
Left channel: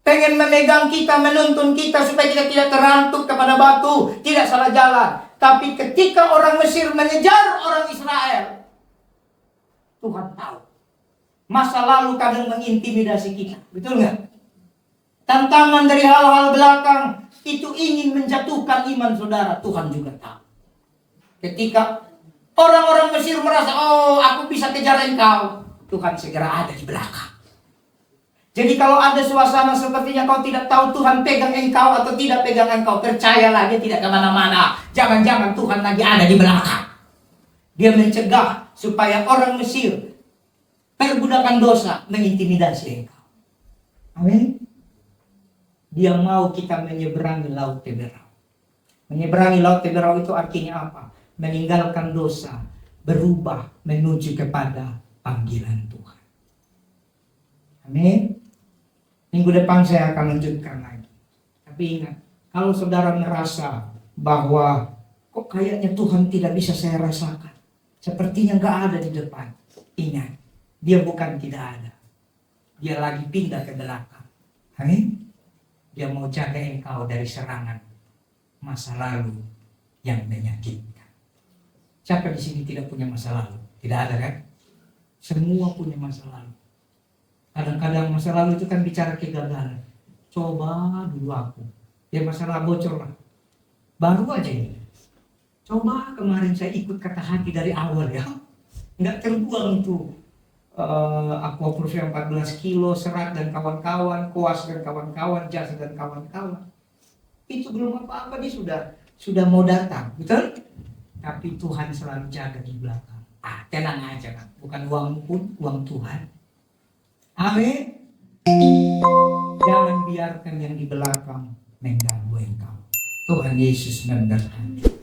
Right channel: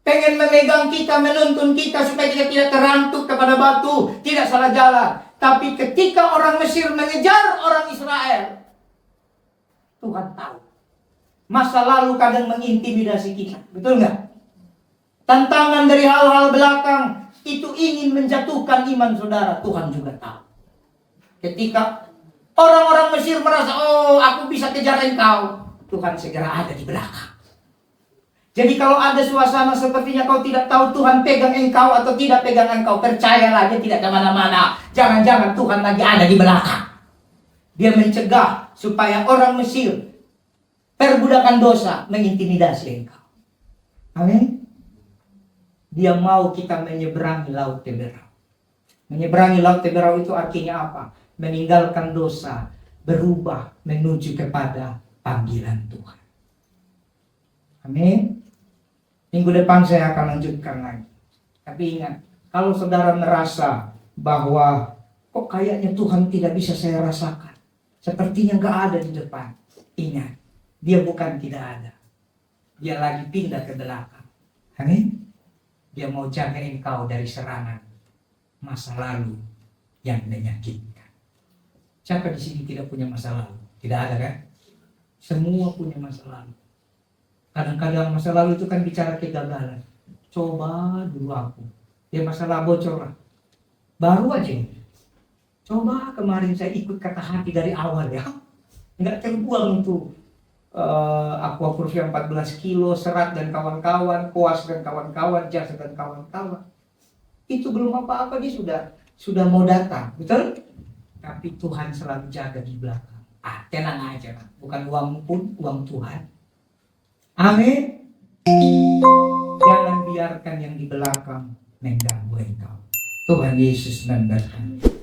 pengen memegang kita, menuntun kita supaya kita tidak terantuk kepada batu, tidak salah jalan. Tapi ketika orang Mesir mengejar orang Israel, Tuhan tahu masa lalu kadang mengintimidasi kita, betul nggak? Tantangan dari hal-hal belakang itu ingin menjatuhkan iman saudara. Tuhan juga tahu. Ketika orang-orang Mesir merasa, oh aku bisa kejar engkau, Tuhan segera ada di belakang. Jadi kalau ada suasana sepertinya kau tidak tahu Tuhan pegang engkau atau tidak pegang engkau, percayalah dia tidak kemana-mana. Jangan-jangan Tuhan lagi ada di belakang. Dia mencegah supaya orang Mesir perbudakan dosa mengintimidasi engkau. Amin. Dia mau kita menyeberangi laut Teberau. Menyeberangi laut Teberau itu artinya apa? Meninggalkan dosa, berubah menuju kepada panggilan Tuhan. Amin. Minggu depan saya akan lanjutkan lagi. Tapi ingat, kalau saudara merasa bahwa kok kayaknya Tuhan tidak bisa saya rasakan, sepertinya gak ada di depan, ingat, dia bukan tidak ada. Dia lagi pindah ke belakang. Amin. Dia mau jaga engkau dari serangan masa lalu yang menyakitkan. Siapa di sini tidak punya masa lalu? Tidak ada kan? Semua punya masa lalu. Kadang-kadang masa lalu itu kan bicara kegagalan. Coba dulu aku. Ya masalah bocor lah. Baru aja ini. Coba kemarin saya ikut kata hati dari awal ya. Nggak terbuang tuh. Aquaproof yang 14 kilo, serat dan kawan-kawan, koas dan kawan-kawan, jasa dan kawan-kawan. Itu belum apa-apa, dia sudah mau datang, betul? Tapi Tuhan selalu jaga di belakang. Tenang aja kan, bukan uangmu pun uang Tuhan. Amin. Jangan biarkan yang di belakang mengganggu engkau. Tuhan Yesus memberkati.